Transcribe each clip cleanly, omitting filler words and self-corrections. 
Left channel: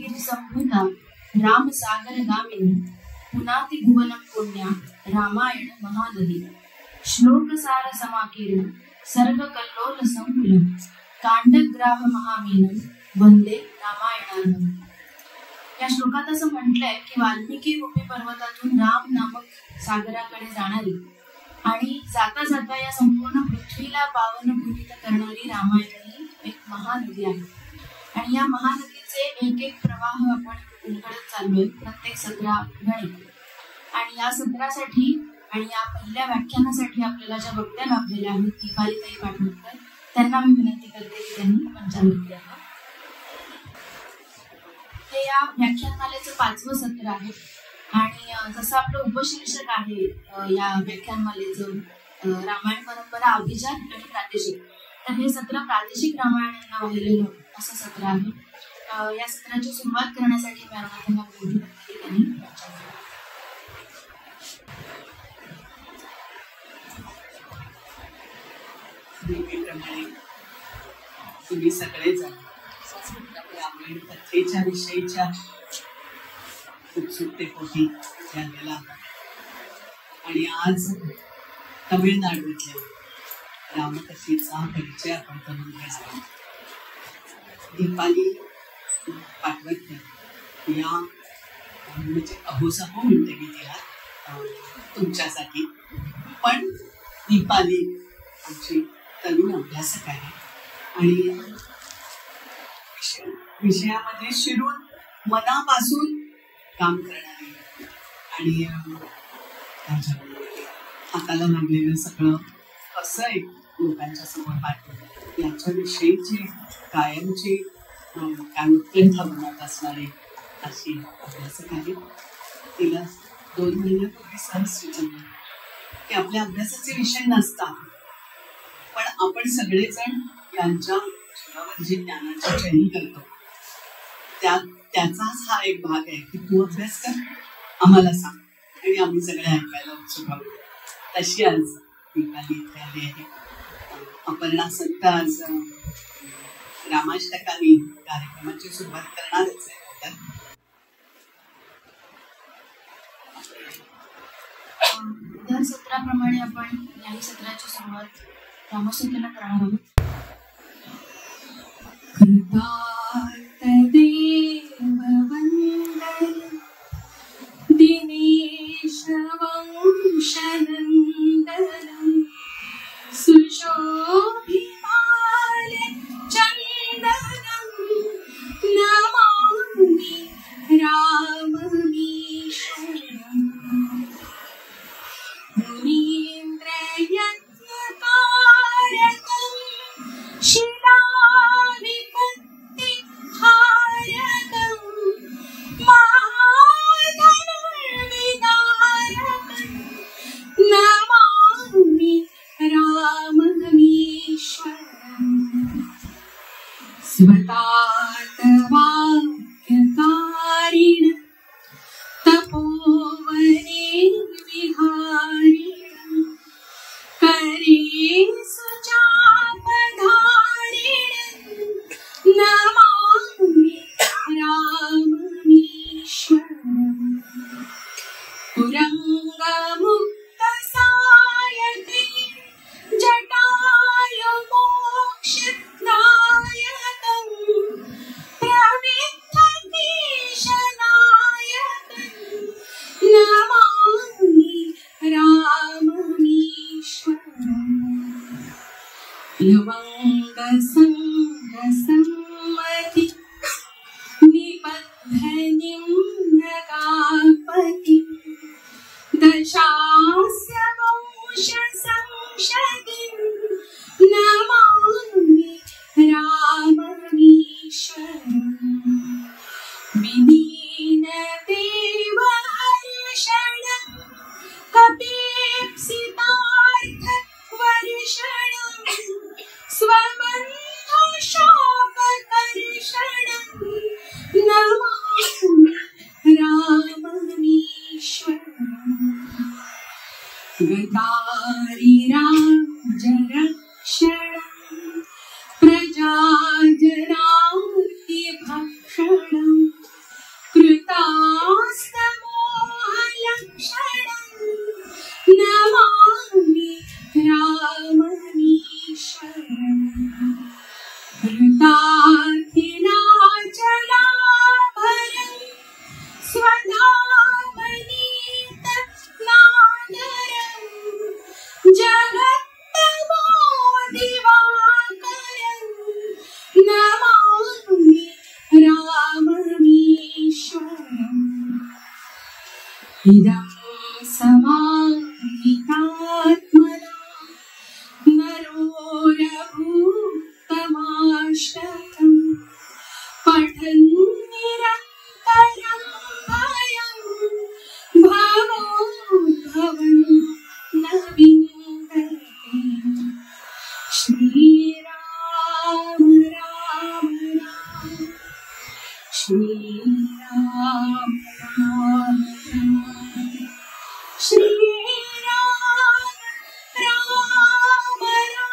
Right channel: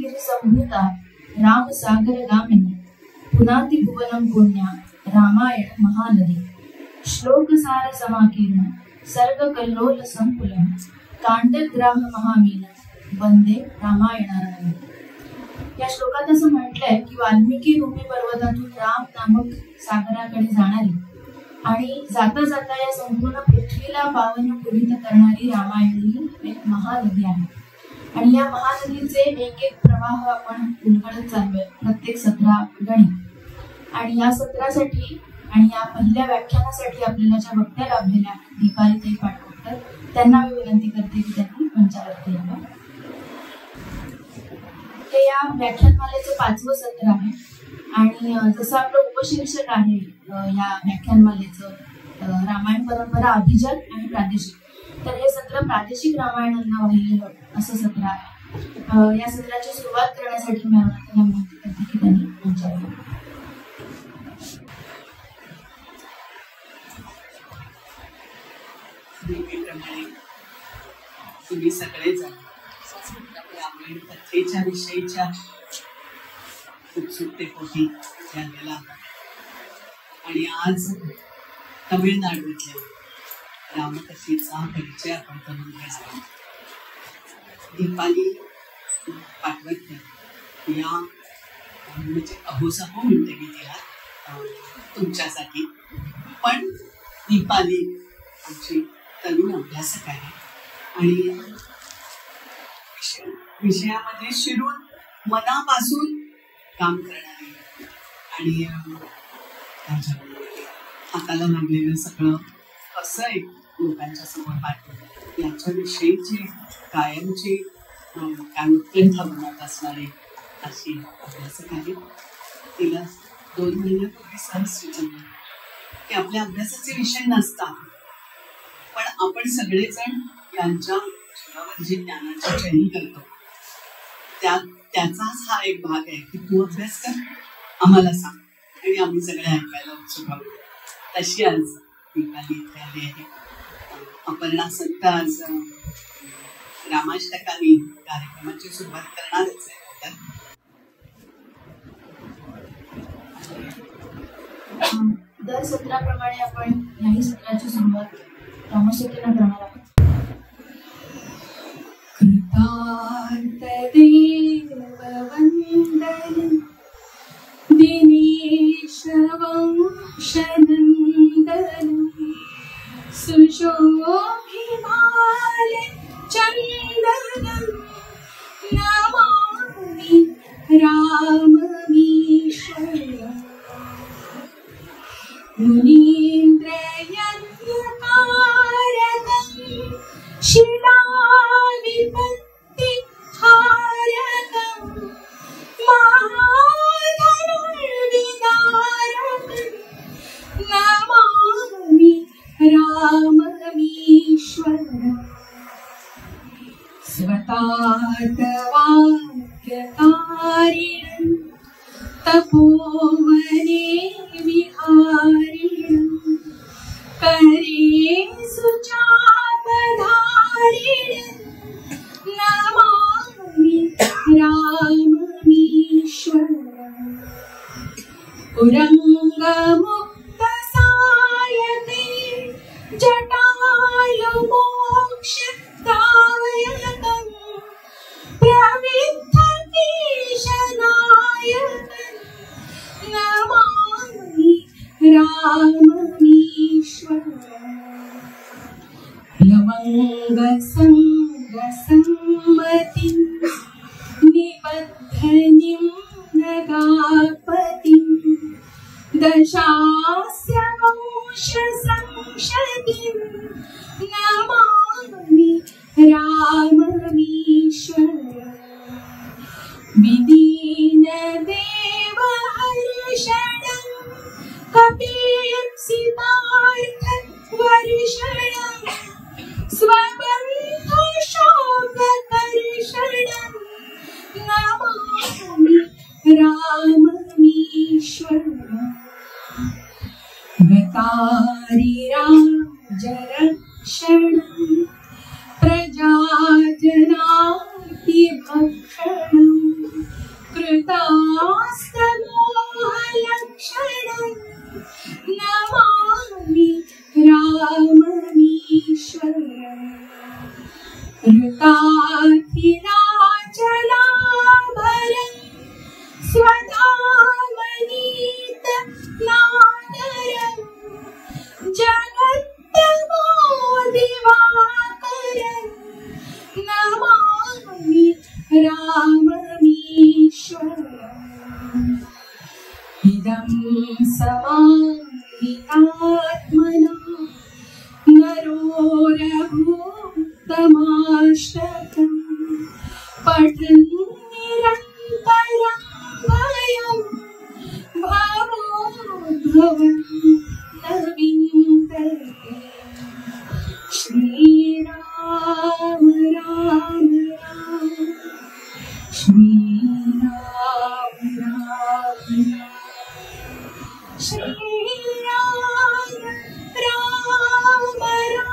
गिरिसंभूता रामसागरगामिनी पुनाति भुवनं पुण्या रामायण महानदी श्लोकसार समाकीर्ण सर्गकल्लोल संकुलं कांडग्राह महामीनं वंदे रामायणार्णवम्. या श्लोकात असं म्हटलंय की वाल्मिकी रूपी पर्वतातून राम नामक सागराकडे जाणारी आणि जाता जाता या संपूर्ण पृथ्वीला पावन पुरित करणारी रामायण ही एक महानदी आहे. आणि या महानदीचे एक एक प्रवाह आपण उलगडत चाललोय, प्रत्येक 17 गणित. आणि या सत्रासाठी आणि या पहिल्या व्याख्यानासाठी आपल्याला ज्या वक्त्या लाभलेल्या आहेत दीपालीताई पाटवकर, त्यांना मी विनंती करते की त्यांनी मंचावरती यावं. ते या व्याख्यानमालेचं 5वं सत्र आहे आणि जसं आपलं उपशीर्षक आहे या व्याख्यानमालेचं रामायण परंपरा अभिजात आणि प्रादेशिक, तर हे सत्र प्रादेशिक रामायणांना वाहिलेलं असं सत्र आहे. या सत्राची सुरुवात करण्यासाठी मी त्यांना विनंती करते की त्यांनी मंचावर यावं. तुम्ही सगळेजण रामायण कथेच्या विषयीच्या उत्सुकतेपोटी झालेला आणि आज तमिळनाडूतल्या रामकथेचा परिचय आपण करून घेणार. दीपाली पाटवकर या म्हणजे अहोसाहो म्हणते मी तिला तुमच्यासाठी, पण दीपाली आमची तरुण अभ्यासक आहे आणि विषयामध्ये शिरून मनापासून काम करणारी आणि हाताला लागलेलं सगळं कसं एक लोकांच्या समोर पाठवलं याच्याविषयीची कायमची काय उत्कंठा बनत असणारी अशी अभ्यासक आहे. तिला 2 महिन्यापूर्वी सहज सुचवलं की आपल्या अभ्यासाचे विषय नसतात, पण आपण सगळेजण यांच्या जीवावर जी ज्ञानाची चैनी करतो त्याचाच हा एक भाग आहे की तू अभ्यास कर, आम्हाला सांग आणि आम्ही सगळे ऐकायला उत्सुक आहोत. तशी आज दीपाली इथे आली आहे. अपर्णा संत आज रामाष्टकाने कार्यक्रमाची सुरुवात करणारच आहे. दर सत्राप्रमाणे आपण याही सत्राची सुरुवात रामस्तुतीला करणार आहोत. कृतार्थदेववन्दनं दिनेशवंशनन्दनं सुशोभिमाल्यचन्दनं नमामि राममीश्वरम्. मुनीन्द्रयज्ञकारकं शिलाविपत्तिहारकं महाधनुर्विदारकं नमामि राममीश्वरम्. स्वतातवाक्यकारिणं तपोवने विहारिणं करे सुचापधारिणं नमामि राममीश्वरम्. पुरङ्गमुक्तसायके जटायुमोक्षदायकं प्रविद्धकेशनायकं नमामि राममीश्वरम्. प्लवङ्गसङ्गसम्मतिं निबद्धनिं नगापतिं दशास्य वंशसंशतिं नमामि राममीश्वरम्. विदीनदेवहर्षणं कपीप्सितार्थवर्षणं स्वबन्धुशोककर्षणं नमामि राममीश्वरम्. गतारिराजरक्षणं प्रजाजनातिभक्षणं इदं समाहितात्मना नरोरभूतमाष्टकम् पठन् निरन्तरं भयं भवोद्भवन् न विन्दते। श्रीराम राम राम श्रीराम राम राम श्रीराम राम राम।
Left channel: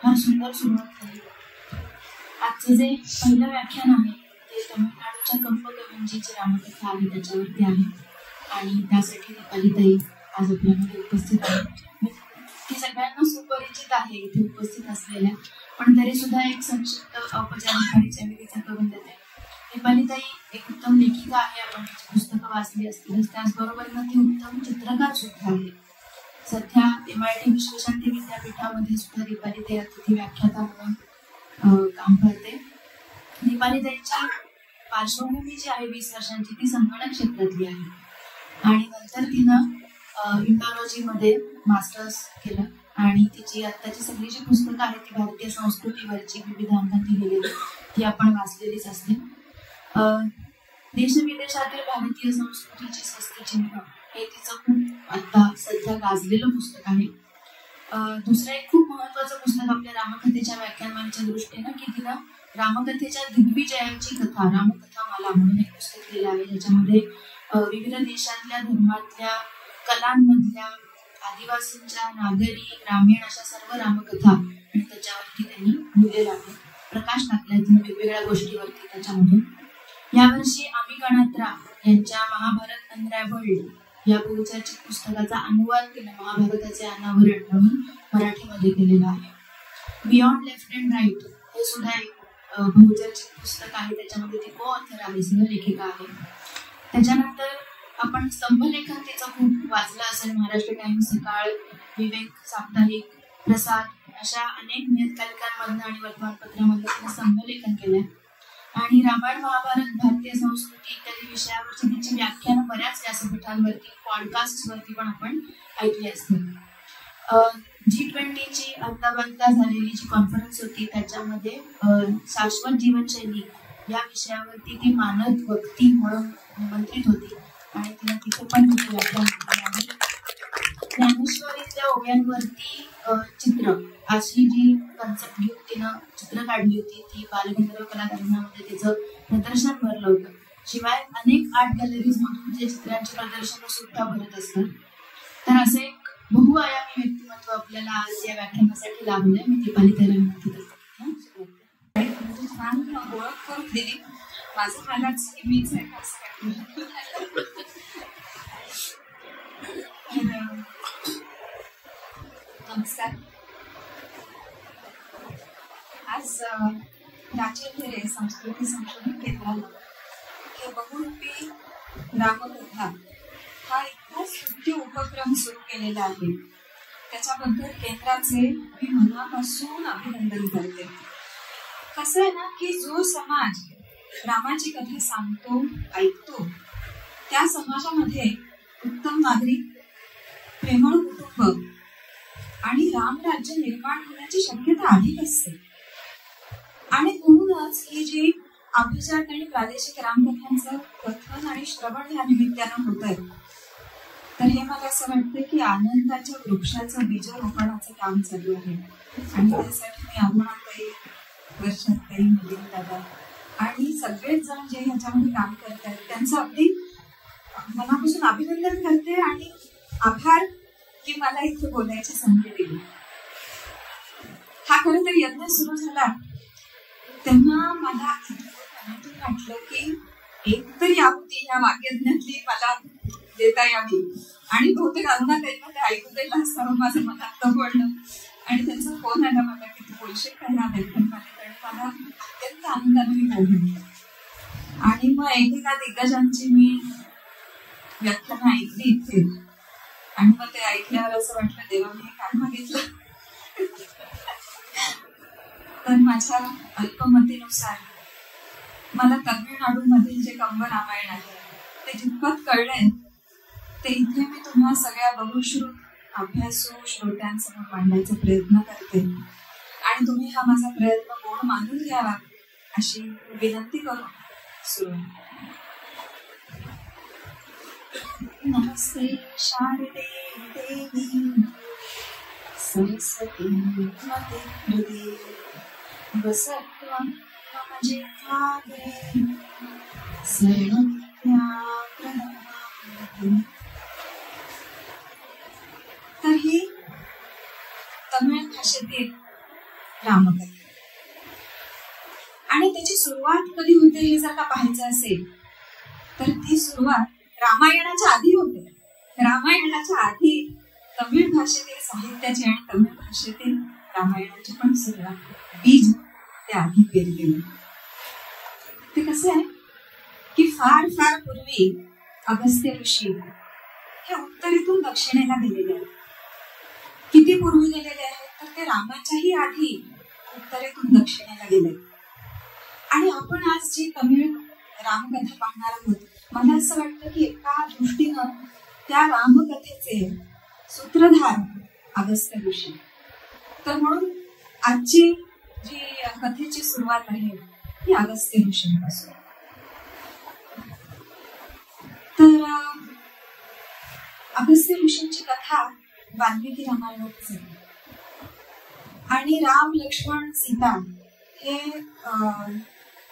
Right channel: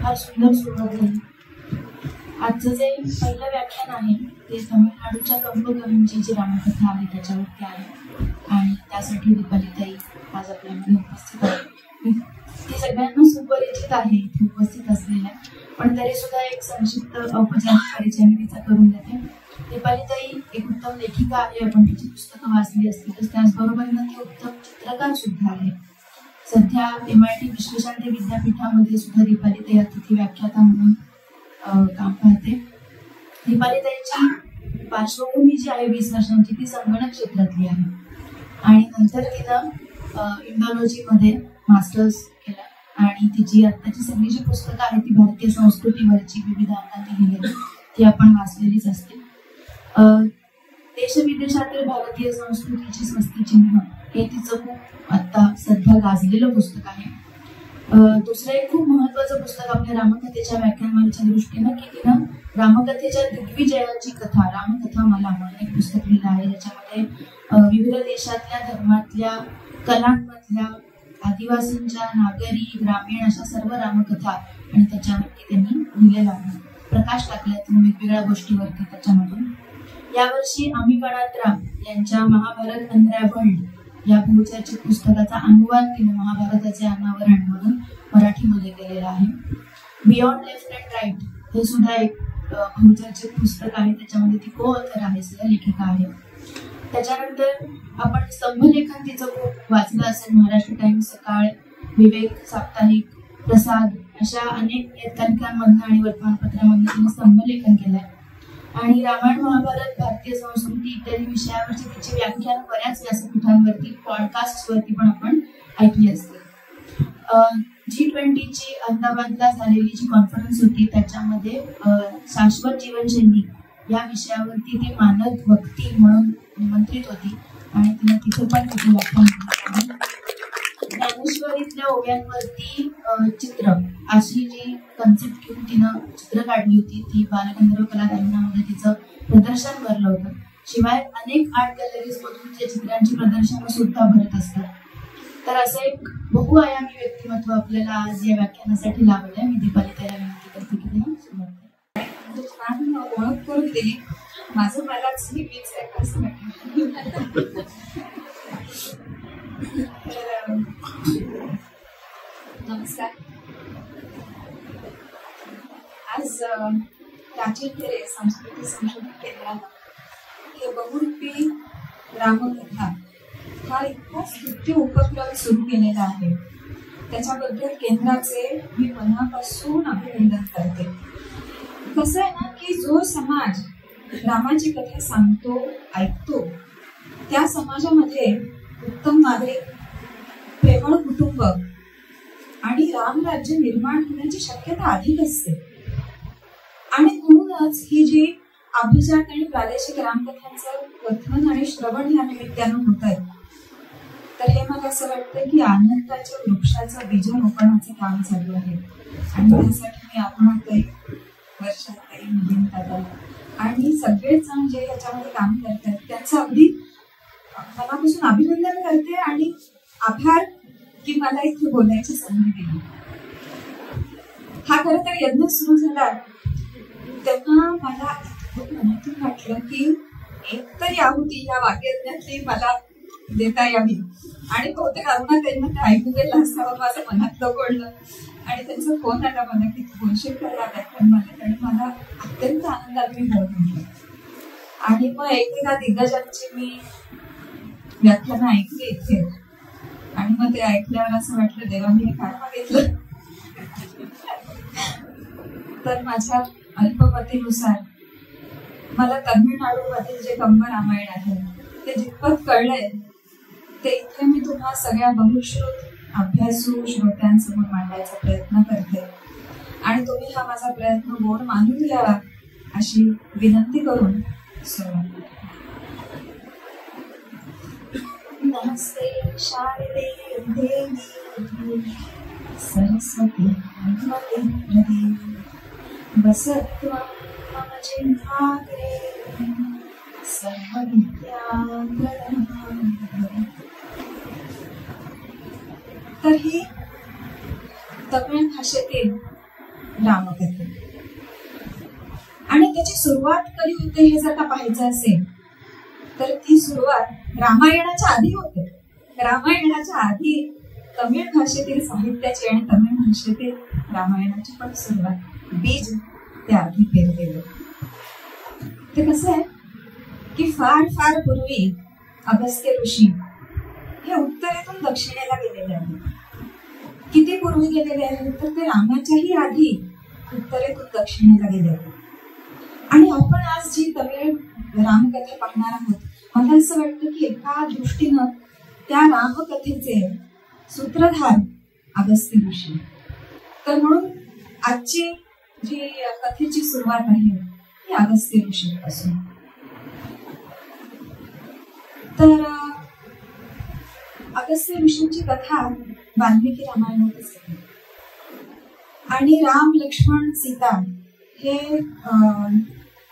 फार सुंदर सुरुवात झाली. आजचं जे पहिलं व्याख्यान आहे ते तमिळनाडूच्या कंपकवींची जी रामकथा आहे त्याच्यावरती आहे आणि त्यासाठी दीपालीताई आज आपल्यामध्ये उपस्थित आहे. मी ती सगळ्यांना सुपरिचित आहे इथे उपस्थित असलेल्या, पण तरी सुद्धा एक संक्षिप्त औपचारिक परिचय मी तिचा करून देते. दीपालीताई एक उत्तम लेखिका आहे, आपण तिची पुस्तकं वाचली असतीलच. त्याचबरोबर ती उत्तम चित्रकार सुद्धा आहे. सध्या MIT विश्वशांती विद्यापीठामध्ये सुद्धा दीपालीताई अतिथी व्याख्याता म्हणून काम करते. दीपालीताईची पार्श्वभूमी जी आहे 20 वर्षांची ती संगणक क्षेत्रातली आहे आणि नंतर तिनं इंडोलॉजीमध्ये मास्टर्स केलं आणि तिची आत्ताची सगळी जी पुस्तकं आहेत ती भारतीय संस्कृतीवरची विविध अंगांनी लिहिलेली ती आपण वाचलेलीच असते. देशविदेशातील भारतीय संस्कृतीची स्वस्तिचिन्ह हे तिचं खूप आता सध्या गाजलेलं पुस्तक आहे. दुसरं एक खूप महत्वाचं पुस्तक आपल्या रामकथेच्या व्याख्यानमालेच्या दृष्टीनं की तिनं रामकथेच्या दिग्विजयाची कथा रामकथा मला म्हणून एक पुस्तक लिहिलं आहे, ज्याच्यामध्ये विविध देशातल्या धर्मातल्या कलांमधल्या आदिवासींच्या नागरी ग्रामीण अशा सर्व रामकथा आणि त्याच्यावरती त्यांनी लिहिलेलं आहे. प्रकाश टाकलाय तिने वेगवेगळ्या गोष्टीवरती त्याच्यामधून. यावर्षी अमी गणात्रा यांच्या महाभारत अनरॅव्हल्ड या बहुचर्चित पुस्तकाचा अनुवाद तिने महाभारताचे अनावरण म्हणून मराठीमध्ये केलेला आहे. बियॉन्ड लेफ्ट अँड राईट हे सुद्धा एक बहुचर्चित पुस्तक आहे, त्याच्यामध्ये ती को ऑथर आहे, सहलेखिका आहे. त्याच्यानंतर आपण स्तंभलेखन तिचं खूप वाचलं असेल. महाराष्ट्र टाइम्स, सकाळ, विवेक, साप्ताहिक, प्रसाद अशा अनेक नियतकालिकांमधनं आणि वर्तमानपत्रांमधनं तिने स्तंभलेखन केलंय आणि रामायण महाभारत भारतीय संस्कृती इत्यादी विषयावरची तिची व्याख्यानं बऱ्याच व्यासपीठांवरती पॉडकास्टवरती पण आपण ऐकली असते. G20ची अहमदाबादला झालेली जी कॉन्फरन्स होती त्याच्यामध्ये शाश्वत जीवनशैली या विषयावरती ती मानद वक्ती म्हणून निमंत्रित होती आणि तिने तिथे पण तिथे व्याख्यान दिली. ज्ञानेश्वरीतल्या ओव्यांवरती चित्र अशी जी कन्सेप्ट घेऊन तिनं चित्र काढली होती ती बालगंधर्व कलादालनामध्ये तिचं प्रदर्शन भरलं होतं. शिवाय अनेक आर्ट गॅलरीज मधून त्या चित्रांची प्रदर्शनं सुद्धा भरत असतात. तर असं एक बहुआयामी व्यक्तिमत्व आपल्याला आज या व्याख्यानासाठी लाभलंय. मी दीपालीताईला विनंती करते की तिनं सुरुवात छान ओळख करून दिली. माझं मलाच ही मीच आहे असं नमस्कार. आज प्राचीन संस्कृती संशोधन केंद्राला हे बहुरूपी रामकथा हा इतका स्तुत्य उपक्रम सुरू केलेला आहे. त्याच्याबद्दल केंद्राचे मी मनापासून अभिनंदन करते. कसं आहे ना की जो समाज रामाची कथा सांगतो ऐकतो त्या समाजामध्ये उत्तम नागरिक, प्रेमळ कुटुंब आणि रामराज्य निर्माण होण्याची शक्यता अधिक असते. आणि म्हणूनच ही जी अभिजात आणि प्रादेशिक रामकथांचं कथन आणि श्रवण या निमित्तानं होत आहे, तर हे मला असं वाटतं की आनंदाच्या वृक्षाचं बीजारोपणाचं काम चालू आहे. आणि त्यासाठी मी अरुणाताई, वर्षाताई, मिलिंद दादा आणि सगळेच जण जे याच्यामध्ये काम करतात त्यांचं अगदी मनापासून अभिनंदन करते आणि आभार की मला इथे बोलायची संधी दिली. हा खरं तर यज्ञ सुरू झाला तेव्हा मला मनातून वाटलं की एक तरी आहुती या वाक्यज्ञातली मला देता यावी आणि बहुतेक अरुणाताईंना ते ऐकू गेलं असावं माझं मनातलं बोलणं. आणि त्यांचा फोन आला मला की तू बोलशील का या व्याख्यानमालेत, आणि मला अत्यंत आनंदाने मी हो म्हणलं. आणि मग एकेका दिग्गजांची मी व्याख्यानं ऐकली इथे आणि मग ते ऐकल्यावर असं वाटलं देवा मी हे काय मागितलं. तर माझ्या अल्पमतीनुसार मला तमिळनाडूमधील जे कंब रामायण आहे ते जितपत कळलंय ते इथे मी तुम्हा सगळ्या बहुश्रुत अभ्यासू श्रोत्यांसमोर मांडायचा प्रयत्न करते आणि तुम्ही हा माझा प्रयत्न गोड मानून घ्यावा अशी विनंती करून सुरुवात. नमस्ते शारदे देवी सरस्वती नमते हृदये बसत्वं मम जिह्वाग्रे सर्वविद्यां प्रददामि. तर ही तमिळ भाषेतील रामकथा आणि त्याची सुरुवात कधी होते हे जर का पाहायचं असेल तर ती सुरुवात रामायणाच्या आधी होते. रामायणाच्या आधी तमिळ भाषेतील साहित्याची आणि तमिळ भाषेतील रामायणाची पण सुरुवात बीज त्या आधी पेरलेलं. ते कसं आहे की फार फार पूर्वी अगस्त्य ऋषी हे उत्तरेतून दक्षिणेला गेलेले आहेत. किती पूर्वी गेलेले आहेत तर ते रामाच्याही आधी उत्तरेतून दक्षिणेला गेले. आणि आपण आज जी तमिळ रामकथा पाहणार आहोत मला असं वाटतं की एका दृष्टीनं त्या रामकथेचे सूत्रधार अगस्त्य ऋषी. तर म्हणून आजची जी कथेची सुरुवात आहे ती अगस्त्य ऋषींपासून. तर अगस्त्य ऋषींची कथा वाल्मिकी रामायणातच येते आणि राम लक्ष्मण सीता हे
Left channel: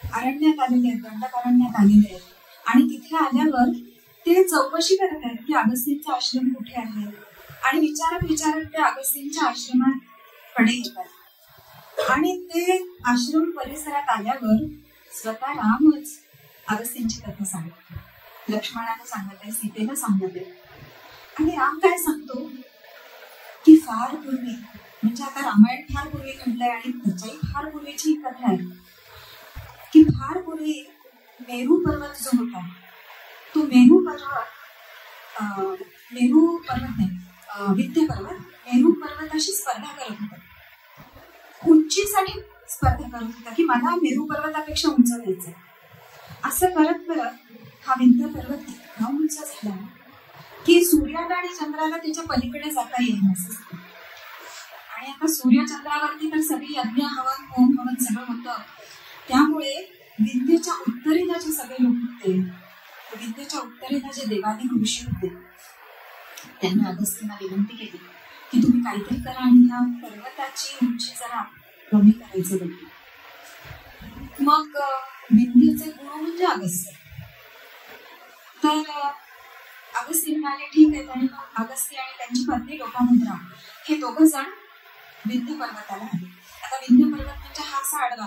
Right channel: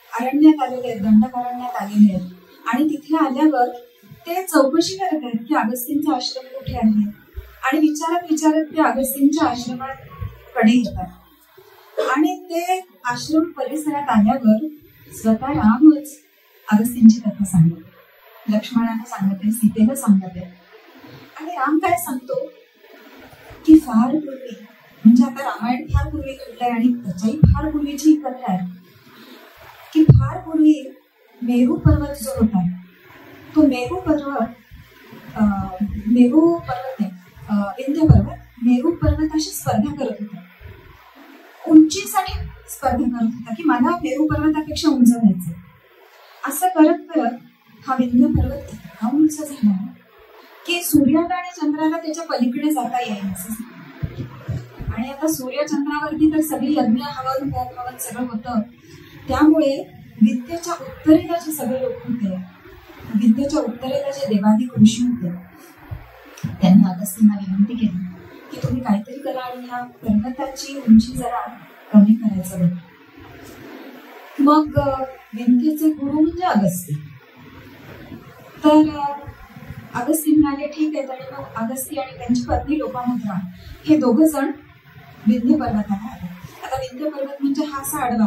अरण्यात आलेले आहेत, दंडकारण्यात आलेले आहेत आणि तिथे आल्यावर ते चौकशी करत आहेत की अगस्तींचा आश्रम कुठे आहे आणि विचारत विचारत ते अगस्तींच्या आश्रमात कडे येतात आणि ते आश्रम परिसरात आल्यावर स्वतः रामच अगस्तींची कथा सांगत, लक्ष्मणाला सांगत आहे, सीतेला सांगत आहे. आणि राम काय सांगतो की फार पूर्वी म्हणजे आता रामायण फार पूर्वी घडलंय आणि त्याच्याही फार पूर्वीची कथा आहे की फार पूर्वी मेरू पर्वत जो होता तो मेरू पर्वत विंध्य पर्वत मेरू पर्वताशी स्पर्धा करत होता. उंचीसाठी स्पर्धा करत होता की मला मेरू पर्वतापेक्षा उंच व्हायचं. असं करत करत हा विंध्य पर्वत इतका उंच झाला की सूर्याला आणि चंद्राला त्याच्या पलीकडे जाता येईल. आणि आता सूर्यचंद्रावरती तर सगळी यज्ञ हवन होम हवन सगळं होतं. त्यामुळे विद्येच्या उत्तरेला जे सगळे लोक होते, विद्येच्या उत्तरेला जे देवाधिक ऋषी होते त्यांनी अगस्त्यांना विनंती केली की तुम्ही काहीतरी करा आणि ह्या पर्वताची उंची जरा कमी करायचं बघ. मग विंध्येचे गुरु म्हणजे अगस्त्य. तर अगस्त्य म्हणाले ठीक आहे. आणि मग अगस्त्य आणि त्यांची पत्नी लोपामुद्रा हे दोघं जण विंध्य पर्वताला आले. आता विंध्य पर्वत म्हणजे हा असा आडवा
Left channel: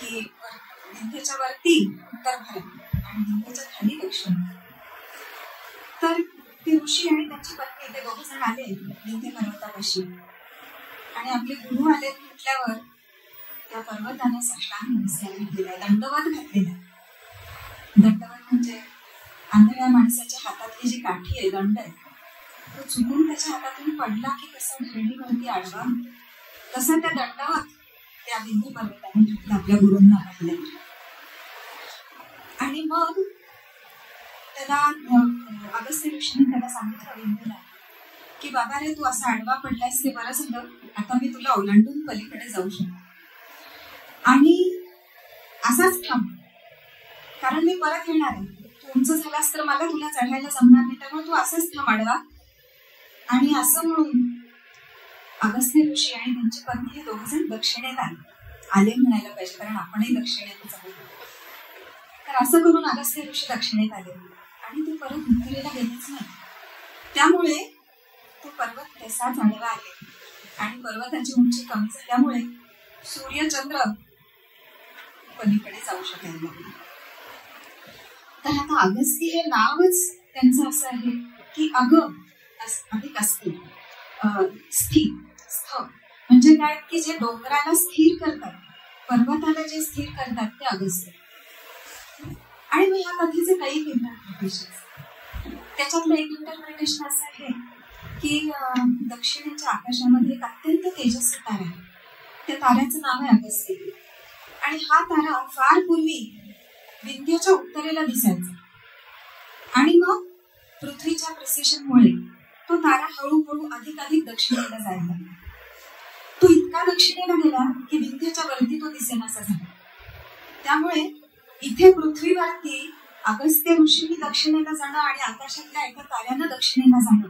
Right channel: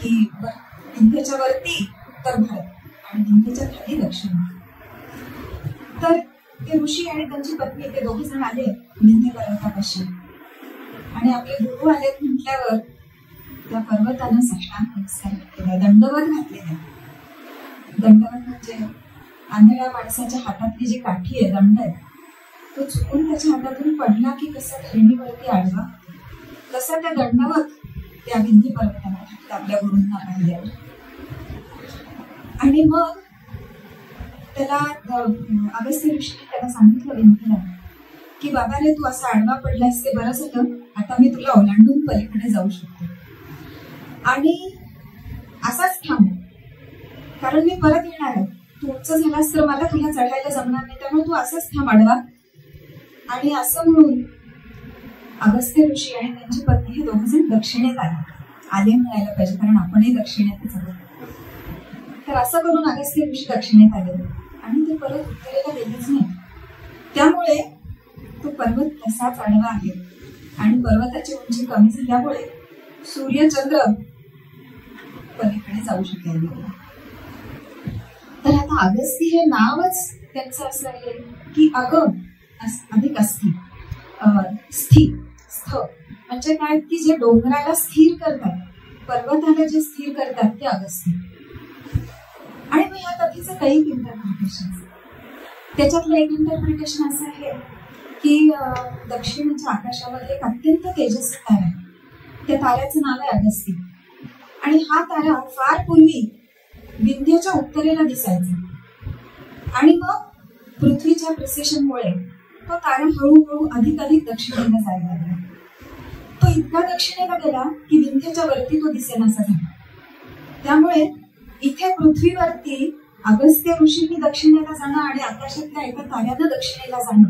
की विंध्येच्या वरती उत्तर भारत आणि विंध्येच्या खाली दक्षिण. तर ते ऋषी आणि त्यांची पत्नी ते दोघे जण आले विंध्य पर्वतापाशी आणि आपले गुरु आले म्हटल्यावर त्या पर्वतानं साष्टांग नमस्कार केला, दंडवत घातलेला. दंडवत म्हणजे आंधळ्या माणसाच्या हातातली जी काठी आहे, दंड आहे, तो चुकून त्याच्या हातातून पडला की कसं धरणीवरती आडवा तसा त्या दंडावत त्या विंध्य पर्वताने घातला आपल्या गुरूंना पाहिल्यावर. आणि मग त्याला अगस्त्य ऋषीने त्याला सांगितलं विंध्यला की बाबा रे तू असा आडवा पडलास ते बरं झालं, आता मी तुला ओलांडून पलीकडे जाऊ शकतो आणि असाच थांब कारण मी परत येणार आहे. तू उंच झालास तर मला तुला चढायला जमणार नाही, त्यामुळे तू असंच थांब आडवा. आणि असं म्हणून अगस्त्य ऋषी आणि त्यांची पत्नी हे दोघे जण दक्षिणेत आले म्हणायला पाहिजे कारण आपणही दक्षिणेतच आहोत. तर असं करून अगस्त्य ऋषी दक्षिणेत आले आणि ते परत उत्तरेला गेलेच नाही. त्यामुळे तो पर्वत तसाच आडवा आहे आणि पर्वताची उंची कमी झाल्यामुळे सूर्यचंद्र पलीकडे जाऊ शकेल. तर आता अगस्ती हे नावच त्यांचं असं आहे की अधिक अस्थिर, स्थिर, स्थ म्हणजे काय की जे डोंगराला स्थिर करतात, पर्वताला जे स्थिर करतात ते अगस्ती. आणि मग ह्या कथेचे काही इंटरप्रिटेशन. त्याच्यातलं एक इंटरप्रिटेशन असं आहे की दक्षिणेच्या आकाशामध्ये एक अत्यंत तेजस्वी तारा आहे. त्या ताऱ्याचं नाव आहे अगस्ती. आणि हा तारा फार पूर्वी विंध्यच्या उत्तरेला दिसायचा आणि मग पृथ्वीच्या प्रिसेशनमुळे तो तारा हळूहळू अधिकाधिक दक्षिणेला जायला लागला. तो इतका दक्षिणेला गेला की विंध्यच्या वरती तो दिसेनासा झाला. त्यामुळे इथे पृथ्वीवरती अगस्त्य ऋषींनी दक्षिणेला जाणं आणि आकाशातल्या एका ताऱ्यानं दक्षिणेला जाणं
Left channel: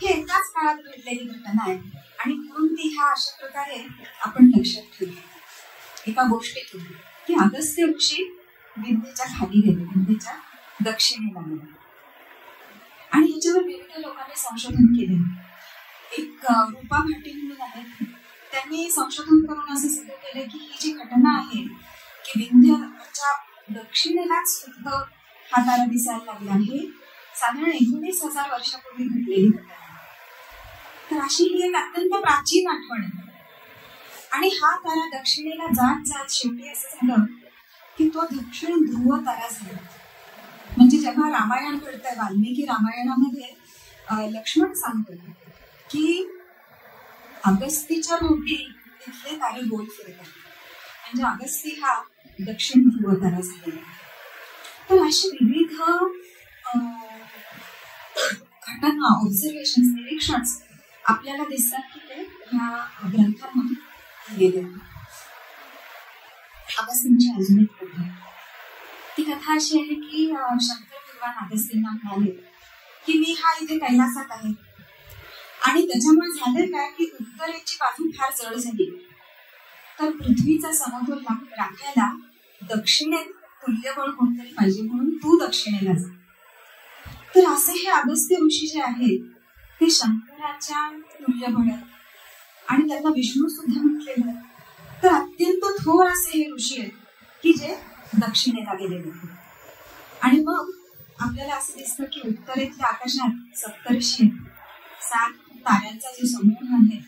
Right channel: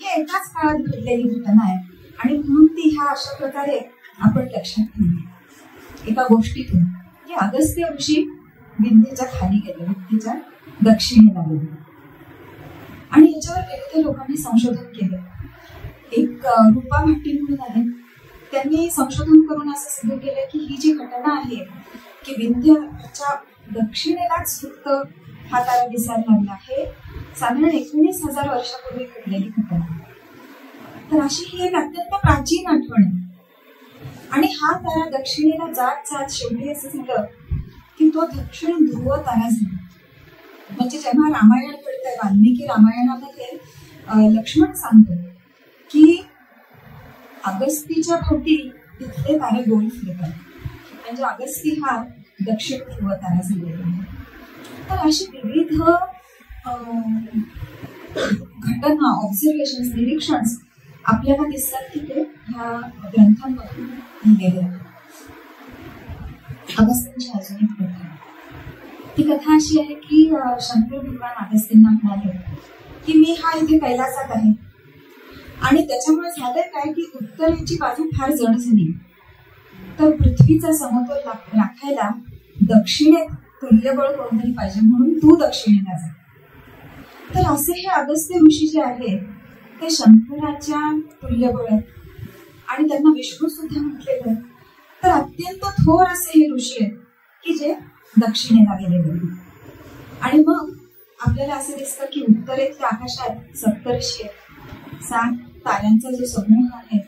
हे एकाच काळात घडलेली घटना आहे. आणि म्हणून ती ह्या अशा प्रकारे आपण लक्षात ठेवू एका गोष्टीतून की अगस्त्य ऋषी विंध्येच्या खाली गेले, विंध्येच्या दक्षिणेला गेले. आणि याच्यावर विविध लोकांनी संशोधन केले. एक रूपा भाटी म्हणून आले, त्यांनी संशोधन करून असं सिद्ध केलं की ही जी घटना आहे की विंध्यच्या दक्षिणेलाच फक्त हा तारा दिसायला लागला आहे साधारण 19,000 वर्षापूर्वी घडलेली घटना. तर अशी ही एक अत्यंत प्राचीन आठवण आहे. आणि हा तारा दक्षिणेला जात जात शेवटी असं झालं की तो दक्षिण ध्रुव तारा झाला. म्हणजे जेव्हा रामायण घडतंय, वाल्मिकी रामायणामध्ये लक्ष्मण सांगतो की अगस्तीच्या भोवती तिथले तारे गोल फिरतात, म्हणजे अगस्ती हा दक्षिण ध्रुव तारा झालेला आहे. तर अशी विविध घटना, ऑब्झर्वेशन, निरीक्षण आपल्याला दिसतात की ते ह्या ग्रंथांमधून लिहिलेले आहेत. अगस्तींची अजून एक कथा आहे. ती कथा अशी आहे की शंकर भगवान अगस्तींना म्हणाले की मी हा इथे कैलासात आहे आणि त्याच्यामुळे झालंय काय की उत्तरेची बाजू फार जड झाली, तर पृथ्वीचा समतोल राखायला दक्षिणेत तुल्यबळ कोणतरी पाहिजे, म्हणून तू दक्षिणेला जा. तर असे हे अगस्त्य ऋषी जे आहेत ते शंकराच्या तुल्यबळ आहेत आणि त्यांना विष्णू सुद्धा म्हटलेलं. तर अत्यंत थोर असे हे ऋषी आहेत की जे दक्षिणेला गेलेले. आणि मग आपल्याला असं दिसतं की उत्तरेतल्या आकाशात सप्तर्षी आहेत, 7 ताऱ्यांचा जो समूह आहे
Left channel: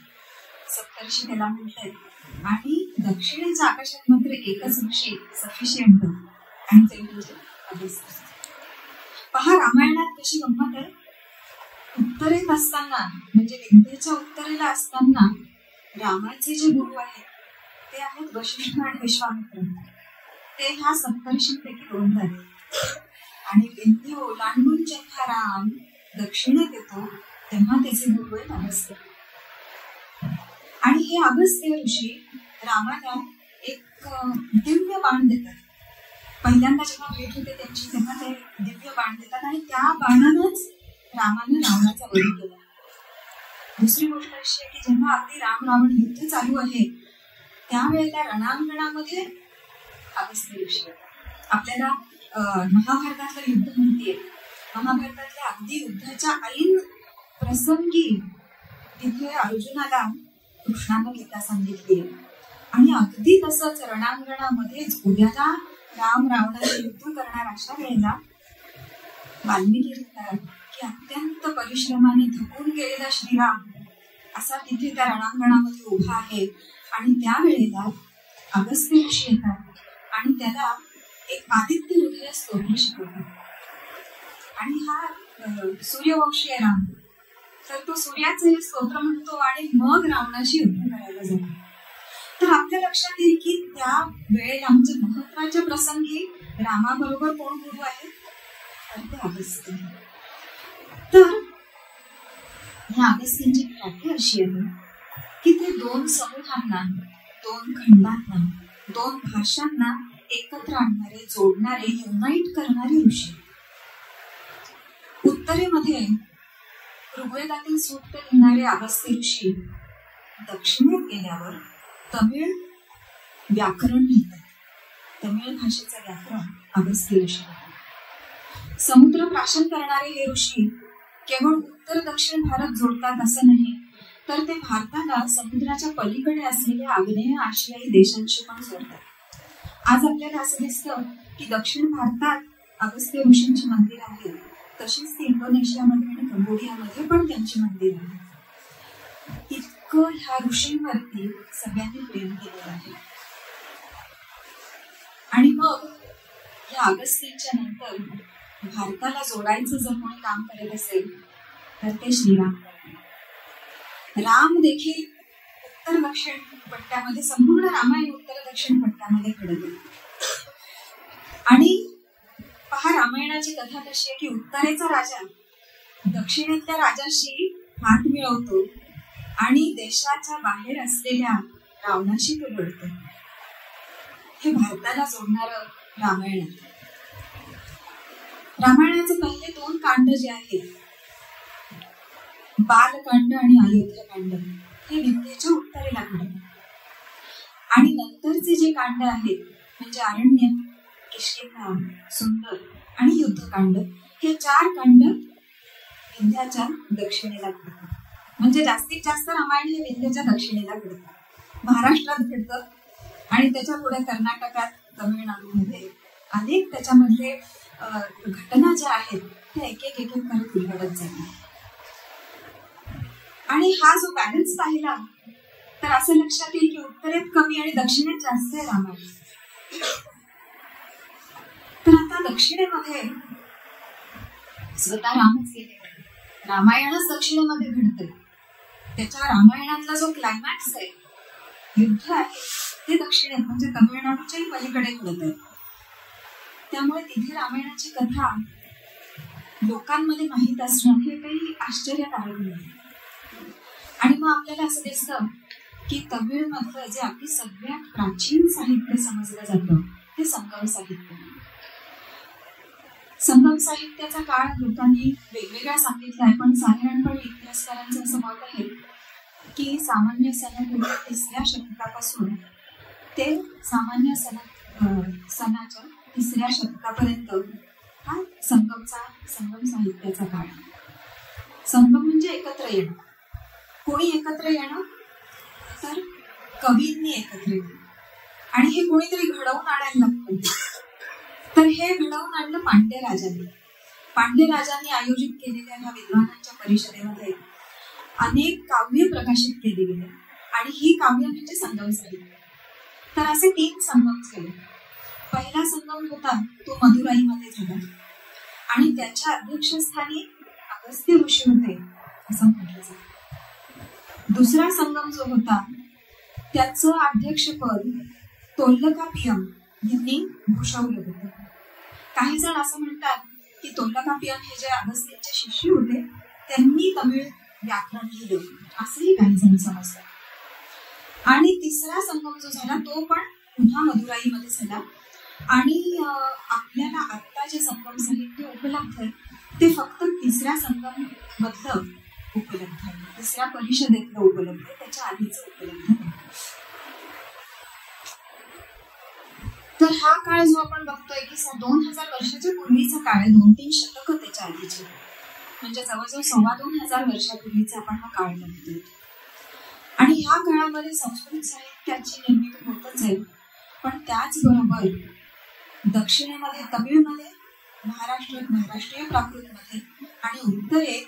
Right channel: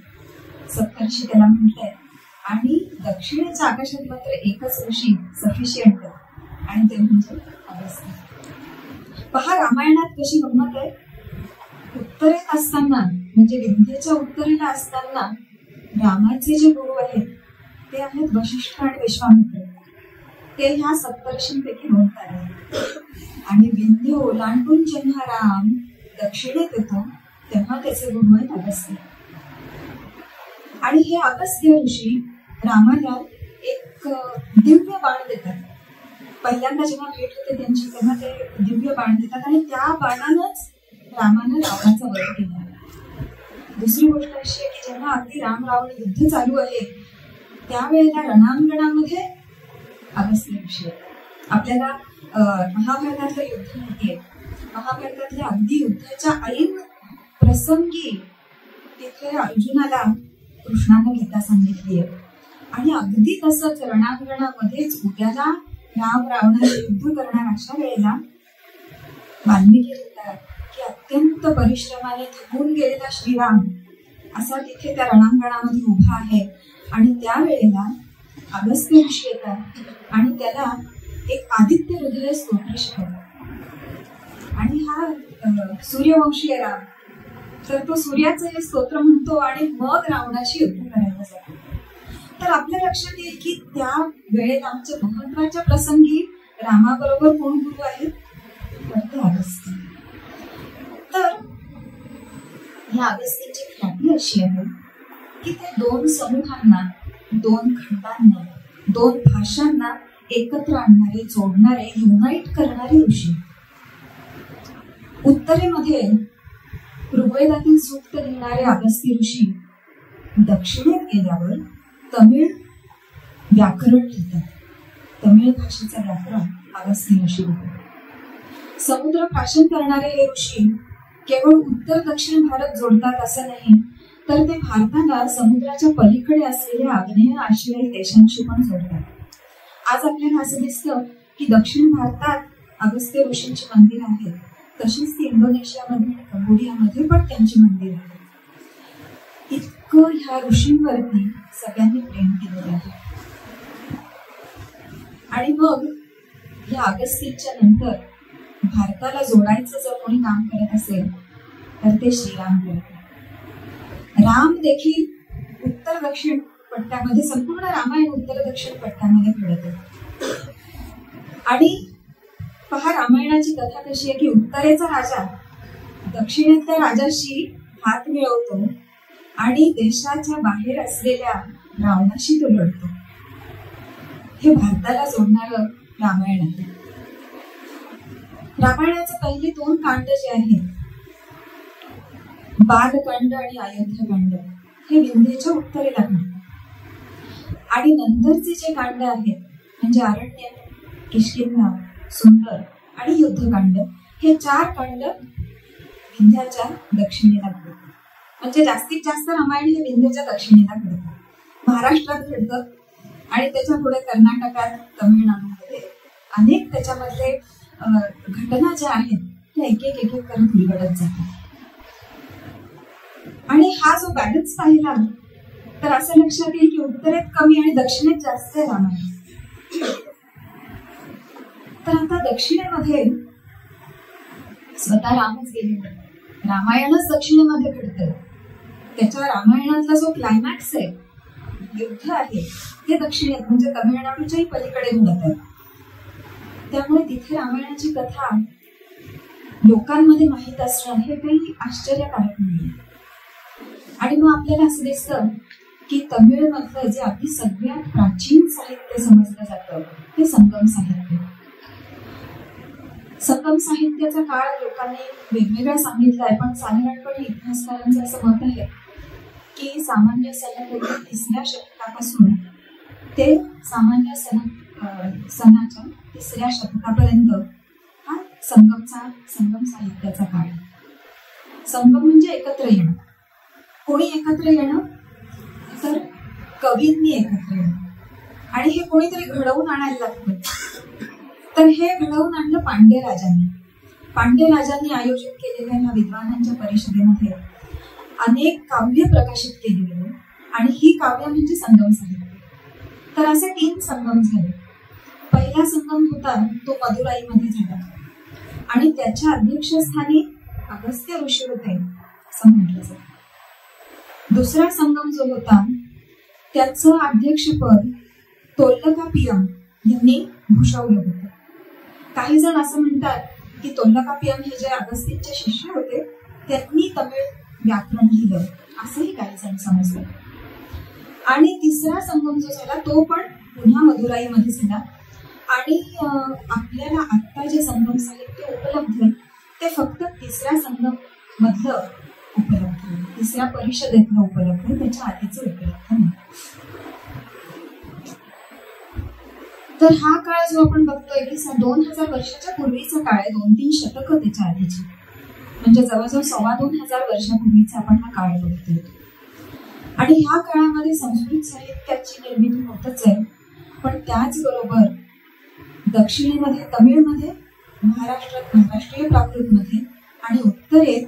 सप्तर्षी त्याला म्हणतात. आणि दक्षिणेच्या आकाशात मात्र एकच ऋषी सफिशियंट आणि ते म्हणजे अगस्त्य. पहा रामायणात कशी गंमत आहे. उत्तरेत असताना म्हणजे विंध्येच्या उत्तरेला असताना रामाचे जे गुरु आहेत ते आहेत वशिष्ठ आणि विश्वामित्र. ते ह्या सप्तर्षींपैकी 2 तारे आहेत. आणि विंध्य ओलांडून जेव्हा राम दक्षिणेत येतो तेव्हा त्याचे गुरु आहेत अगस्त्य. आणि हे अगस्त्य ऋषी रामाला एक दिव्य बाण देतात. पहिल्यांदा जेव्हा भेट होते त्यांची तेव्हा ते दिव्य बाण देतात आणि त्या बाणानंच रामानं रावणाचा वध केला. दुसरी गोष्ट अशी आहे की जेव्हा अगदी राम रावण युद्ध चालू आहे त्यावेळेला रणांगणामध्ये अगस्त्य ऋषी आपल्याला महाभारतातलं युद्ध माहितीये. महाभारतातल्या अगदी युद्धाच्या ऐन प्रसंगी तिथे अर्जुनाला कृष्णानं गीता सांगितली आहे. आणि अगदी तसंच रणांगणामध्येच उद्याला राम रावणाचं युद्ध करणार अशा वेळेला वाल्मिकी लिहितात की अत्यंत परिश्रमाने थकून गेलेला श्रीराम असा तिथे त्या रणांगणामध्ये उभा आहे. आणि त्यावेळेला अगस्त्य ऋषी येतात आणि त्याला एक आदित्य हृदय स्तोत्र शिकवतात. आणि हा सूर्यवंशी आहे राम, तर तो सूर्याचं हे स्तोत्र म्हणतो आणि मग रावणाशी युद्ध करायला जातो. तर आपल्या लक्षात येईल की त्या वेळेला आमच्या महत्वाच्या प्रसंगी रामाबरोबर कोण गुरु आहे, तर ते अगस्त्य. तर ह्या अगस्त्यांची ख्याती अशी आहे की ते 2 समूहांना, 2 खंडांना, 2 भाषांना एकत्र आणणारे, जोडणारे, युनाइट करणारे ऋषी. उत्तरेमध्ये ऋग्वेदातील सूक्त लिहिणारे अगस्त्य ऋषी दक्षिणेत गेल्यावर तमिळ व्याकरण लिहितात. तमिळ भाषेचं व्याकरण अगस्त्य ऋषी लिहितात. समुद्र प्राशन करणारे हे ऋषी केवळ उत्तर दक्षिण भारत जोडतात असं नाही, तर ते भारताला समुद्राच्या पलीकडे असलेल्या आग्नेय आशियाई देशांशी पण जोडतात. आज आपल्याला असं दिसतं की दक्षिण भारतात अगस्त्य ऋषींची मंदिर आहेत, तशीच ती इंडोनेशियामध्ये आणि कंबोडियामध्ये पण त्यांची मंदिर आहेत. इतकं ह्या ऋषींवरती सगळ्यांनी प्रेम केलेलं आहे. आणि मग या अगस्त्यच्या नंतर भारताला जोडायचं जर कोणी काम करत असेल तर ते श्रीराम करतात. राम देखील उत्तर दक्षिण पट्ट्यामध्ये, संपूर्ण रामायण उत्तर दक्षिण पट्ट्यामध्ये घडते. आणि पहा, रामायणाची कथा कशी आहे की उत्तरेचा राजा दक्षिणेतल्या राजाशी हात मिळवतो आणि देशाच्या बाहेर असलेल्या रावणाशी तो लढतो. हे भारताला जोडणारं रामायण आहे. रामायणाचे पहिले 2 कांड जे आहेत, बालकांड आणि अयोध्याकांड, हे विंध्येच्या उत्तरेला घडतात. आणि नंतरचे जे कांड आहेत म्हणजे अरण्य, किष्किंधा, सुंदर आणि युद्धकांड, हे 4 कांड विंध्याच्या दक्षिणेला घडतात. म्हणजे जास्तीत जास्त रामायण हे विंध्याच्या दक्षिणेला घडतात. महाराष्ट्रात घडतं आणि त्याच्या पुढे कर्नाटकात, तमिळनाडूमध्ये अनेक त्याच्यामधले घटना ज्या आहेत त्या एक एक करत उलगडत जातात. आणि हा जो बॅलन्स पाहिला तर असं लक्षात येईल की उत्तरेत कमी आणि दक्षिणेत जास्त आहे रामायण. तर आता दक्षिणेमध्ये स्वतः रामच गेले, रामायणच दक्षिणेमध्ये घडतं. त्याच्या रामायणातला जो क्लायमॅक्स आहे, युद्ध आहे, ते दक्षिणेत म्हणजे तमिळनाडूच्याही पलीकडे घडत आहे. त्यामुळे तिथे रामायणाची कथा लोकांमध्ये माहीत असणं हे काही आश्चर्यकारक नाही. आणि मग आपल्याला असं दिसतं की तमिळमधलं जे अगदी सगळ्यात प्राचीन साहित्य समजलं जातं ते संगम साहित्य. संगम साहित्याचा काळ लोकांनी वेगवेगळा सांगितला आहे, पण साधारणपणे इतिहासकारांचं असं मत आहे की सामान्य सनापूर्वी 3ऱ्या शतकापासून ते सामान्य सणाच्या 3ऱ्या शतकापर्यंत हा संगम साहित्याचा काळ. संगम म्हणजे एकत्र येणं. कोणी एकत्र येणं तर कवींनी एकत्र येणं. आणि हे कोणीतरी घडवून आणायला लागतं. तर हे घडवून आणलं पांड्य राजांनी. पांड्य राजांनी आयोजित केलेल्या ह्या विद्वानांच्या परिषदेमध्ये अनेक काव्य प्रकाशित केली गेली आणि ही काव्य म्हणजे संगम साहित्य. तर असे 3 संगम झाले. पहिला संगम होता तो मदुराईमध्ये झाला आणि त्याच्या अध्यक्षस्थानी अगस्त्य ऋषी होते असं म्हटलं जातं. दुसरा संगम जो होता त्याचं अध्यक्षपद तोल्लकापियम यांनी भूषवलं होतं. काही जण असं म्हणतात की तोल्लकापियम हे जे अगस्त्यचे शिष्य होते त्यांनी तमिळ व्याकरण लिहिलं असंही काही जण समजतात. आणि तिसरा संगम जो झाला तो पण पुन्हा मदुराईमध्ये झाला. आणि आपल्याला आता जे संगम साहित्य उपलब्ध आहे ते फक्त 3ऱ्या संगम मधलं उपलब्ध आहे, 3ऱ्या परिषदेतलं उपलब्ध आहे, त्याच्या आधीचं उपलब्ध नाही. तर हा काळ जो आपण बघतोय की 2000 वर्षाच्या पूर्वीचा काळ आहे, 2-3 शतकं त्याच्या आधीची, म्हणजे जवळजवळ 2500 वर्षापूर्वीचा आपण हा काळ बघतोय. आणि ह्या काळामध्ये संस्कृत साहित्याची निर्मिती होतच आहे, पण त्याचबरोबर दक्षिणेमध्ये तमिळमध्ये, महाराष्ट्रात महाराष्ट्रीय प्राकृतमध्ये आणि उत्तरेत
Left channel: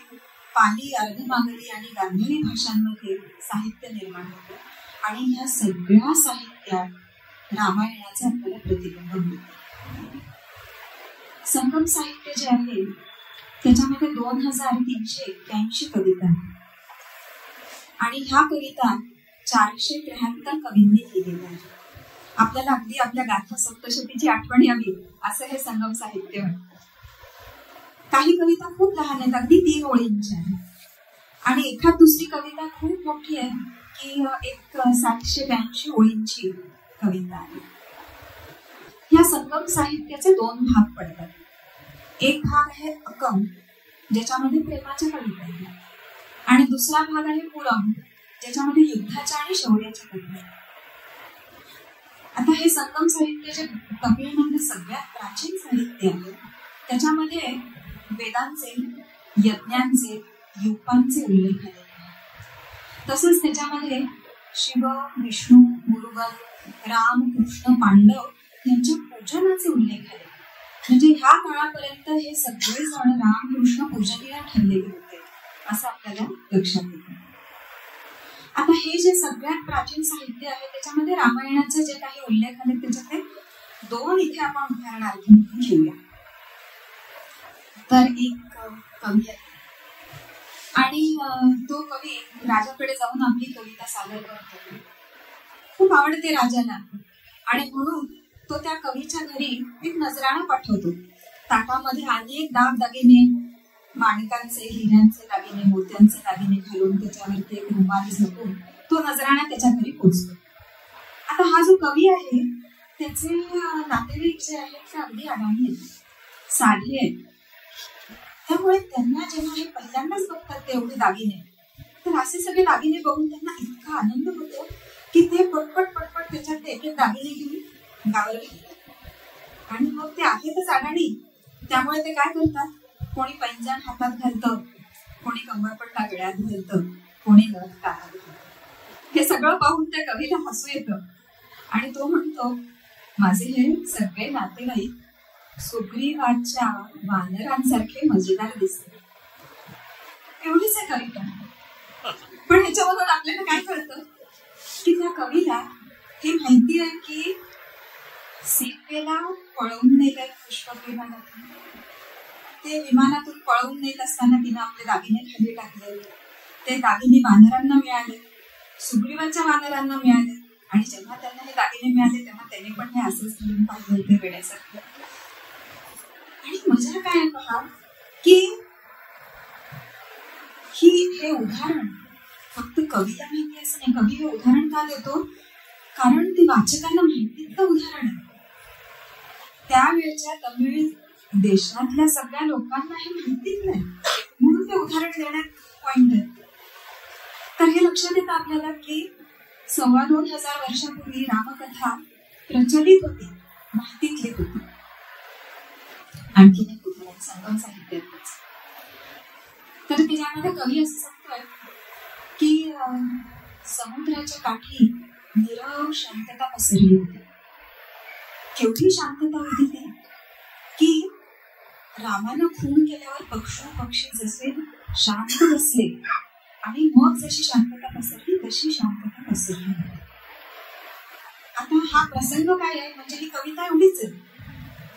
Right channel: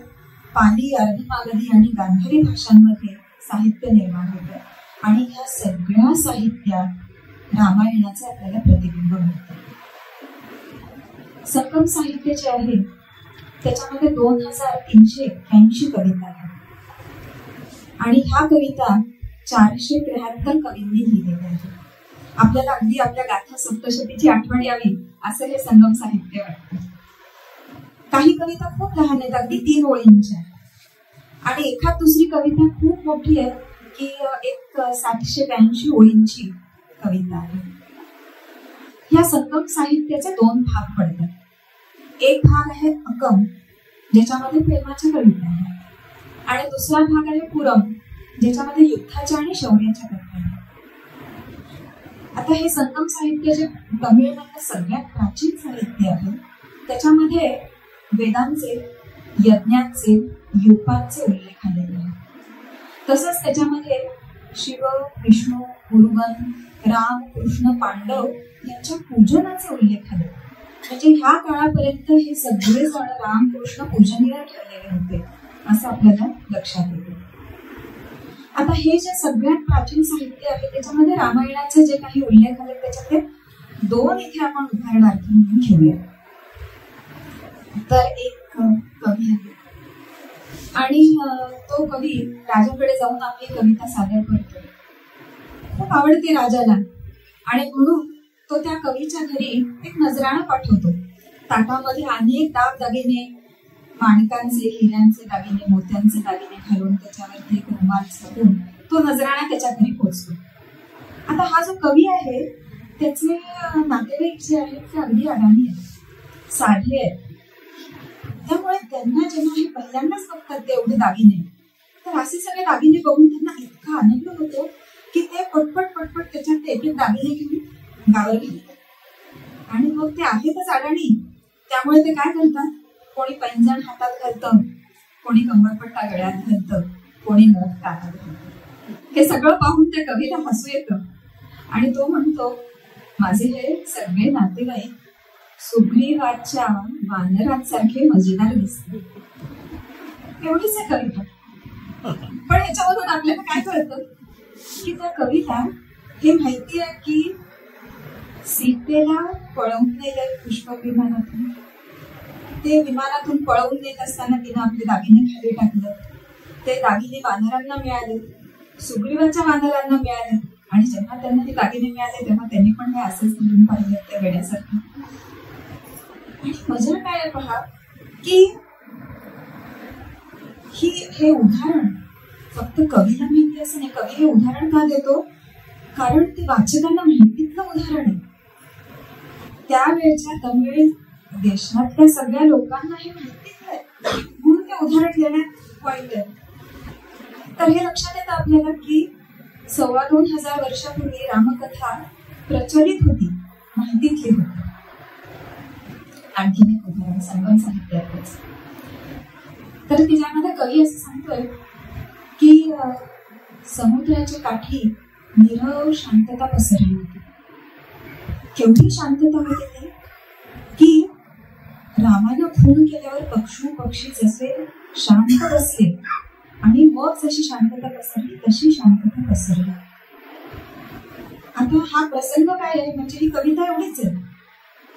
पाली, अर्धमागधी आणि गांधारी भाषांमध्ये साहित्य निर्माण होतं. आणि ह्या सगळ्या साहित्यात रामायणाचे आपल्याला प्रतिबिंब मिळतं. संगम साहित्य जे आहे त्याच्यामध्ये 2381 कविता आहेत आणि ह्या कविता 473 कवींनी लिहिलेल्या आहेत. आपल्याला अगदी आपल्या गाथा सप्तशतीची आठवण यावी असं हे संगम साहित्य वाटतं. काही कविता खूप लहान आहेत, अगदी 3 ओळींच्या आहेत. आणि एखाद दुसरी कविता खूप मोठी आहे की एक 782 ओळींची कविता आहे. ह्या संगम साहित्याचे 2 भाग पडतात. एक भाग आहे अकम, ज्याच्यामध्ये प्रेमाच्या कविता आहेत, आणि दुसरा भाग आहे पुरम, ज्याच्यामध्ये युद्धाच्या आणि शौर्याच्या कविता आहेत. आता हे संगम साहित्य जे तमिळमधलं सगळ्यात प्राचीन साहित्य आहे त्याच्यामध्ये वेदांचे, यज्ञांचे, युपांचे उल्लेख आलेले आहेत. तसंच त्याच्यामध्ये शिव, विष्णू, मुरुगन, राम, कृष्ण, पांडव यांच्या पूजनाचे उल्लेख आले. म्हणजे ह्या काळापर्यंत हे सगळे जण राम, कृष्ण पूजनीय ठरलेले होते असं आपल्याला लक्षात येते. आता हे जे सगळ्यात प्राचीन साहित्य आहे त्याच्यामध्ये रामायणाचे जे काही उल्लेख आले त्याच्यातले 2 इथे आपण उदाहरणार्थ म्हणून घेऊया. तर एक कवी आहे आणि तो कवी राजाकडे जाऊन आपली कविता सादर करतो. खूप आवडते राजाला आणि म्हणून तो त्या कवीच्या घरी एक नजराणा पाठवतो. ताटामध्ये अनेक दागदागिने, माणिकांचे, हिऱ्यांचे दागिने, मोत्यांचे दागिने घालून त्याच्यावरती एक रुमाल झाकून तो नजराणा त्याच्या घरी पोहोचतो. आता हा जो कवी आहे त्याचे नातेवाईक जे आहेत ते अगदी अडाणी आहेत, साधे आहेत. त्यामुळे त्यांना जेव्हा हे पहिल्यांदाच बघतात ते एवढे दागिने, तर असे सगळे दागिने बघून त्यांना इतका आनंद होतो की ते पटपट त्याच्यात एक एक दागिने घेऊन गावाला घालतात. आणि मग ते आहेतच अडाणी, त्यामुळे ते काय करतात, कोणी पैंजण हातात घालतं, कोणी कमरपट्टा गळ्यात घालतं, कोणी नथ कानात घालतं. हे सगळं पाहून त्या कवीला हसू येतं आणि तो म्हणतो, माझे हे सगळे नातेवाईक सुग्रीवाच्या वानरांसारखे मजेदार दिसते. एवढीच आहे कविता. पण ह्याच्यामधून आपल्याला काय कळतं की त्या कवीला हे माहिती आहे की सीतेला पळवून नेलं पुष्पक विमानातून, ते विमानातून पळवून नेत असताना तिने आपले दागिने खाली टाकले, ते दागिने वानरांना मिळाले, सुग्रीवाच्या वानरांना मिळाले आणि जेव्हा त्यांना हे दागिने मिळाले तेव्हा त्यांनी पण हे असेच धरून पाहिलं ते वेड्यासारखं. आणि मजा काय आहे पहा की हे उदाहरण फक्त कवीला माहिती असं नाही. कवी हे उदाहरण का देतो, कारण ते वाचकांना माहितीतलं उदाहरण आहे. त्यावेळच्या तमिळ देशातल्या सगळ्या लोकांना हे माहितीतलं आहे, म्हणून ते उदाहरण देण्यात पॉइंट आहे. तर हे लक्षात येतं आपल्याला की 2,500 वर्षापूर्वी रामकथा प्रचलित होती, माहितीतली होती. आणखीन एक उदाहरण संगम साहित्यातच. तर त्याच्यामध्ये कवी असं सांगतोय की समुद्राच्या काठी नीरव शांतता पसरली होती. केवढी शांतता होती ती की रामानं खून केल्यावर पक्षी जसे शांत बसले आणि मग जशी शांतता पसरली तशी शांतता पसरली. आता हा प्रसंग काय आहे, म्हणजे ही कविता एवढीच आहे,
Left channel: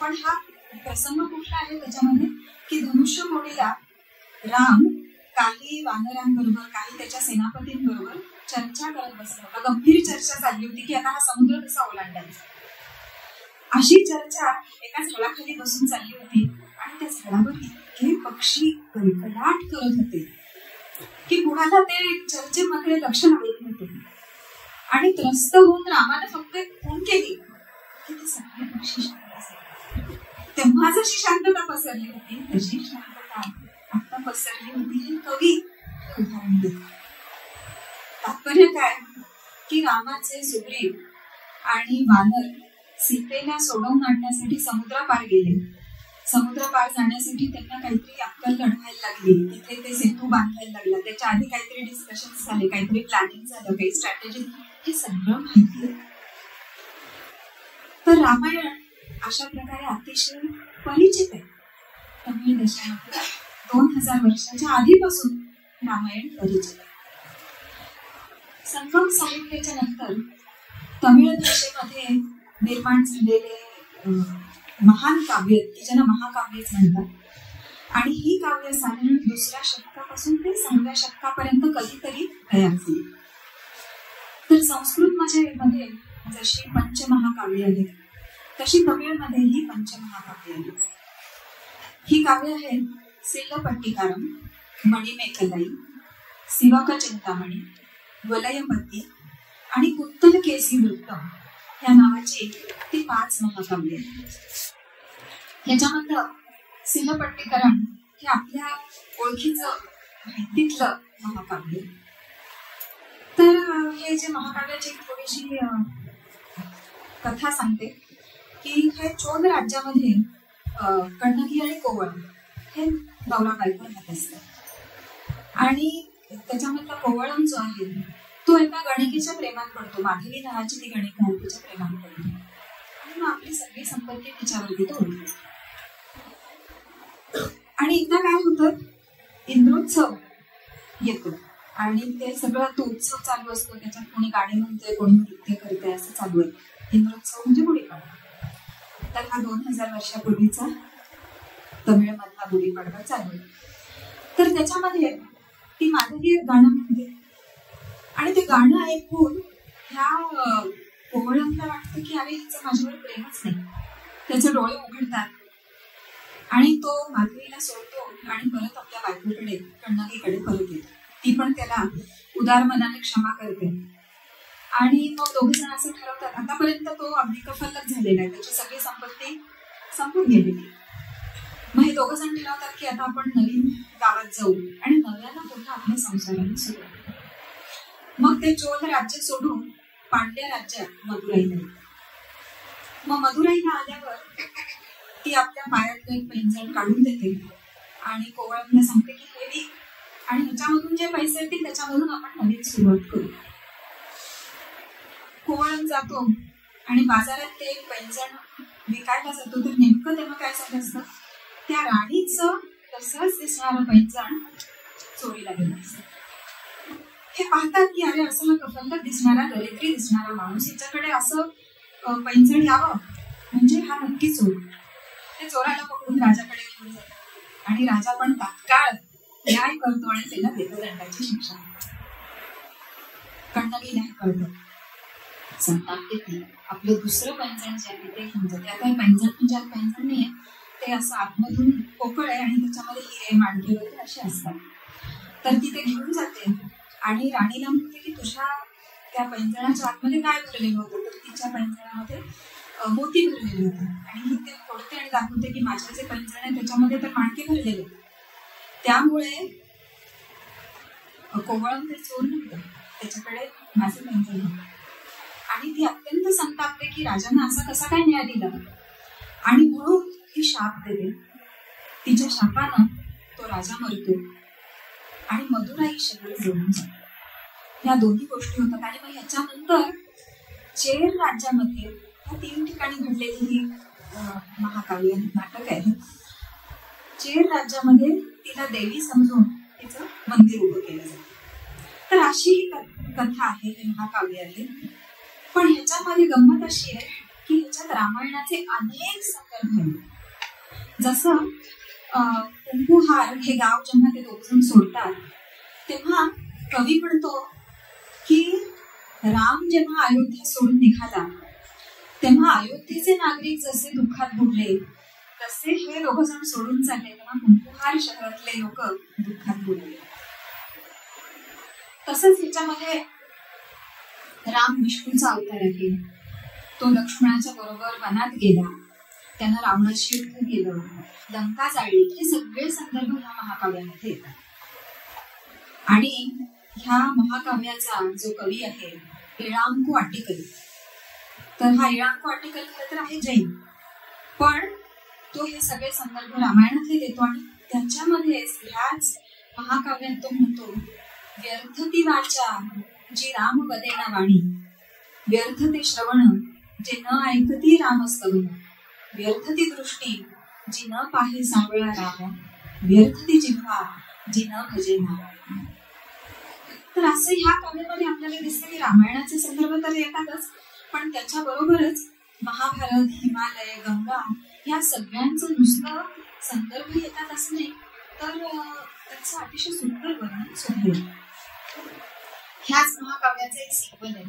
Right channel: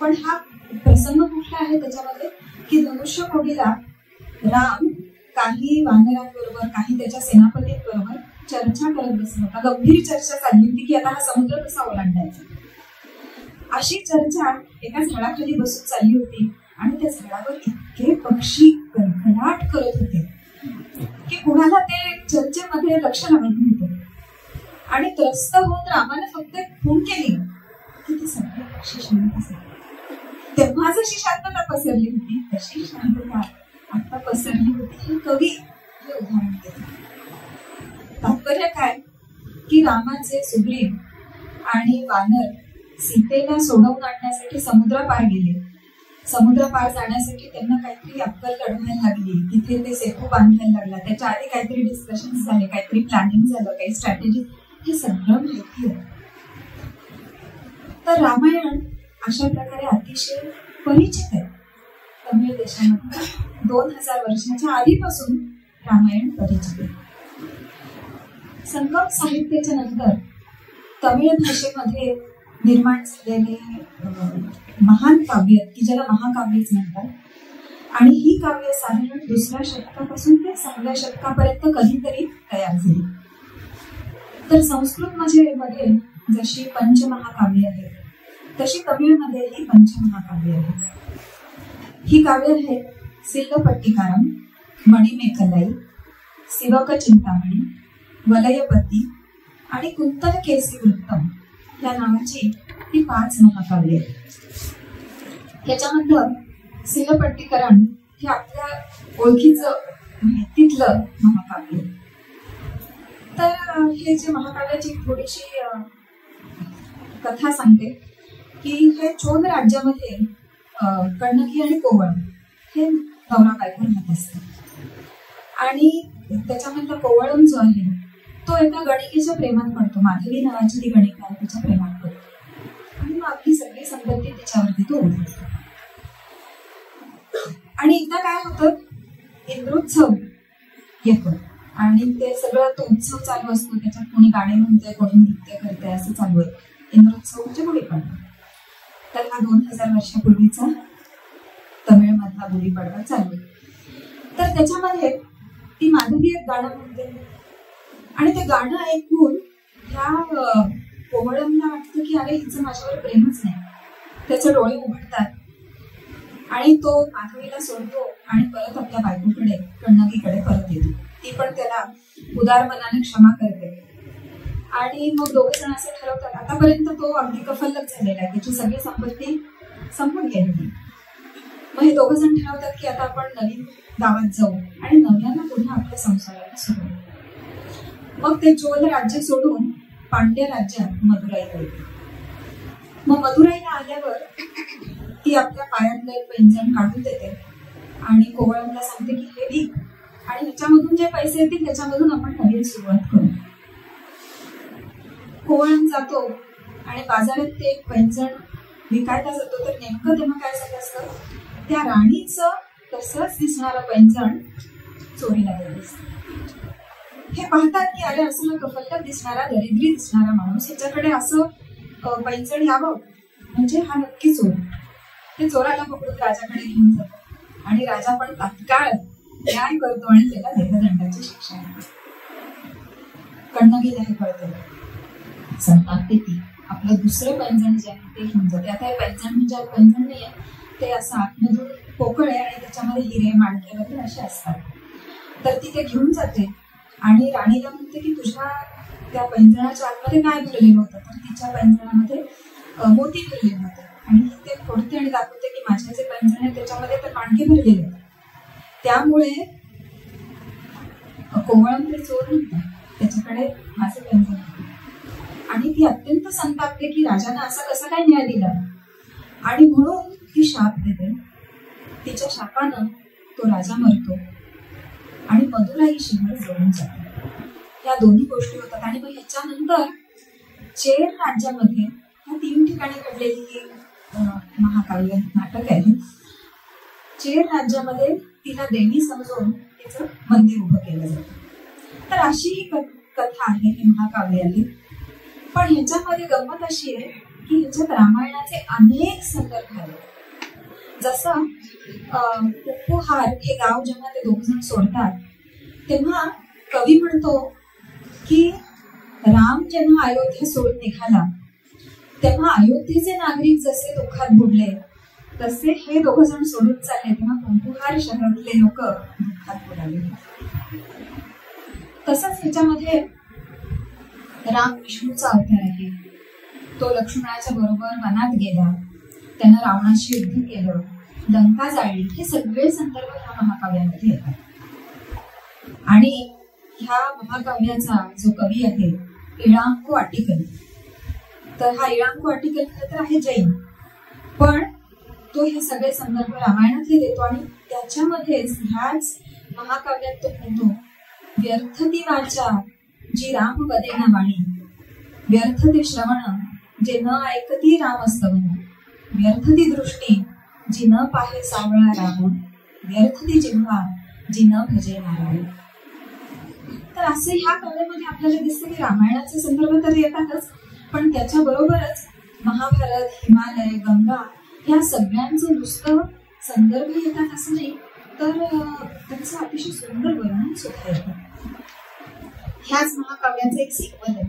पण हा प्रसंग कुठला आहे त्याच्यामध्ये की धनुष्यकोडीला राम काही वानरांबरोबर, काही त्याच्या सेनापतींबरोबर चर्चा करत बसला होता. गंभीर चर्चा चालली होती की आता हा समुद्र कसा ओलांडायचा. अशी चर्चा एका झाडाखाली बसून चालली होती आणि त्या झाडावर इतके पक्षी कलकलाट करत होते की कुणाला ते चर्चेमध्ये लक्ष लागत नव्हते. आणि त्रस्त होऊन रामाने फक्त खून केली की ते सगळे पक्षी शांत असायचे. तेव्हा जशी शांतता पसरली होती तशी शांतता आता पसरली होती. हे कवी हे उदाहरण देते. तात्पर्य काय की रामाचे सुग्रीव आणि वानर सीतेला सोडवून आणण्यासाठी समुद्रापार गेले. समुद्रपार जाण्यासाठी त्यांना काहीतरी अक्कल लढवायला लागली, तिथे ते सेतू बांधायला लागला. त्याच्या आधी काहीतरी डिस्कशन झाले, काहीतरी प्लॅनिंग झालं, काही स्ट्रॅटेजी, हे सगळं माहिती आहे. तर रामायण अशा प्रकारे अतिशय परिचित आहे तमिळ देशामध्ये. 2000 वर्षाच्या आधीपासून रामायण परिचित आहे. संगम साहित्याच्या नंतर तमिळ भाषेमध्ये निर्माण झालेले महान काव्य, की ज्याला महाकाव्यच म्हणतात, आणि ही काव्य साधारण 2ऱ्या शतकापासून ते 6व्या शतकापर्यंत कधीतरी तयार झाली. तर संस्कृत मध्ये जशी पंचमहाकाव्य आहेत तशी तमिळमध्येही पंचमहाकाव्य आहेत. ही काव्य आहेत सिल्लपट्टिकारम, मणिमेखलाई, शिवक चिंतामणी, वलयपती आणि कुंतल केसी वृत्तम या नावाची ती 5 महाकाव्य आहेत. याच्यामधलं सिल्लपट्टिकरण हे आपल्या ओळखीचं माहितीतलं महाकाव्य. तर हे जे महाकाव्याची थोडीशी कथा सांगते की हे चोल राज्यामध्ये कण्णकी आणि कोवळ हे नवरा बायको राहत असतात आणि त्याच्यामधला कोवळम जो आहे तो एका गणिकेच्या प्रेमात पडतो. माधवी नावाची ती गणिका आहे, तिच्या प्रेमात पडतो आणि मग आपली सगळी संपत्ती तिच्यावरती तो ओढतो. आणि एकदा काय होतं, इंद्रोत्सव येतो आणि ते सगळं तो उत्सव चालू असतो. त्याच्यात कोणी गाणे म्हणतोय, कोणी नृत्य करतोय, असं चालू आहे. इंद्रोत्सव म्हणजे गुढीपाडवा. तर हा 2000 वर्षापूर्वीचा तमिळमध्ये हा गुढीपाडवा चालू. तर त्याच्यामध्ये ती माधवी एक गाणं म्हणते आणि ते गाणं ऐकून ह्या कोवळमला वाटतं की अरे हिचं माझ्यावर प्रेमच नाही. त्याचे डोळे उघडतात आणि तो माधवीला सोडतो आणि परत आपल्या बायकोकडे कण्णगीकडे परत येतो. ती पण त्याला उदार मनाने क्षमा करते आणि मग दोघे जण असं ठरवतात. आतापर्यंत तो अगदी कफल्लक झालेला आहे, त्याची सगळी संपत्ती संपून गेलेली. मग हे दोघं जण ठरवतात की आता आपण नवीन गावात जाऊ आणि नव्यानं पुन्हा आपल्या संसाराला सुरुवात. मग ते चोल राज्य सोडून पांड्य राज्यात मदुराईला येते. मग मदुराईला आल्यावर ती आपल्या पायातलं एक पैंजण काढून देते आणि कोवळमला सांगते की हे विक आणि ह्याच्यामधून जे पैसे येतील त्याच्यामधून आपण नवीन सुरुवात करू. कोवळम जातो आणि बाजारात ते एक पैंजण विकायला जातो. तर नेमकं तेव्हा काय झालं असतं, त्या राणीचं तसंच दिसणारं पैंजण चोरीला गेलं असतं. हे पाहतात की अरे असं हा कफल्लक दिसणारा, दरिद्री दिसणारा माणूस, याच्याकडे असं पैंजण यावं म्हणजे हा नक्की चोर. ते चोराला पकडून राजाकडे घेऊन जातात आणि राजा पण तात्काळ न्याय करतो आणि त्याला देहदंडाची शिक्षा देतो. कण्णगीला हे कळतं, संतापते ती. आपलं दुसरं पैंजण जे आहे ते घेऊन जाते. आता हे पैंजण म्हणजे पैंजण नाहीये, ते असं आतमधून पोकळ आहे आणि त्याच्यामध्ये हिरे माणके वगैरे असे असतात. तर ती ते घेऊन जाते आणि राणीला म्हणते की तुझ्या त्या पैंजणाच्या आतमध्ये काय भरलेलं होतं. तर तिच्या पैंजणामध्ये मोती भरलेले होते आणि ही ते फोडते आणि दाखवते की माझ्या जे पैंजण आहे त्याच्यामध्ये तर माणके भरलेले. त्यामुळे कोवळम ते चोर नव्हता, त्याच्याकडे माझे पैंजण होते. आणि ती अत्यंत संतापते की राजाने असा कसा काय न्याय दिला आणि म्हणून ती शाप देते. तिच्या शापानं तो राजा मरतो आणि मदुराई शहर जळून जाते. या दोन्ही गोष्टी होतात. आणि मग ह्याच्यानंतर चेर राज्यामध्ये ह्या 3 ठिकाणी घडलेली ही महाकाव्य नाटक आहे. चेर राज्यामध्ये तिला देवी समजून तिचं मंदिर उभं केलं जातं. तर अशी ही कथा आहे, हे महाकाव्य आहे. पण ह्याच्यामध्ये गंमत अशी आहे की ह्याच्यात रामायणाचे अनेक संदर्भ आहेत. जसं कुंभुहार हे गाव जेव्हा ते दोघजण सोडतात तेव्हा कवी म्हणतो की राम जेव्हा अयोध्या सोडून निघाला तेव्हा अयोध्येचे नागरिक जसे दुःखात बुडले तसे हे दोघ जण सोडून चालले तेव्हा कुंभुहार शहरातले लोक दुःखात बुडाले. तसंच ह्याच्यामध्ये राम विष्णूचा अवतार आहे. तो लक्ष्मणाच्या बरोबर वनात गेला, त्यानं रावणाशी युद्ध केलं, लंका जाळली. हे सगळे संदर्भ ह्या महाकाव्यामध्ये येतात. आणि ह्या महाकाव्याचा जो कवी आहे इळांकू आटिकल, तर हा इळांकू आटिकल खरं तर आहे जैन, पण तो हे सगळे संदर्भ रामायणातले देतो. आणि त्याच्यामध्येच ह्याच महाकाव्यात तो म्हणतो व्यर्थ ती वाचा जी राम वदेना वाणी, व्यर्थ ते श्रवण जे न ऐकती रामस्तवन, व्यर्थ ती दृष्टी जी न पाहे सावळा राम, व्यर्थ ती जिव्हा जी न भजे नारायण. तर असं ह्या काव्यामध्ये आपल्याला दिसते की रामायणाचे संदर्भ तर येतातच, पण त्याच्याबरोबरच महाभारत, हिमालय, गंगा या सगळ्यांचं नुसतं संदर्भ येतात असं नाही, तर त्याचं अतिशय सुंदर वर्णन सुद्धा येतं. ह्याच महाकाव्याचं एक सिक्वल आहे.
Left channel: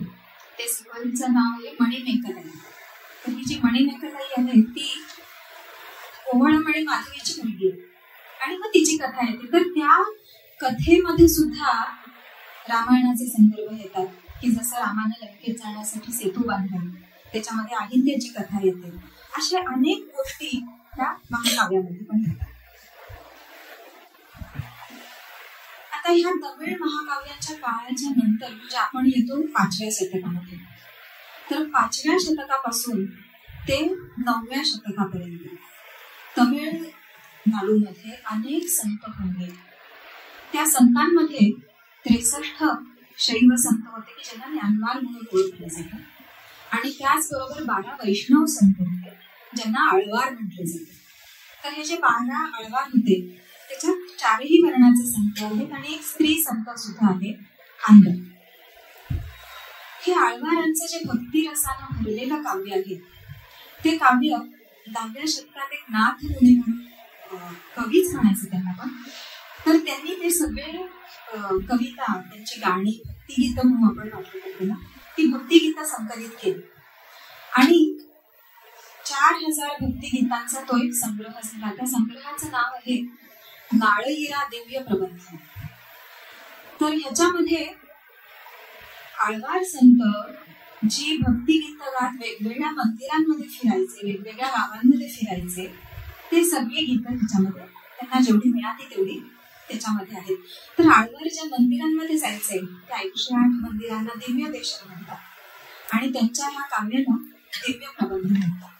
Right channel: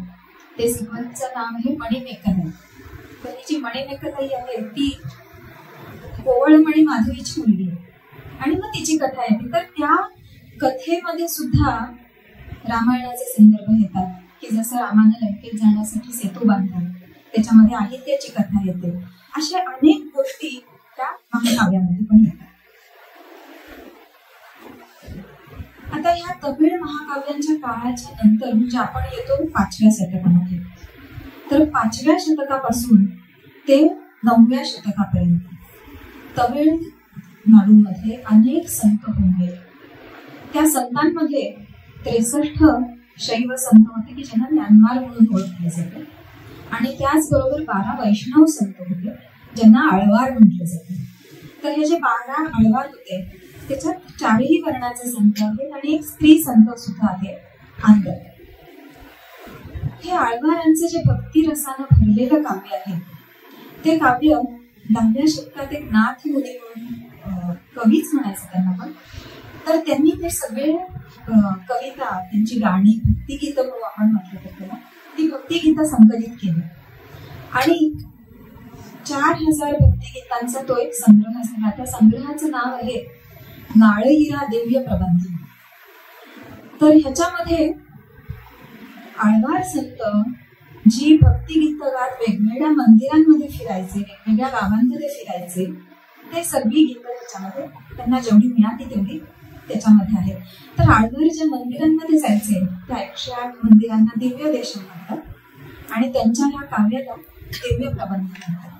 ते सिक्वलचं नाव आहे मणिमेखलाई. तर ही जी मणिमेखलाई आहे ती कोवळम आणि माधवीची मुलगी आहे आणि मग तिची कथा येते. तर त्या कथेमध्ये सुद्धा रामायणाचे संदर्भ येतात की जसं रामानं लंकेत जाण्यासाठी सेतू बांधला, त्याच्यामध्ये अहिल्याची कथा येते. अशा अनेक गोष्टी त्या महाकाव्यामध्ये पण येतात. आता ह्या तमिळ महाकाव्यांच्या काळाच्या नंतर म्हणजे आपण येतो 5व्या शतकामध्ये. तर 5व्या शतकापासून ते 9व्या शतकापर्यंत तमिळनाडूमध्ये अनेक संत होते. त्या संतांमध्ये 63 शैव संत होते की ज्यांना म्यानमार म्हणून ओळखले जाते आणि त्याचबरोबर 12 वैष्णव संत होते ज्यांना आळवार म्हटले जाते. तर हे जे 12 आळवार होते त्याच्यात 4ही वर्णाचे संत आहेत आणि एक स्त्री संत सुद्धा आहे आंध्र. हे आळवारांचं जे भक्ती रसानं भरलेलं काव्य आहे ते काव्य 10व्या शतकात एक नाथ मुनी म्हणून कवीच म्हणायचं त्यांना पण. तर त्यांनी ते सगळे कविता, त्यांची गाणी, भक्तिगीतं म्हणून आपण म्हटलं तर त्यांना, ती भक्तिगीतं संकलित केली आणि 4000 भक्तिगीतांचा तो एक संग्रह झाला. त्या संग्रहाचं नाव आहे नाळईरा दिव्य प्रबंध. तर ह्याच्यामध्ये आळवार संत जी भक्तिगीत गात वेगवेगळ्या मंदिरांमध्ये फिरायचे, वेगवेगळ्या गावांमध्ये फिरायचे, ते सगळी गीतं ह्याच्यामध्ये त्यांना जेवढी मिळाली तेवढी त्याच्यामध्ये आहेत. तर आळवार ज्या मंदिरांमध्ये जायचे त्या 108 मंदिरांना दिव्य देशन म्हणतात आणि त्यांच्या ह्या काव्याला दिव्य प्रबंध म्हणतात.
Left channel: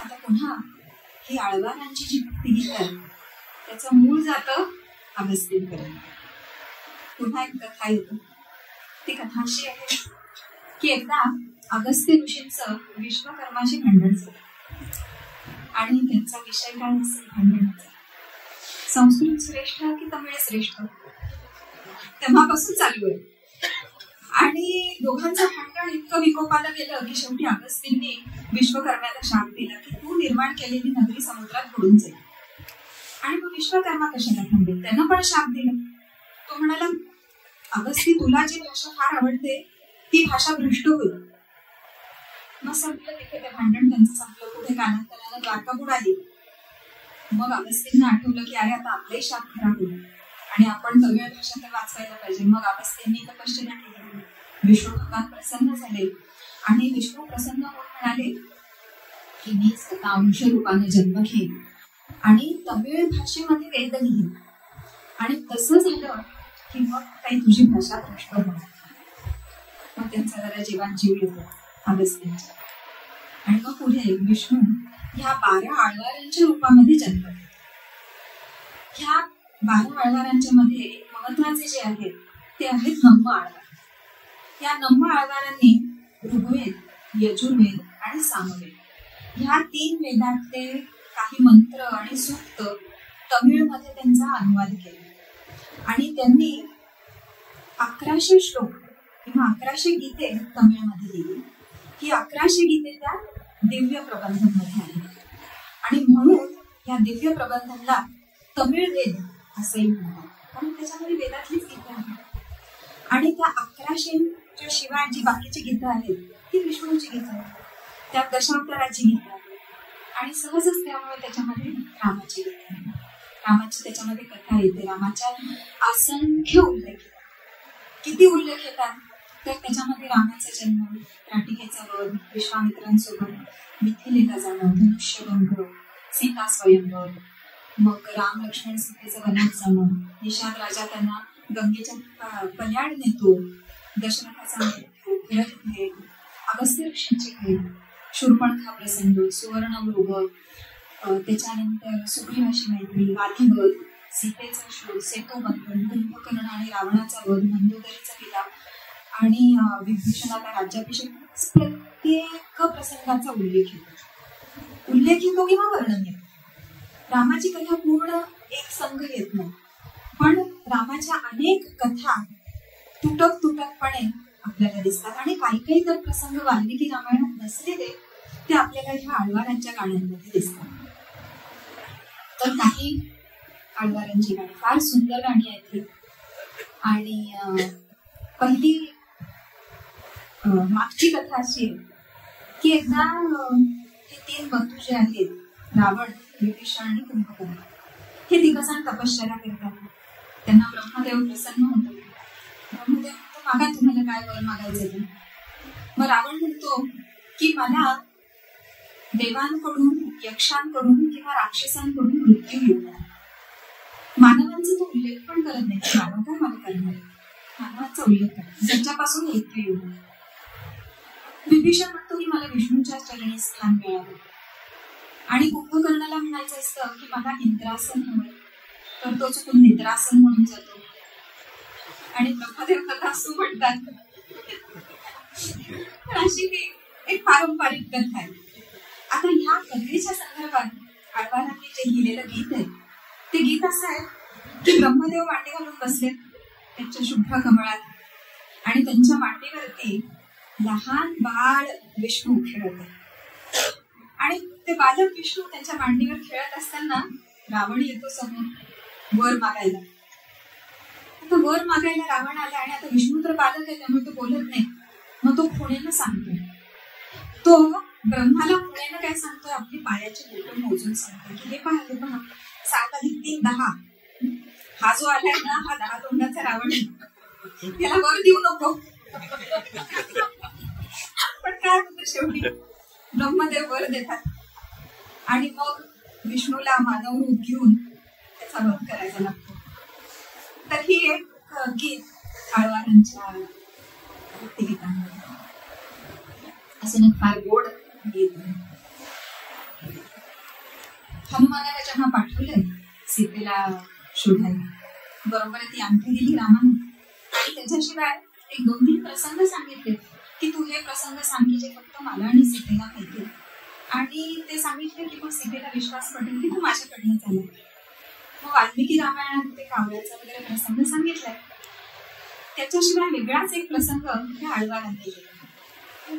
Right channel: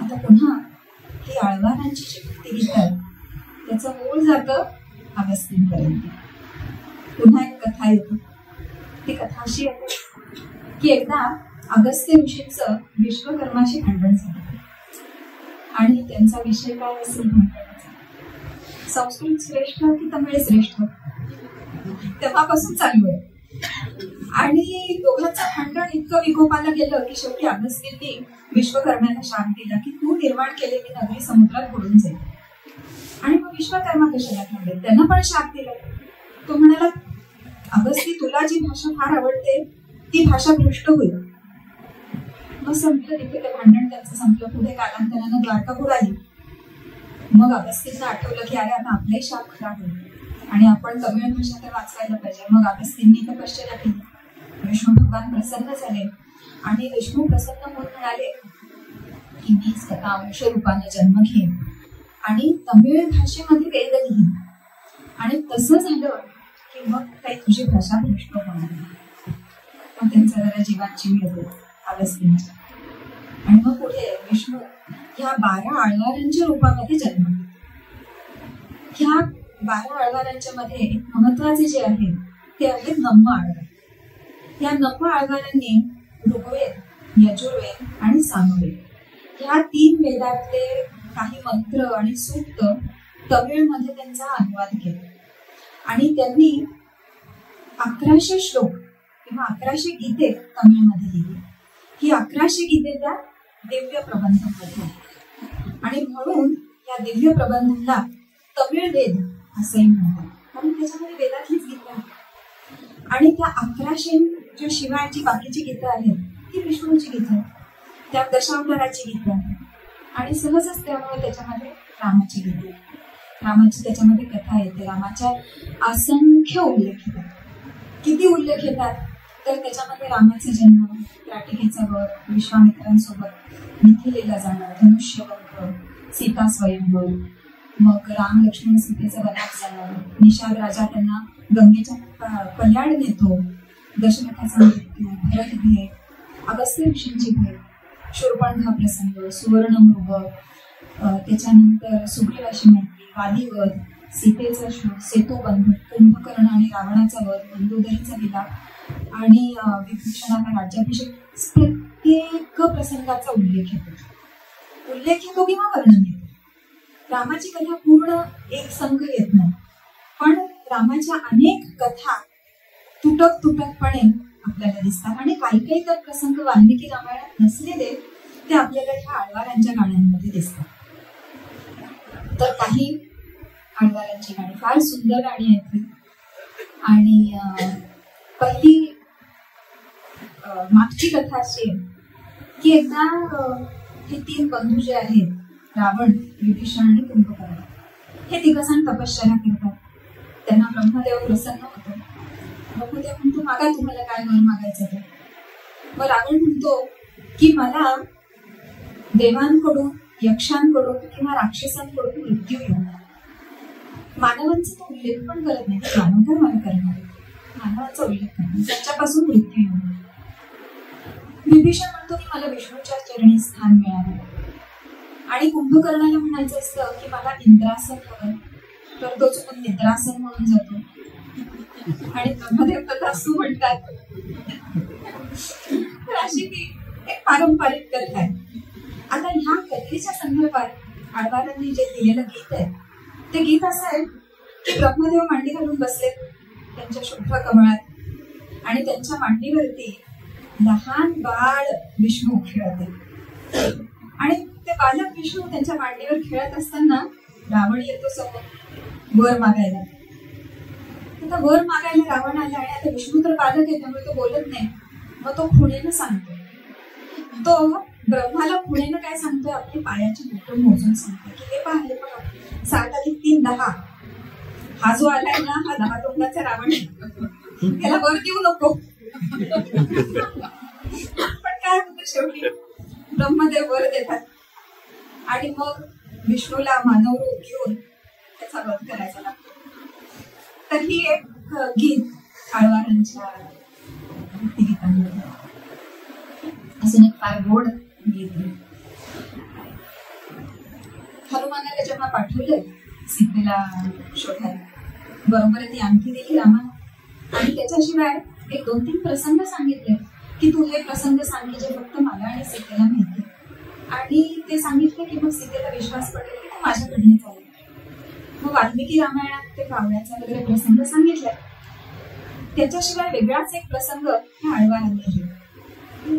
आता पुन्हा ही आळवारांची जी भक्तिगीत आहे त्याचं मूळ जातं अगस्तींपर्यंत. पुन्हा एक कथा येते. ती कथा अशी आहे की एकदा अगस्त्य ऋषींचं विश्वकर्माशी भांडण झालं आणि त्यांचा विषय काय असेल भांडणाचा, संस्कृत श्रेष्ठ की तमिळ श्रेष्ठ, तेव्हापासून चालू आहे. आणि दोघांचं भांडण इतकं विकोपाला गेलं की शेवटी अगस्तींनी विश्वकर्म्याला शाप दिला की तू निर्माण केलेली नगरी समुद्रात बुडून जाईल. आणि मग विश्वकर्मा कशाला थांबेल, त्यांना पण शाप दिला. तो म्हणाला अगस्ती तुला जी भाषा फार आवडते ती भाषा भ्रष्ट होईल. मग संपलं तिथे ते भांडण त्यांचं संपलं. पुढे कालांतरानं द्वारका बुडाली. मग अगस्तींना आठवलं की अरे आता आपलाही शाप खरा होईल आणि आपण तमिळ भाषा तर वाचवायला पाहिजे. मग अगस्तींनी तपश्चर्या केली. विष्णू भगवान प्रसन्न झाले आणि विष्णू प्रसन्न होऊन म्हणाले की मीच स्वतः अंश रूपाने जन्म घेईन आणि तमिळ भाषेमध्ये वेद लिहीन. आणि तसं झालं की मग काही तुझी भाषा भ्रष्ट होणार नाही. मग त्यांचा जरा जीवात जीव येतो अगस्तींचा. आणि मग पुढे विष्णू ह्या 12 आळवारांच्या रूपामध्ये जन्म. ह्या 12 आळवारांच्या मध्ये महत्वाचे जे आहेत ते आहेत नम्म आळवार. या नम्म आळवारांनी ऋग्वेद, यजुर्वेद आणि सामवेद ह्या 3 वेदातले काही मंत्र आणि सूक्त तमिळमध्ये त्यांचा अनुवाद केला. आणि त्यांनी 1100 श्लोक किंवा 1100 गीते तमिळमध्ये लिहिली. ही 1100 गीते त्या दिव्य प्रबंधांमध्ये आहेत आणि म्हणून या दिव्य प्रबंधांना तमिळ वेद असंही म्हणतात, कारण त्याच्यामध्ये वेदातलीच गीतं आहेत. आणि त्या 1100 जो शिवाय जी बाकीची गीतं आहेत ती विष्णूची गीतं आहेत. त्या दशावताराची गीतं आहेत आणि सहजच त्यामुळे त्याच्यामध्ये रामाची गीतं आहेत. रामाची त्याच्यामध्ये कथा येते. रामाच्या असंख्य उल्लेख येतात. किती उल्लेख येतात तर त्याच्यामध्ये रामाचा जन्म, राटिकेचा वध, विश्वामित्रांसोबत मिथिलेला जाणं, धनुष्यभंग, सीता स्वयंवर, मग राम लक्ष्मण सीतेचं वनात जाणं, निषाद राजा त्यांना गंगेच्या कल्याण नेतो, दशरथाचा मृत्यू, भरत भेट, अगस्त्य ऋषींची भेट, शूर्पणखा प्रसंग, सुवर्णमृग, त्याच्यानंतर सुग्रीवाशी मैत्री, वादीवध, सीतेचा शोध, सेतोबंधन, कुंभकर्ण आणि रावणाचा वध, मंदोदरीचा विलाप आणि विभीषणाला राज्याभिषेक. प्रत्येक प्रसंगाचा उल्लेख येतो किंवा वर्णन येतो. रामाची कथा पूर्ण एक संघ येत नाही, पण रामाच्या अनेक कथा तुटकपणे आपल्याला दिसतात. आणि काही काही तर प्रसंग वाल्मिकी रामायणात नसलेले ते आपल्याला ह्या आळवारांच्या गाण्यांमध्ये दिसतात. तर काही आळवारांची गाणी फार सुंदर गाणी आहेत ही. आणि पहिली मागची कथा अशी आहे की एकदा हे 3 बंधू जे आहेत, रावण, विभीषण आणि कुंभकर्ण, हे 3 जण तपश्चर्या करतात. त्यांना ब्रह्मदेव प्रसन्न होतो. ब्रह्मदेव म्हणतो मागा तुम्हाला काय वर मागायचं ते. मग रावण म्हणतो की मला देवांकडून, यक्षांकडून किंवा राक्षसांकडून मृत्यू येऊ. मानवांचा तो उल्लेख पण करत नाही. मानव काय मला करणार, मानवाचा उल्लेख करणार, त्याच्यापासून मृत्यू येऊ. विभीषण म्हणतो की मला विष्णूच्या चरणी स्थान मिळावं. आणि कुंभकर्णाला म्हणायचं असतं की मला इंद्रासन हवं, तर तो चुकून निद्रासन म्हणून जातो. आणि ब्रह्मदेव तथास्तु म्हणतात. तर अशी ती एक पारंपरिक कथा आहे. आता ह्या कथेच्या संदर्भात आळवारांनी जे लिहिलेलं गीत आहे ते गीत असं आहे की ब्रह्मदेव मांडी घालून बसलेत त्यांच्या शुभ्र कमळात आणि त्यांच्या मांडीवरती लहान बाळ विष्णू खेळत आहे. आणि ते बालक विष्णू त्यांच्या मांडीवर खेळत असताना रावण येतो समोर वर मागायला. आता वर मागायला रावण आला आणि आता विष्णू तर बालक आहे त्यामुळे तो बोलत नाही. मग तो खुणेनं सांगतो. तो ब्रह्माला खुणेनं काय सांगतो, आपली पायाची बोटं मोजून सांगतो की हे पहा 7 + 3 = 10. हा जो आलाय ना हा 10 तोंडाचा रावण आहे, त्याला वर देऊ नको. पण काय होतं शेवटी ब्रह्मदेव वर देतात आणि मग विष्णूला मानव रूप घेऊन त्याचा वध करायचा लागतो. तर ही एक गीत आळवारांच्या भक्तिगीतांमध्ये असं एक फार गोड गीत आहे. हनुमानाला जेव्हा पाठवलं सीतेला शोधायला, बरोबर ती अंगठी दिली रामानं आणि त्याच्याशिवाय 1-2-3 प्रसंग सांगितले की तू हे प्रसंग सांग की जे फक्त मला आणि सीतेला माहिती. आणि ते सांगितले की मग सीतेला विश्वास पटेल की तू माझ्याकडनं चालेल. मग वाल्मिकी रामायणात ते कावळ्याचा वगैरे प्रसंग सांगितलाय. त्याच्याशिवाय वेगळाच एक प्रसंग हे आळवारांनी लिहिला.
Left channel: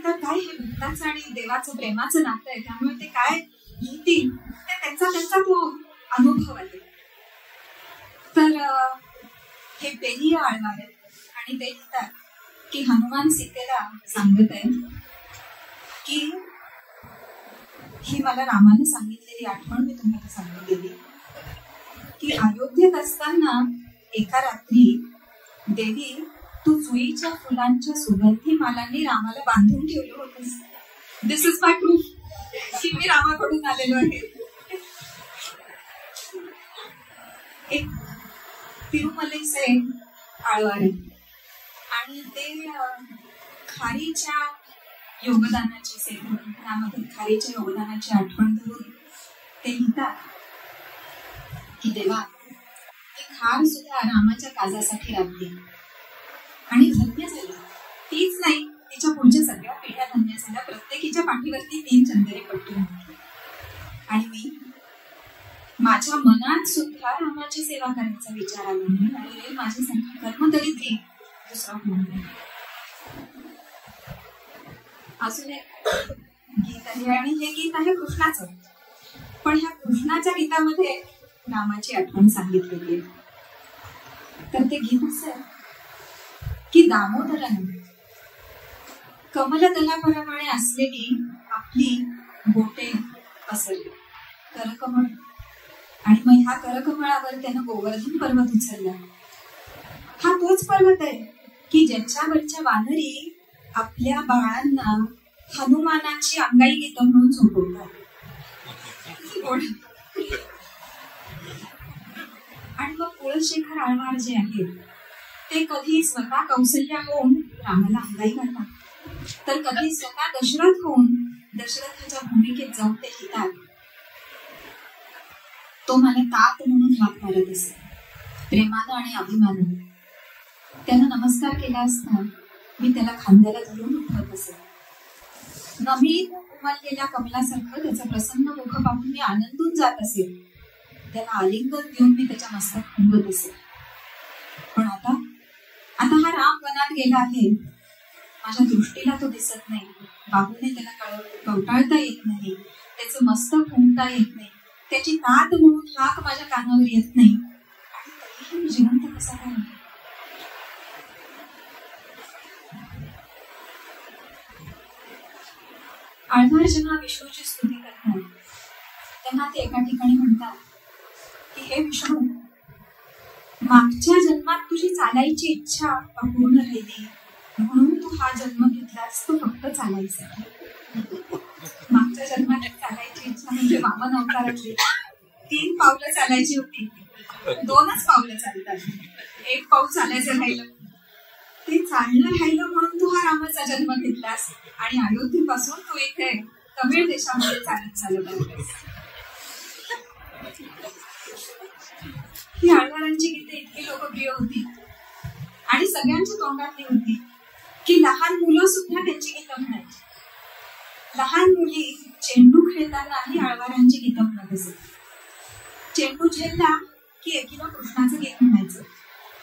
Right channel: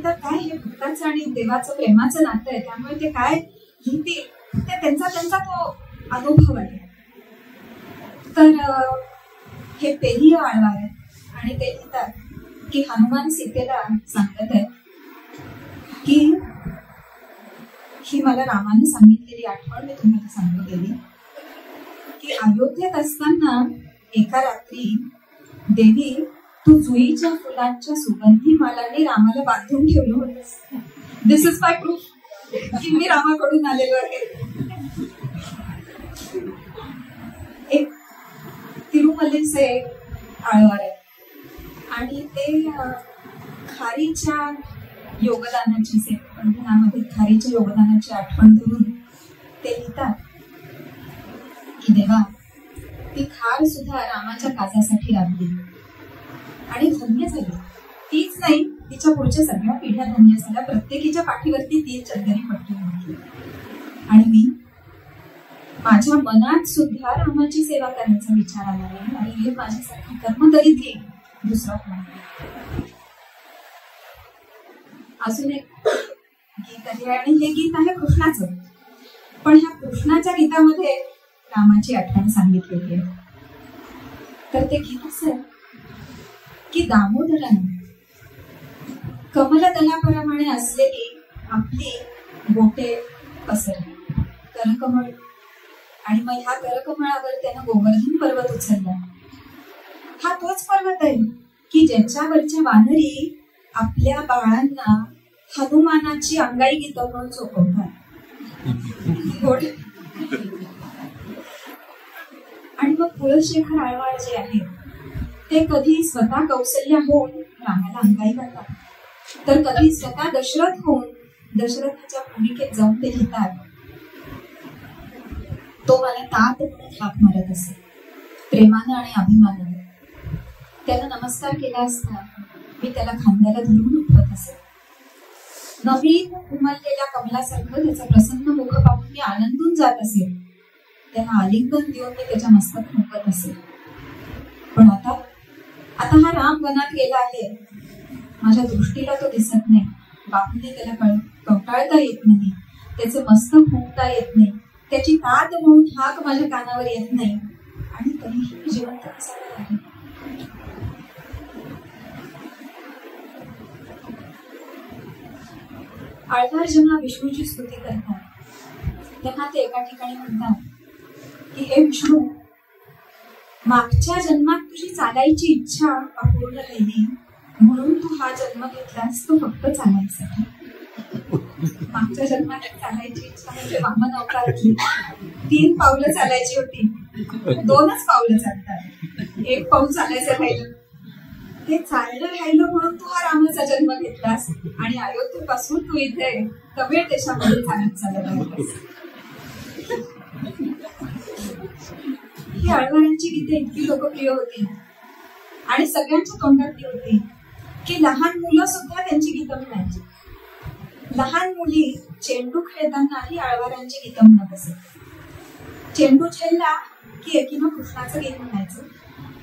तर काय हे भक्ताचं आणि देवाचं प्रेमाचं नातं आहे, त्यामुळे ते काय लिहितील ते त्यांचा तो अनुभव आहे. तर हे पेरिय आळवार आहे आणि ते लिहितात की हनुमान सीतेला सांगत आहे की ही मला रामाने सांगितलेली आठवण मी तुम्हाला सांगितलेली की अयोध्येत असताना एका रात्री देवी तू जुईच्या फुलांच्या सुगंधी मालांनी रामाला बांधून ठेवलं होतंस. दिस इज माय प्रूफ की मी रामाकडून आलेलो आहे. एक तिरुमलेचे आळवार आहे आणि ते खारीच्या योगदानाची सेवामध्ये खारीच्या योगदानाची आठवण करून ते लिहितात की देवा ती खार सुद्धा रामाच्या काजासाठी राबली आणि धन्य झाली. तीच नाही तिच्या पुढच्या सगळ्या पिढ्या धन्य झाल्या. प्रत्येकीच्या पाठीवरती 3 चंदरी पट्टी होती. आणि मी माझ्या मनात सुद्धा रामाची सेवा करण्याचा विचार आला नाही. आणि हे माझ्यासारखं कर्म तरी ते दुसरा कोण. अजून एक गीत आहे आणि हे गीत आहे कृष्णाचं. पण ह्या कृष्णाच्या गीतामध्ये रामाची आठवण सांगितलेली. तर ते गीत असं की दामोदराने कमलदलाप्रमाणे असलेली आपली बोटे पसरली करकमळ आणि मग ह्या करकमळावर त्यानं गोवर्धन पर्वत उचलला. हा तोच पर्वत आहे की ज्याच्यावरच्या वानरी आपल्या बाळांना हनुमानाची अंगाई गीत म्हणून झोपवतात. आणि मग कुळशेखर आळवार जे आहेत ते कधी स्वतः कौसल्य होऊन रामाला अंगाई घालतात, तर कधी स्वतः दशरथ होऊन दशरथाच्या भूमिकेत जाऊन ते लिहितात. तो मला तात म्हणून हाक मारत असे प्रेमानं आणि अभिमानानं. त्याला नमस्कार केला असता मी त्याला खांद्याला धरून उठवत असे. नवीन उमललेल्या कमलासारखं त्याचा प्रसन्न मुख पाहून मी आनंदून जात असे. त्याला आलिंगन देऊन मी त्याच्या मस्तक फुंकत असे. पण आता हा राम वनात गेला आहे. माझ्या दृष्टीला तो दिसत नाही. बाहूने त्याला कवटाळता येत नाही. त्याचे मस्तक फुंकता येत नाही. त्याची तात म्हणून हाक माझ्या कानावर येत नाही. आणि तरीही मी जिवंत कसा आहे. आळवार जेव्हा विष्णूची स्तुती करतात तेव्हा ते एका ठिकाणी म्हणतात की हे विष्णू, मागच्या जन्मात तुझी चालायची इच्छा अपूर्ण राहिली म्हणून तू हा जन्म घेतलास तो फक्त चालायसाठी. मागच्या जन्मात चालायची इच्छा म्हणजे वामन अवताराची 3 पावलं चालायची होती, 2च पावलं चालतात, 1 पाऊल चालायचं राहिलं. ते चालणं राहिलं म्हणून तू हा रामाचा जन्म घेतलास आणि अयोध्येपासून तू इथे तमिळ देशामध्ये चालत आहेस. ही आळवारांची गीते इतकी लोकप्रिय होती आणि सगळ्यांच्या तोंडातली होती की लहान मुलं सुद्धा त्यांची गीतं म्हणायची. लहान मुली चेंडू खेळतानाही आळवारांची गीतं म्हणत असत. चेंडू झेलला की एकीनं कृष्णाचं गीत म्हणायचं.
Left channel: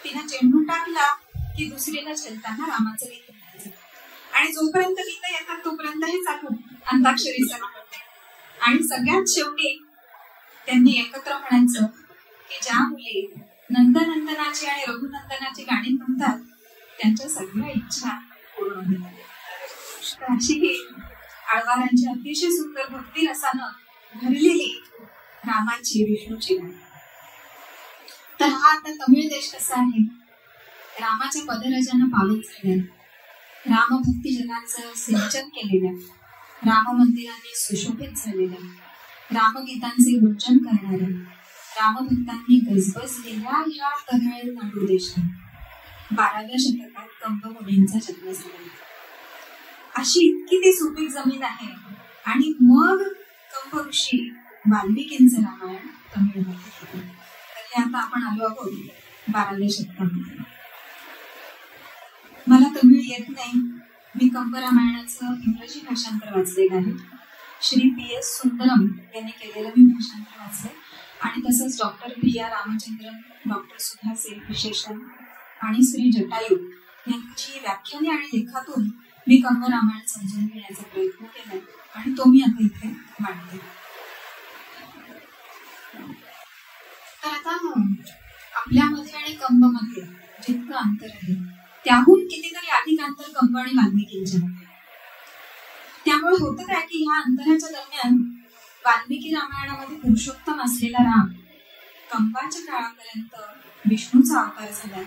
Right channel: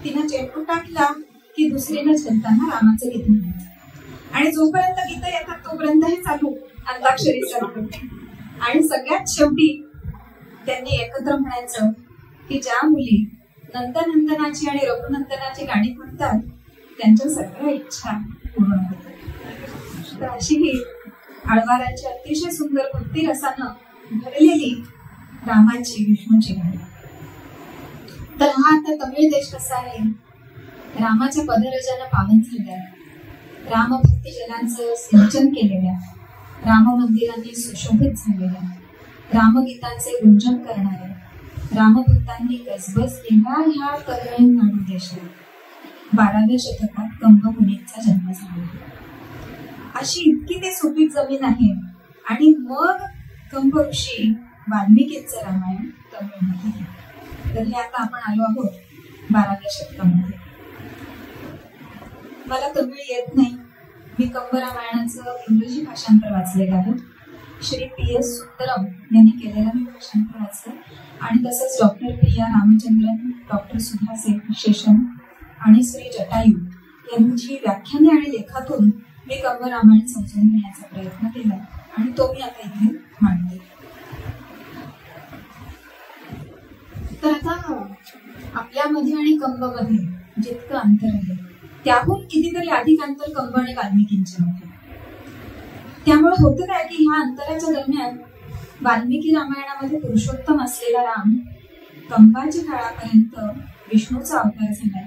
तिनं चेंडू टाकला की दुसरीनं झेलताना रामाचं गीत म्हणायचं. आणि जोपर्यंत गीतं येतात तोपर्यंत हे चालू अंताक्षरी चालू. आणि सगळ्यात शेवटी त्यांनी एकत्र म्हणायचं की ज्या मुली नंदनंदनाची आणि रघुनंदनाची गाणी म्हणतात त्यांच्या सगळ्या इच्छा पूर्ण होतात. तर अशी ही आळवारांची अतिशय सुंदर भक्ती रसानं भरलेली रामाची विष्णूची गाणी. तर हा आता तमिळ देश कसा आहे, रामाच्या पदरजानं पावन झाल्या, रामभक्ती जनांचं सिंचन केलेल्या, राम मंदिरांनी सुशोभित झालेल्या, रामगीतांचे गुंजन करणाऱ्या, रामभक्तांनी गजबजलेल्या ह्या तमिळनाडू देशात 12व्या शतकात कंब मुनींचा जन्म झाला. अशी इतकी ती सुपीक जमीन आहे. आणि मग कंब ऋषी वाल्मिकींचं रामायण तमिळमध्ये घेतलं. तर हे आता आपण आलो आहोत 12व्या शतकामध्ये. मला तमिळ येत नाही. मी कंब रामायणाचं इंग्रजी भाषांतर वाचलेलं आहे. श्री PS सुंदरम यांनी केलेलं मी भाषांतर वाचलं. आणि तसंच डॉक्टर प्रिया रामचंद्रन, डॉक्टर सुधा विशेषण आणि श्री जटायू यांची व्याख्याने आणि लेखातून मी कंब रामायण समजून घेण्याचा प्रयत्न केलाय आणि तो मी आता इथे मांडते. तर आता आपल्यामध्ये आणि कंबमध्ये जितकं अंतर आहे त्याहून कितीतरी अधिक अंतर कंब आणि वाल्मिकींच्या मध्ये. त्यामुळे होतं काय की ह्या अंतराच्या दरम्यान वाल्मिकी रामायणामध्ये पुरुषोत्तम असलेला राम कंबाच्या काळापर्यंत विष्णूचा अवतार झाला.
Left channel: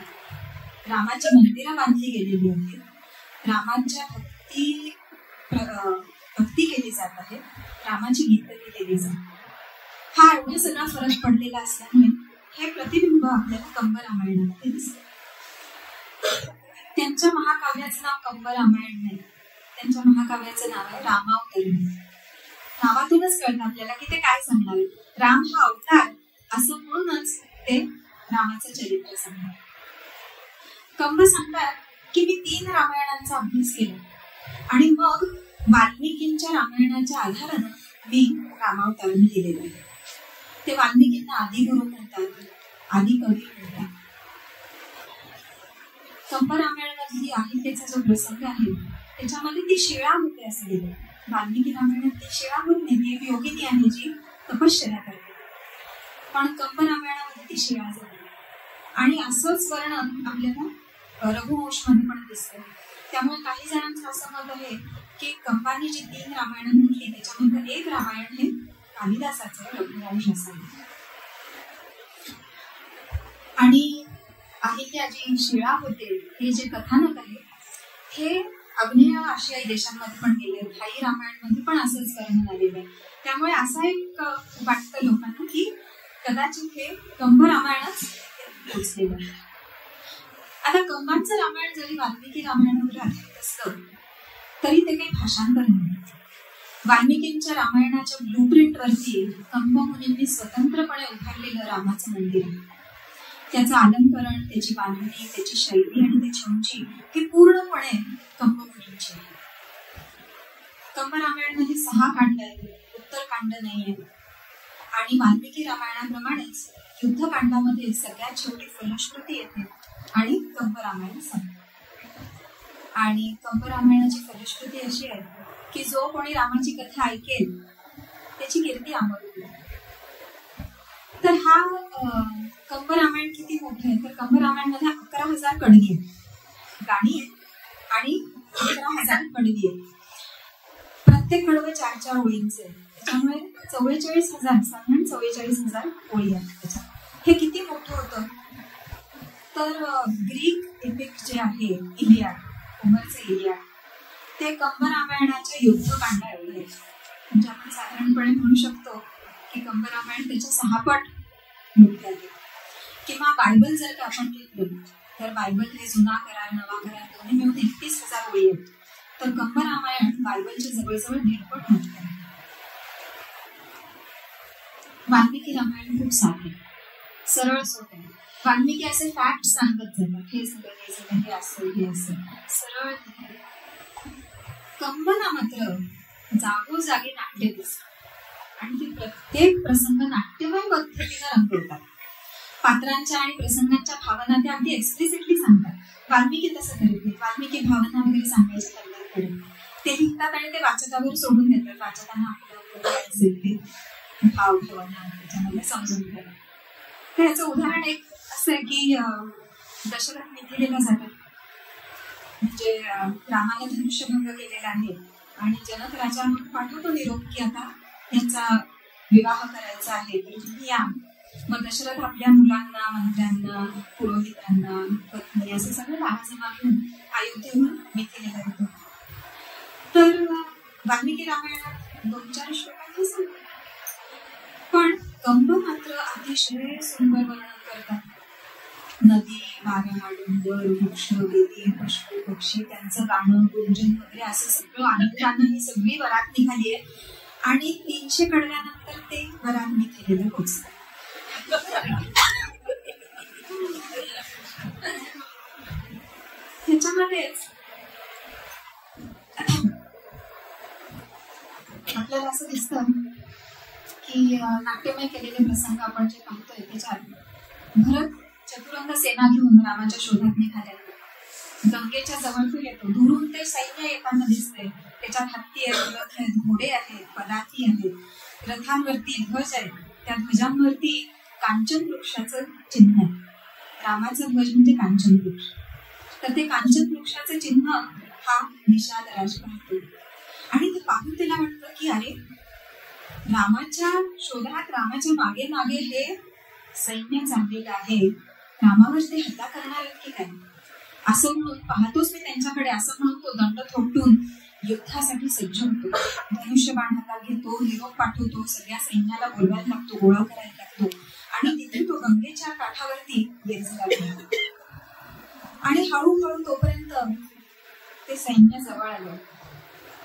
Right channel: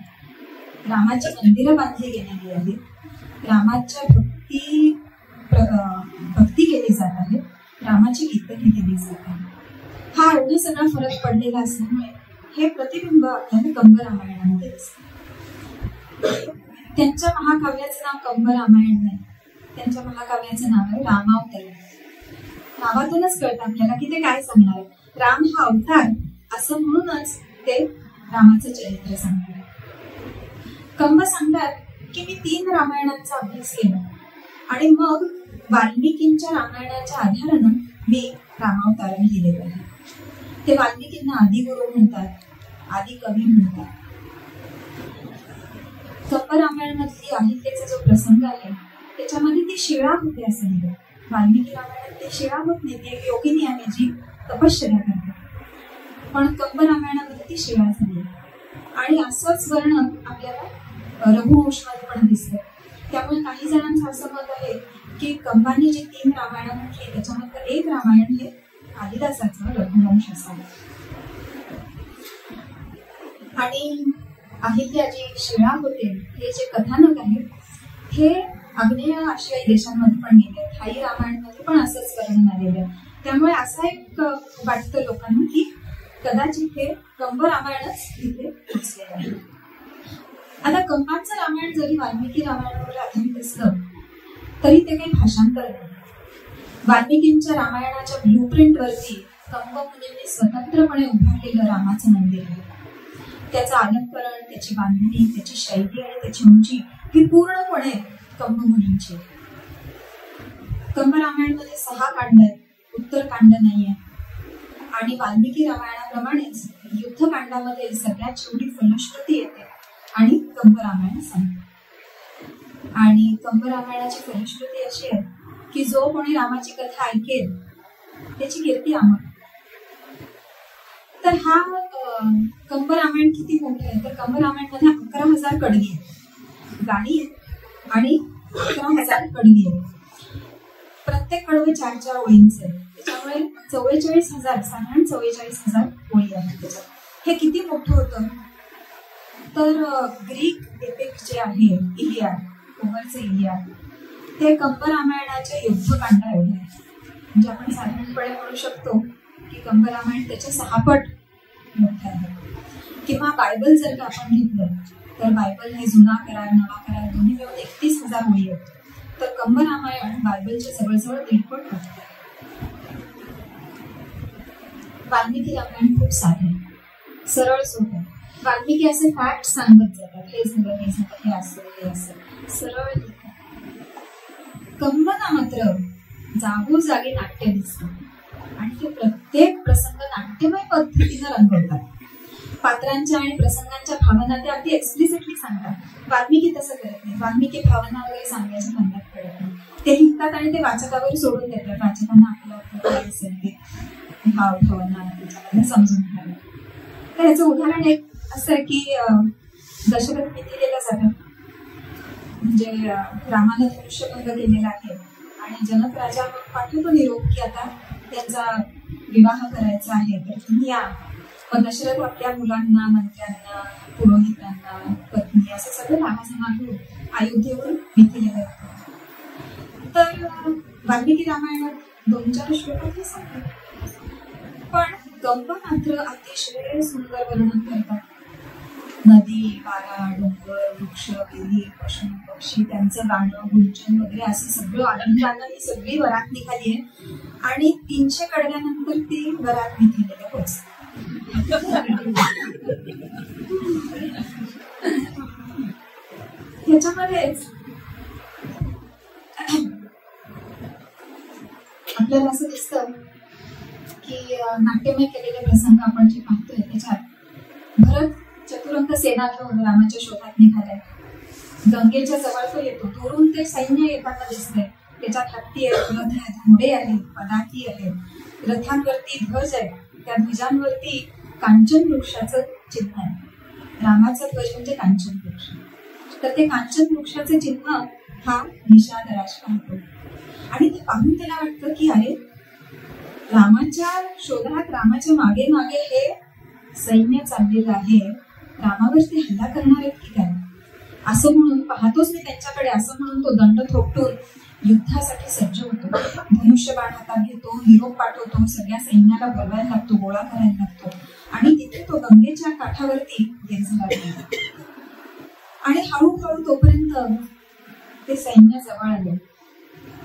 रामाची मंदिरं बांधली गेलेली आहेत, रामाच्या भक्ती केली जात आहे, रामाची गीतं लिहिली जात आहे. हा एवढा सगळा फरक पडलेला असल्यामुळे हे प्रतिबिंब आपल्याला कंब रामायणामध्ये दिसतं. त्यांच्या महाकाव्याचं नाव कंब रामायण नाही, त्यांच्या महाकाव्याचं नाव आहे रामावतरण. नावातूनच कळतं आपल्याला की ते काय सांगणार आहे. राम हा अवतार असं म्हणूनच ते रामाचं चरित्र सांगतात. कंब सांगतात की मी 3 रामायणांचा अभ्यास केला आणि मग वाल्मिकींच्या रामायणाच्या आधारानं मी रामावतारण लिहिलेलं आहे. ते वाल्मिकींना आदिगुरु म्हणतात, आदि कवी म्हणतात. कंब रामायण मधली अहिल्याचा जो प्रसंग आहे त्याच्यामध्ये ती शिळा होते असं लिहिलं. वाल्मिकी रामायणात ती शिळा होत नाही, ती एक योगिनी आहे जी तपश्चर्या करते. पण कंब रामायणामध्ये ती शिळा झाली. आणि असंच वर्णन आपल्याला रघुवंशमध्ये पण दिसतं. त्यामुळे काही जणांचं असं मत आहे की कंबाने जे 3 रामायण म्हटली त्याच्यामधलं एक रामायण हे कालिदासाचं रघुवंश असावं. आणि अहिल्या जी शिळा होते हे जे कथानक आहे हे आग्नेय आशियाई देशांमध्ये पण गेले, थाई रामायणमध्ये पण असंच वर्णन आलेलं आहे. त्यामुळे असं एक वाटतं लोकांना की कदाचित हे कंब रामायणच इथे पोचलेलं आहे. आता कंबांचं रामायण जरी वाल्मिकी रामायणावर आधारित असलं तरी ते काही भाषांतर नाही. वाल्मिकींच्या रामायणाच्या ब्लूप्रिंटवरती कंब मुनींनी स्वतंत्रपणे उभारलेलं रामाचं मंदिर आहे. त्याचं अलंकरण, त्याची बांधणी, त्याची शैली आणि त्याची उंची ही पूर्णपणे कंब मुनींची आहे. कंब रामायणमध्ये 6 कांड आहेत, उत्तरकांड नाहीये. आणि वाल्मिकी रामायणाप्रमाणेच युद्धकांडामध्ये सगळ्यात शेवटी फलश्रुती येते आणि कंब रामायण सांगते. आणि कंब रामायणाची फलश्रुती अशी आहे की जो कोणी रामाची कथा ऐकेल त्याची कीर्ती अमर होईल. तर हा कंब रामायण किती मोठं आहे तर कंब रामायण मध्ये 11,000 कडवी आहेत, गाणी आहेत आणि 11,000 कडवी आहेत. प्रत्येक कडवं 4-4 ओळींचे आहे. त्याच्यामुळे 44,000 साधारण 44,000 ओळी आहेत त्याच्यात. हे किती मोठं होतं तर ग्रीक एपिक जे आहे इलियाड, होमरचे इलियाड, ते कंब रामायणाचे युद्धकांड एवढे. म्हणजे आपण साधारणपणे म्हणू शकतो की कंब रामायण त्याच्या 6 पट मोठं आहे. किंवा बायबल जर का आपण घेतलं तर बायबल हे जुना करार नवा करार दोन्ही मिळून 31,000 ओळी आहेत. तर कंब रामायण बायबलच्या जवळजवळ 1.5 पट मोठं आहे. वाल्मिकी रामायण खूप साधे, सरळ सोपं. वाल्मिकी असे फॅक्ट सांगत जातात, हे झालं हे झालं हे असं हे असं सरळ. कंबना मात्र जागोजागी नाट्य दिसतात आणि ते प्रत्येक प्रसंग नाट्यमय पद्धतीने रंगवतात. पात्रांच्या आणि प्रसंगांच्या भावना ते अगदी एक्सप्लिसिटली सांगतात. वाल्मिकी तसं करत नाही. वाल्मिकी भावना वगैरे सांगायची धंद्यात पडत नाही. ते लिहितात आणि ते वाचकावर सोडून देतात, वाचकांना आपलं काय असेल ते. भावभावना त्याच्यामध्ये समजून घ्याव्या. तर याचं उदाहरण एक असं आहे की दशरथ मिथिलेला जातात. म्हणजे रामाने धनुष्यभंग केलेला आहे आणि जनक राजा मग पाठवतो निरोप की आता त्यांचा विवाह करायचा आहे, तर तुम्ही या. मग दशरथ आपल्या मुलांना, मंत्र्यांना, पुरोहितांना, पत्नी असं सगळं रामाजमा घेऊन अयोध्येहून मिथिलेला येतो. तर वाल्मिकी रामायणात 2-4 श्लोकात हे सांगतात, पण कंब मात्र अतिशय सुंदर वर्णन करतात. नदी, वारा, डोंगर, वृक्ष, वेली, पशु, पक्षी, त्यांचं गाणं, गुंजन वगैरे असं सगळं आनंदानं ही सगळी वरात निघाली आहे आणि 300 कडल्यानंतर ते वरात मिथिलेला पोहोचतात. त्याच्यामध्येच आपल्याला असं दिसतं की नाट्यमय केलेले प्रसंग आपण जे पाहतोय त्याच्यात भरत चतुरंग सेना घेऊन रामाच्या शोधात निघालाय. गंगेच्या जवळ तो येतो. दुरून ते सैन्य येताना दिसतंय. त्याच्यात हत्ती आहेत, रथ आहेत, घोडे आहेत, पदाती आहेत, रथांवरती ध्वज आहे. त्या ध्वजांवरती कांचन वृक्षाचं चिन्ह आहे. रामाचा ध्वज म्हणजे कांचन वृक्ष. तर ते कांचन वृक्षाचं चिन्ह हा निषादराज पाहतो आणि ते पाहून त्याला वाटतं की अरे, रामाच्या शोधात, रामाच्या मागे मागे हे सैन्य चाललेलं आहे, रामावर ते हल्ला करणार आहेत की काय, असं म्हणून पाहतोच मी त्यांच्याकडे, असं म्हणून तो दंड थोपटून युद्धासाठी सज्ज होतो. धनुष्यबाण हातात घेतो, निरोप पाठवतो, सगळ्या सैन्याला बोलवायला लागतो, गोळा करायला लागतो आणि तिथे तो गंगेच्या काठावरती येण्याला लागतो. आणि हळूहळू तोपर्यंत ते सैन्य जवळ आलं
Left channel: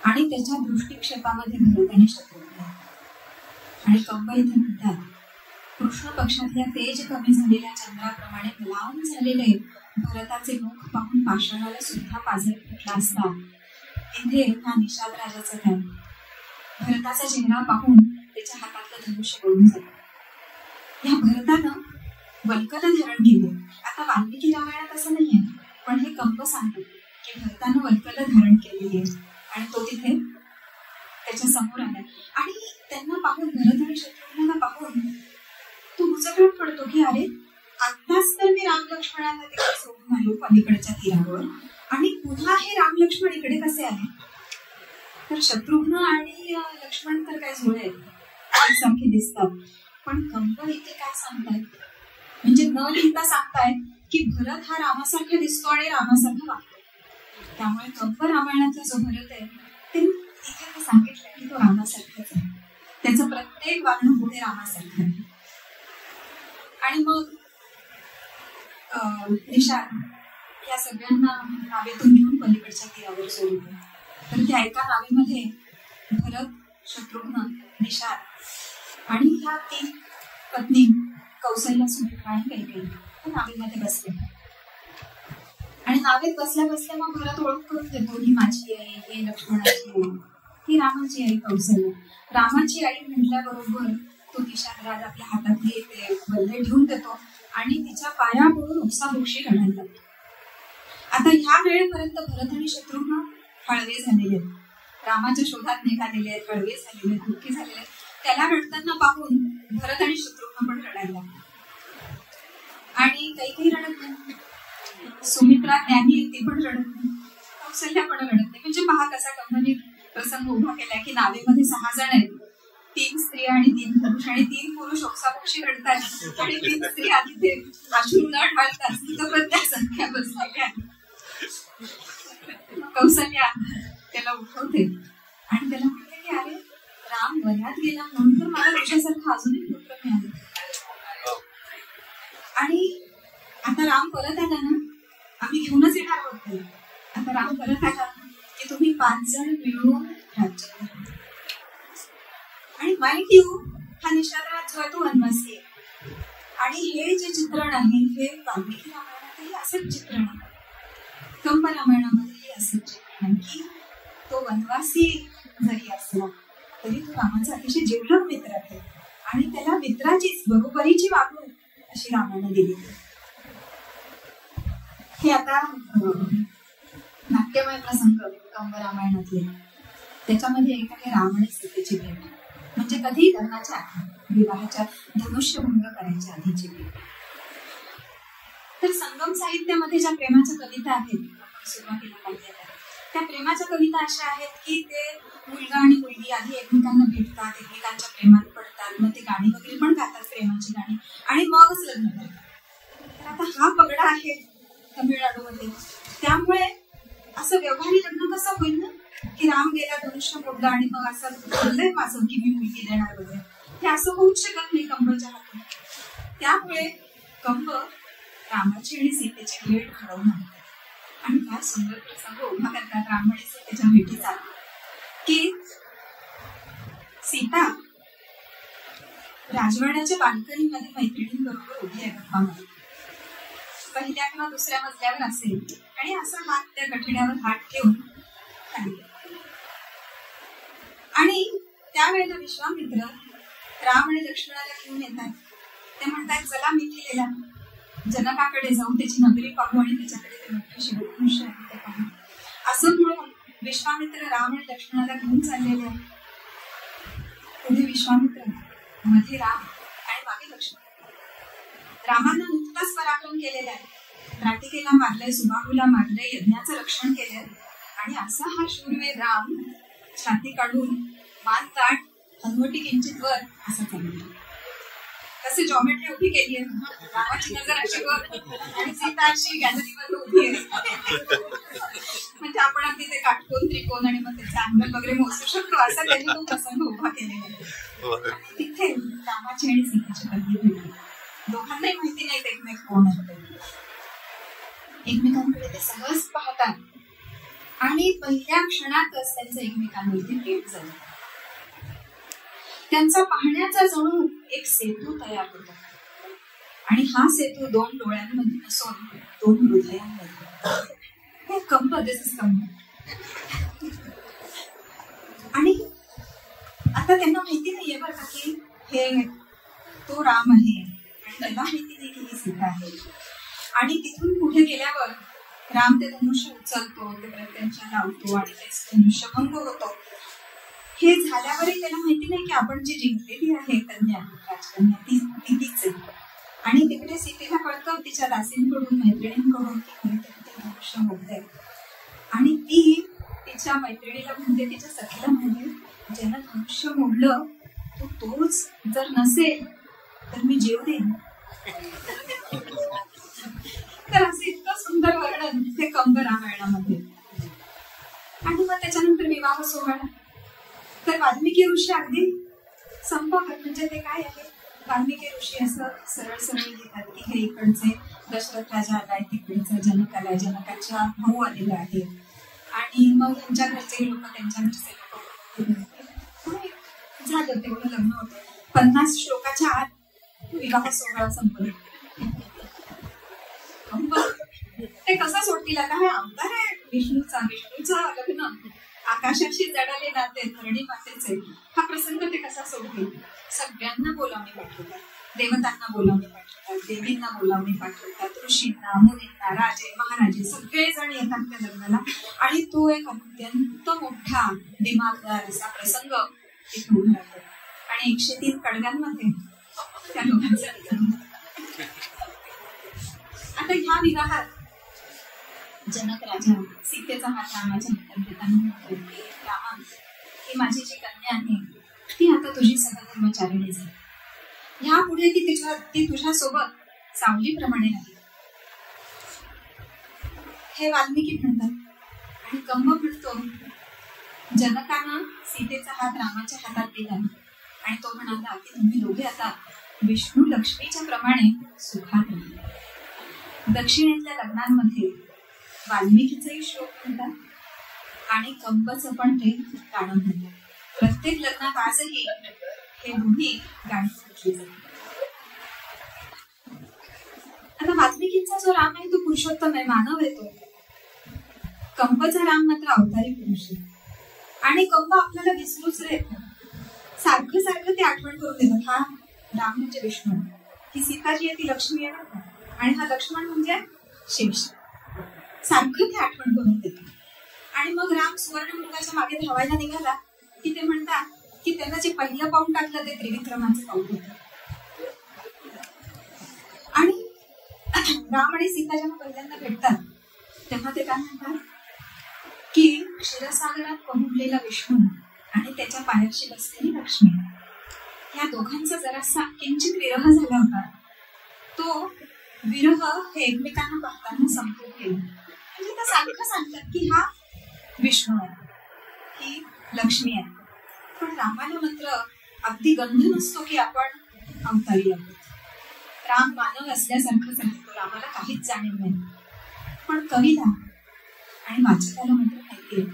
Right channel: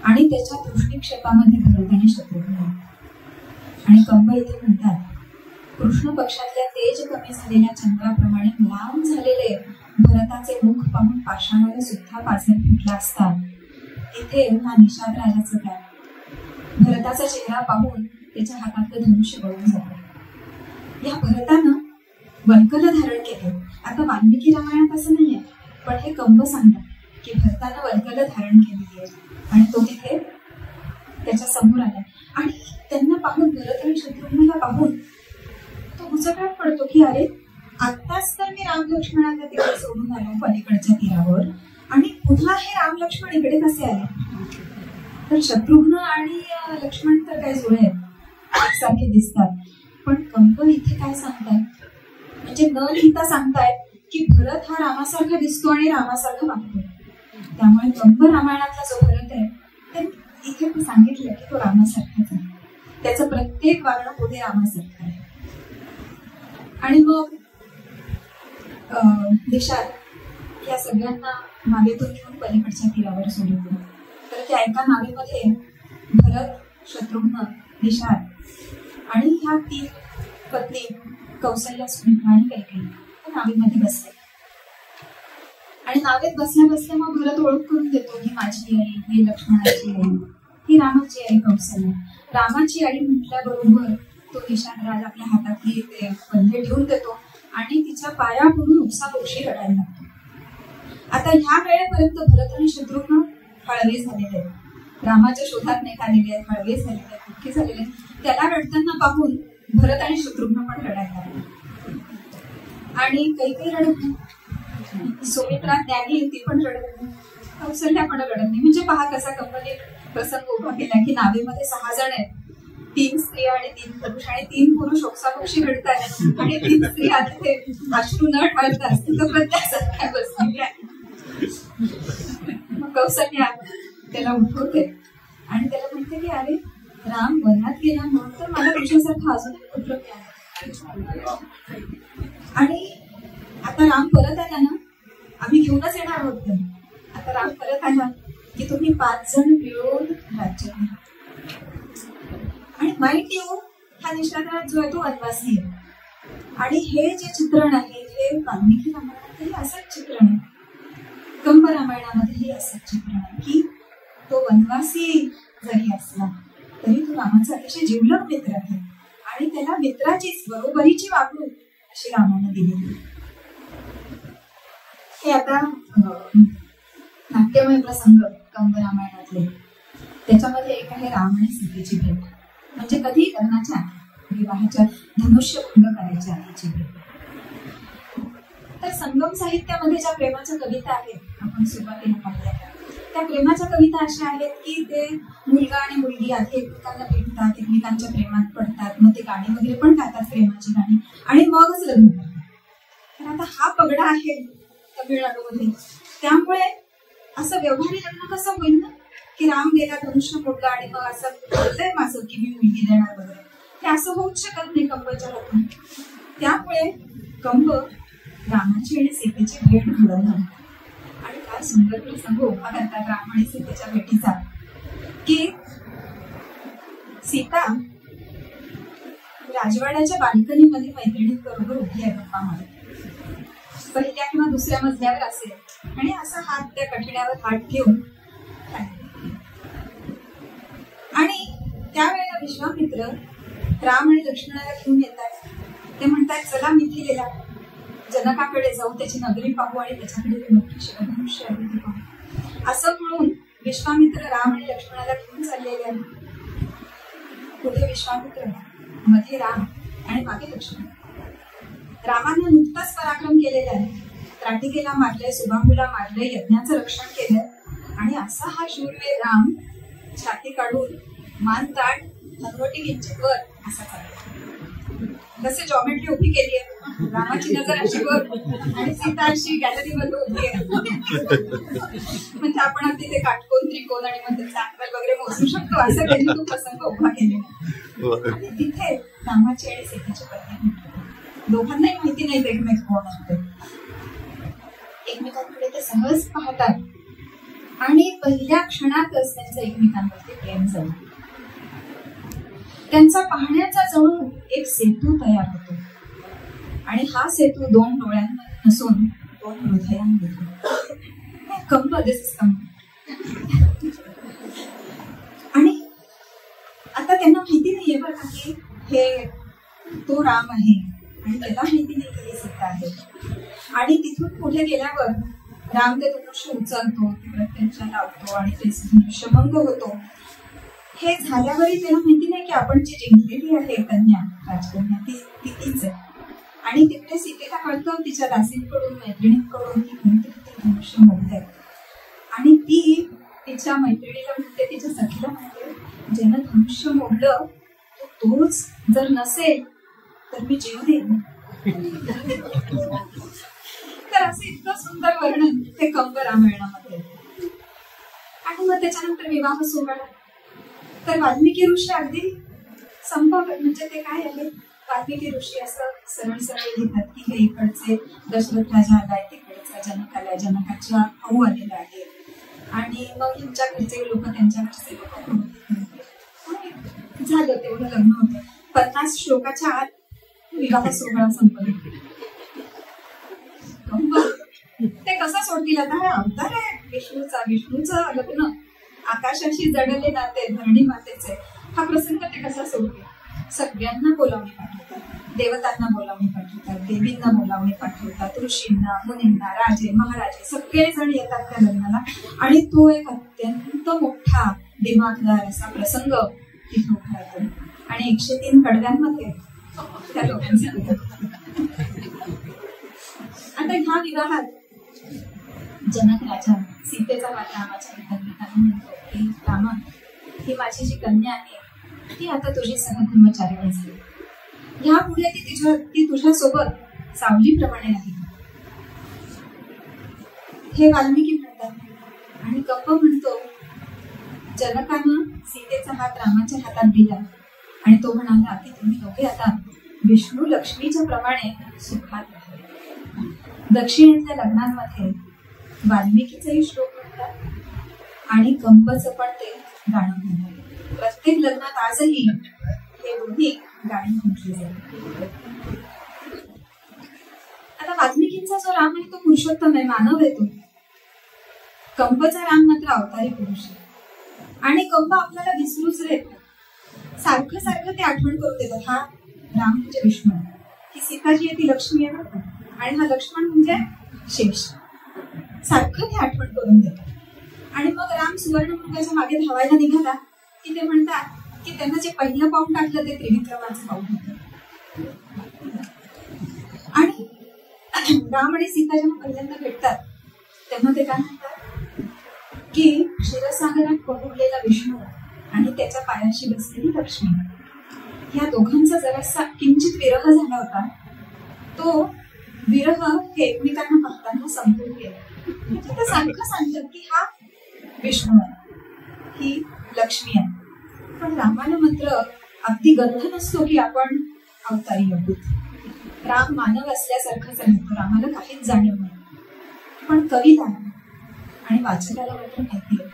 आणि त्याच्या दृष्टिक्षेपामध्ये भरत आणि शत्रुघ्न. आणि कंब इथे म्हणतात, कृष्ण पक्षातल्या तेज कमी झालेल्या चंद्राप्रमाणे लांब झालेले भरताचे मुख पाहून पाषाणाला सुद्धा पाझर फुटला असता, इथे हा निषाद राजाचं काय. भरताचा चेहरा पाहून त्याच्या हातातलं धनुष्य गळून जातं. या भरतानं वल्कल धारण केले. आता वाल्मिकी रामायणात असं नाहीये, पण हे कंब सांगतात की भरतानं वल्कल धारण केलेली आहे आणि तो तिथे त्याच्या समोर आलाय. आणि त्यांना पाहून, भरत आणि शत्रुघ्नाला पाहून तो गुचकाट पडतो की अरे, आत्ताच तर मी राम लक्ष्मणाला तिकडे सोडून आलो पलीकडच्या तीरावर आणि पुन्हा हे राम लक्ष्मण इकडे कसे आले. तर शत्रुघ्न आणि लक्ष्मण तर काय जुळे सारखे दिसतात, पण कंब इथे काय सांगतायत, म्हणजे न लिहिता सांगतायत की भरत हा रामासारखा दिसतो आणि रामासारखा वागतो. त्यामुळे कंब रामायणातला जो भरत आहे ते इथे ते सांगितलंय की तो रामासारखाच आहे, त्याचं प्रत्येक वागणं होते रामासारखं आहे. आणि मग निषाद या सगळ्यांना नावेतून घेऊन पलीकडच्या तीरावर सोडतो. तर त्या एका नावेमध्ये भरत, शत्रुघ्न, निषाद आणि ह्या 3 पत्नी कौसल्या, सुमित्रा आणि कैकेयी त्या नावेमध्ये बसले. आणि नावेत बसल्या बसल्या मग भरत ओळख करून देतो, ही माझी आई, ही लक्ष्मणाची आई, ही रामाची आई कौसल्या. रामाची आई म्हटल्याबरोबर तो निषाद राज आपल्या हातातले ते बल्ले ठेवून देतो आणि तिच्या पाया पडून उपसाबोक्षी रडायला लागतो. आता ह्या वेळेपर्यंत भरत आणि शत्रुघ्न हळवे झालेले आहेत, रामाच्या शोधात निघालेले आहेत, हळवे झालेले आहेत, दुःखी झालेले आहेत. त्याला रडताना पाहून भरत आणि शत्रुघ्न पण रडायला लागले. आणि कैकेयी रडत नाही, सुमित्रा ज्ञानी ती पण रडत नाही, कौसल्या पण रडत नाही. म्हणजे पहा कसा कंपनी प्रसंग उभा केलाय की नावेमध्ये 6 जण आहेत, 3 स्त्री आणि 3 पुरुष, आणि 3 पुरुष ओक्साबोक्षी रडतात आणि 3 स्त्री तिथे अश्रू न ढाळतात तिथं प्रत्येक संख्या बसलेल्या. कौसल्या त्याला उठवते आणि त्याला म्हणते की अरे, राम वनात गेला म्हणून तर मला तुझ्यासारखा अजून एक पुत्र मिळाला. आणि आता राम परत आला ना, आम्ही घेऊनच येणार आहोत. आता राम परत आला की तुम्ही 5 जण मिळून राज्य करा. आणि माहित येऊ, हा निषादराज जो आहे तो वनवासी आहे. आणि हे जे चित्रण आहे हे वाल्मिकी रामायणातही असंच चित्रण आहे, कंब रामायणामध्येही असंच चित्रण आहे की तो वनवासी जरी असला तरी तो रामाचा अतिशय जिवलग मित्र आहे आणि त्याला मित्राचीच बरोबरीची वागणूक अशी रामाने दिली. हे आता नाट्यमय प्रसंग कंब रामायणातले. त्याच्यामध्ये एक आहे राम आणि सीतेची भेट. म्हणजे कधी लग्नाच्या आधी, विवाहाच्या धनुष्यभंग करायच्या आधीची वेळ. तर संगम साहित्यामध्ये ज्या प्रेमाच्या कविता आहेत आपण सुरुवातीला पाहिल्या, त्या प्रेमाच्या कविता अशा आहेत की ते मुलगा आणि मुलगी आधी एकमेकांना भेटतात, एकमेकांच्या प्रेमात पडतात, मग ते गाणी वगैरे पण गातात, प्रेमाची गाणी, आणि मगच लग्न करतात. तर आता हा पगडा आहे तमिळनाडूमध्ये, त्यामुळे असं व्यवहारी लग्न कसं होईल ना, की राम गेला धनुष्य मोडला आणि मग असं बोललंय माझं की मी मुलगी देणार वगैरे, हे असं होऊच शकत नाही कंबच्या हातून. त्यामुळे कंब रामाची आणि सीतेची भेट घडवणार आणि फार सुंदर प्रसंग उभा करतात राम आणि सीतेच्या भेटीचा, की सीता राजवाड्याच्या बाल्कनीमध्ये मैत्रिणींबरोबर उभी आहे गप्पा मारत, पहिल्या किंवा दुसऱ्या मजल्यावर असेल, आणि असा हात त्या कठड्यावर हात ठेवून खाली. आणि त्यावेळेला विश्वामित्र राम आणि लक्ष्मणाला घेऊन येतात. ते म्हणतात चला मिथिलेला, जनकाकडे जाऊन त्याची नगरी पाहू आणि त्याच्याकडे ते मोठे शिवधनुष्य आहे ते पाहू. असं म्हणून विश्वामित्र राम आणि लक्ष्मणाला घेऊन चाललेले आहे. पुढे विश्वामित्र, मध्ये राम आणि मागे लक्ष्मण. रामानं नुकताच पराक्रम केलेला आहे, त्राटिकेला मारलंय, सुबाहूला मारलंय, यज्ञाचं रक्षण केलंय, आणि असा हा शूरवीर राम छाती काढून मान ताट हनवटी किंचित वर असा चालला. जसे जॉमेट्री उभी केली आहे, रामाची नजर अशी वर आणि सीता अशी गॅलरी मध्ये उभी आहे. म्हणजे आपण अगदी ते काटकोन त्रिकोण आणि मग त्याचा अँगल वगैरे मोजू शकतो, असं त्यांनी तो प्रसंग उभा केलेला आहे. तिथे रामाची आणि सीतेची पत्नी भेटली. दोघांनाही माहिती नाही एकमेक कोण होते. एकमेकांकडे ते सहज पाहतात आणि पहिल्या क्षणातच त्यांचं एकमेकांवरती प्रेम झालं. त्यांचा पाहण्याचा जणू एक सेतू तयार होतो, आणि हा सेतू दोन डोळ्यांमध्ये नसून दोन हृदयांमध्ये. कंब, दिस इज कंब. आणि आता त्यांना माहिती नाहीये बरं का की हे तो राम आहे, आणि त्याला माहिती नाही की हे सीता आहे. आणि तिथून पुढे गेल्यावर राम ते धनुष्य उचलतो, ते प्रत्यंचा लावतो आणि ते धनुष्य भंग होतो. हे झाल्यावरही त्याला माहिती नाही की आपण जी जिंकलेली आहे कन्या, राजकन्या, ती तीच आहे. आणि तिकडे सीतेला कळतं तिच्या दासींकडून, मैत्रिणींकडून की कोणीतरी ते धनुष्य मोडलंय, आणि ती तिच्या मैत्रिणीला म्हणते, तिच्या सखीला म्हणते, ज्यानं धनुष्य मोडलं तोच जर नसेल तर मी जीव देईन. तर असं इतकं सुंदर वर्णन ते कंब रामायणामध्ये. आणि मग त्याच्यानंतर विवाह सोहळा. तर वाल्मिकी ऋषी अगदी संपवत, म्हणजे ते काय आहे, वाल्मिकी ऋषी असं सरळ सरळ लिहितात की हे इकडचे दशरथ राजा आलाय, तिकडचा जनक आलाय, जनकाच्या भाऊ आलेला आहे, आणि मग त्यांच्या घरचे लोक त्यांच्या घरचे लोक. झालं तेवढं लग्न होतं. 50 श्लोकाच्या आत विवाह सोहळा संपला. ते कसं सोडतील आता, हा अवतार आहे विष्णूचा लग्न, आकाशाशी जडले नाते धरणी मातेचे, हा प्रसंग ते कसा सोडतील. सगळ्यांना बोलावणी पाठवतात, देवतांना बोलावणी पाठवतात, देवींना बोलावणी पाठवतात, ऋषींना, मुनींना, राजे महाराजे सगळेजण येतात त्या लग्नाला. आणि तो एक अत्यंत मोठा दिमागदार असा प्रसंग तिथे उभा राहतो. आणि 103 कडव्यांमध्ये त्या लोकांचा. आता ह्या विवाहात जनक राजा सीतेचा हात रामाच्या हातात देताना म्हणतो की रामा, ही माझी जी कन्या आहे ती आता तुझी सहधर्मचारिणी झाली. यापुढे ती तुझ्यासोबत सावलीप्रमाणे राहील. हे वाल्मिकी म्हणतात. आणि कंब म्हणतो, जनकानं सीतेचा हात रामाच्या हातात दिला आणि तो म्हणाला की तुम्ही दोघे आता विष्णू लक्ष्मीच्या प्रमाणे सुखात राहा. दक्षिणेतल्या लग्नांमध्ये वाल्मिकीचाही श्लोक म्हणतात आणि कंबचं पण ते गाणं म्हणतात. प्रत्येक लग्नात आजही हे दोन्ही गाणी म्हटली जातात. आता वाल्मिकींचा जो राम आहे तो पुरुषोत्तम आहे, मानव आहे तो. कंबचा राम मात्र अवतारी पुरुष आहे. आणि कंब आपल्याला विसरूच येतो, सारखं सारखं ते आठवण करून देतात. हा राम म्हणजे विष्णू, ही सीता जी आहे ती लक्ष्मी आहे, आणि हा लक्ष्मण म्हणजे शेष. सारखं ते आठवण करून देतात. आणि मग राम सुवर्णमृगाच्या मागे धावायला निघाला की ते म्हणतात की त्यांना जे पहिलं पाऊल टाकलं ते त्रिविक्रमाचं पाऊल होतं. आणि राम आणि सीता जेव्हा पहिल्यांदा भेटतात तेव्हा ते काय म्हणतात की क्षीरसागरात पहुडलेला विष्णू आणि त्याच्या पायाशी बसलेली लक्ष्मी, या दोघांचा जरासा किंचित विरह झाला होता. तो विरह हे एकमेकांना पाहताना संपवून गेले. म्हणजे ते सारखं सांगतात की हा विष्णू आहे, ही लक्ष्मी आहे. पण रामाला मात्र अगदी गंध नसतो की आपण अवतारी आहोत. राम मानव असल्यासारखंच राहतो, रामाला काहीच जाणीव नाही. पण कवीला आणि वाचकाला मात्र माहिती आहे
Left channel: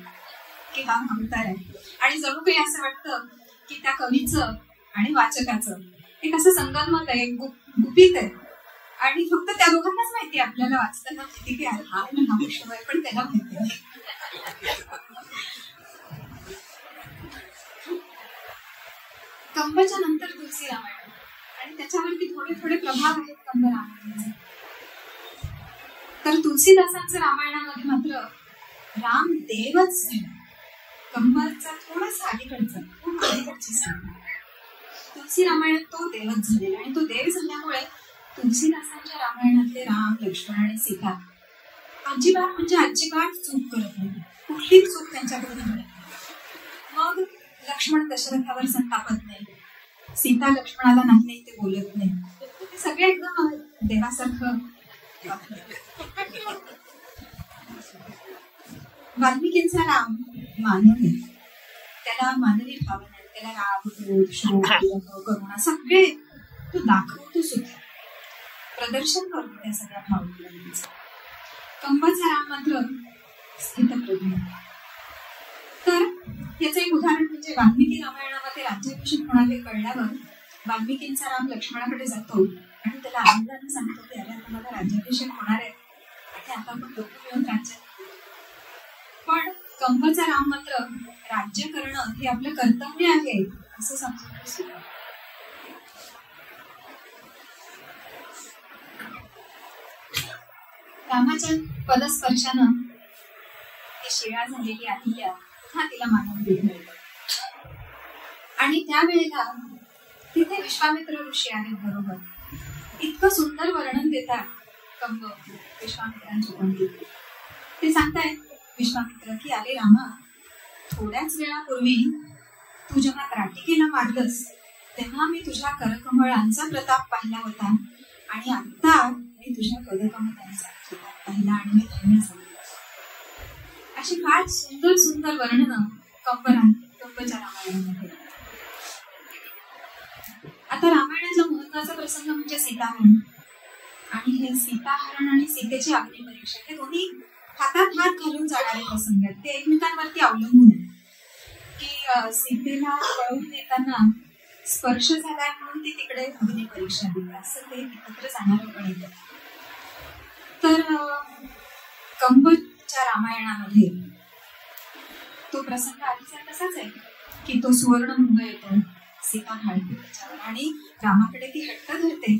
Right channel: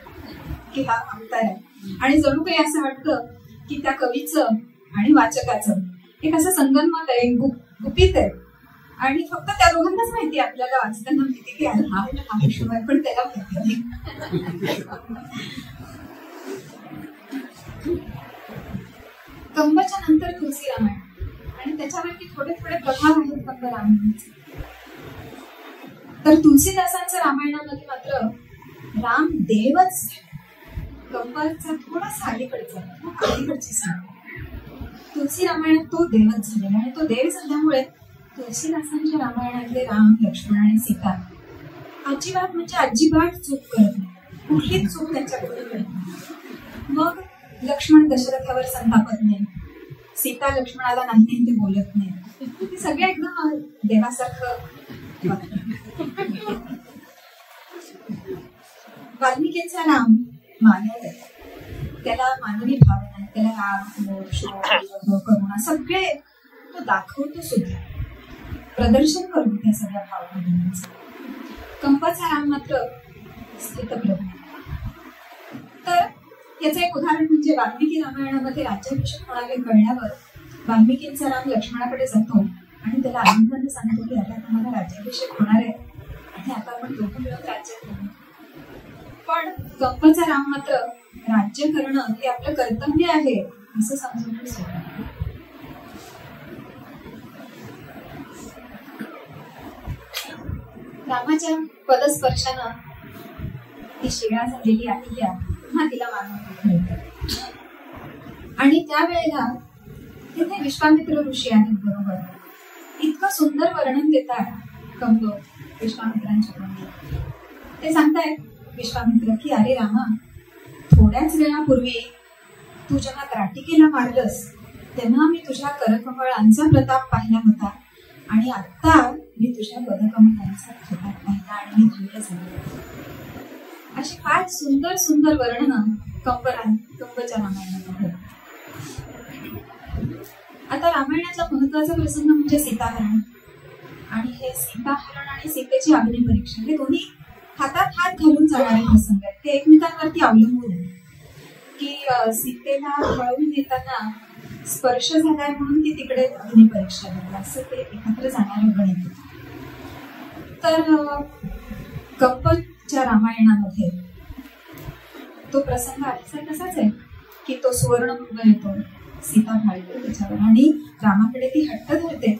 की हा अवतार आहे. आणि जणू काही असं वाटतं की त्या कवीचं आणि वाचकाचं एक असं संगनमत आहे, गुपित आहे. आणि फक्त त्या दोघांनाच माहिती आहे, आपल्याला वाचताना माहिती की हा विष्णू आहे, पण त्याला माहिती नाही. कंबाच्या नंतर तुलसी रामायण आणि त्याच्यावरती थोडे थोडे प्रभाव आहेत कंब रामायणाचे. तर तुलसीदासांचं रामायणामध्ये मात्र राम देवच झाला. कंबाचा थोडासा अलीकडचा, खूप अलीकडची सांग. तुलसी रामायणात तो देवच झालेला आणि तो देव झाल्यामुळे तुलसीदासांच्या रामायणातले राम, लक्ष्मण आणि सीता अजिबात म्हणजे अजिबात चूक करत नाही. कुठलीच चूक त्यांच्याकडे नाही. मग लक्ष्मण दशरथावर संतापत नाही, सीता लक्ष्मणाला नाही नाही ते बोलत नाही. सगळे एकदम देवासारखं. वाल्मिकींचा राम मानव आहे, त्याला मानवी भावना आहेत, त्याला राग, क्रोध, शोक, करुणा सगळे तो दाखवतो सुद्धा, प्रदर्शन करतो त्या सगळ्या भावनांचं. कंबाचा राम मात्र स्थितप्रज्ञ. तर याचं एक उदाहरण म्हणजे वाल्मिकी रामायणामध्ये राज्याभिषेक होणारे कळल्यावर वाल्मिकींचा राम लक्ष्मणाकडे जातो आणि त्याला आनंदाने सांगतो की अरे आता मला राज्याभिषेक होणार आहे आणि आता आपण दोघं मिळून राज्य करू. पण कंबचा राम मात्र राज्य करणं हे आपलं कर्तव्य आहे असं समजून सुरू. रामाच्या पदस्पर्शानं ती शिळा झालेली अहिल्या पुन्हा तिला मानवून मिळतं. आणि त्यावेळेला तिथे विश्वामित्र ऋषी आहेत बरोबर. इतकं सुंदर वर्णन देतात कंब विश्वामित्रांच्या तोंडी. ते सांगतायत विश्वामित्र की अरे रामा, थोड्याच वेळापूर्वी तू जेव्हा त्राटिकेला मारलंस तेव्हा मी तुझ्या करकमळांचा प्रताप पाहिला होता आणि आता मी तुझ्या पदकमळांचा प्रताप पाहिला आणि मी धन्य झाले. अशी फार सुंदर सुंदर वर्णनं कंबच्या रामायणामध्ये. आता रामायणाचा महत्वाचा प्रसंग म्हणजे सीताहरण. आणि हे सीताहरण आणि सीतेची अग्निपरीक्षा हे दोन्ही हातात हात घालून जाणारे प्रसंग आहेत. ते एकमेकांवरती अवलंबून आहे की सीतेला पळवून येताना स्पर्श झालाय म्हणून ती तिकडे अग्निपरीक्षा दिली, असं ते एकत्र जाणारं गणित. तर कंबच्या रामायणामध्ये तो प्रसंग आधीचा तसाच आहे की तो सुवर्णमृग येतो, सीता ढाळते त्याच्यावर आणि रामाकडे ती हट्ट धरते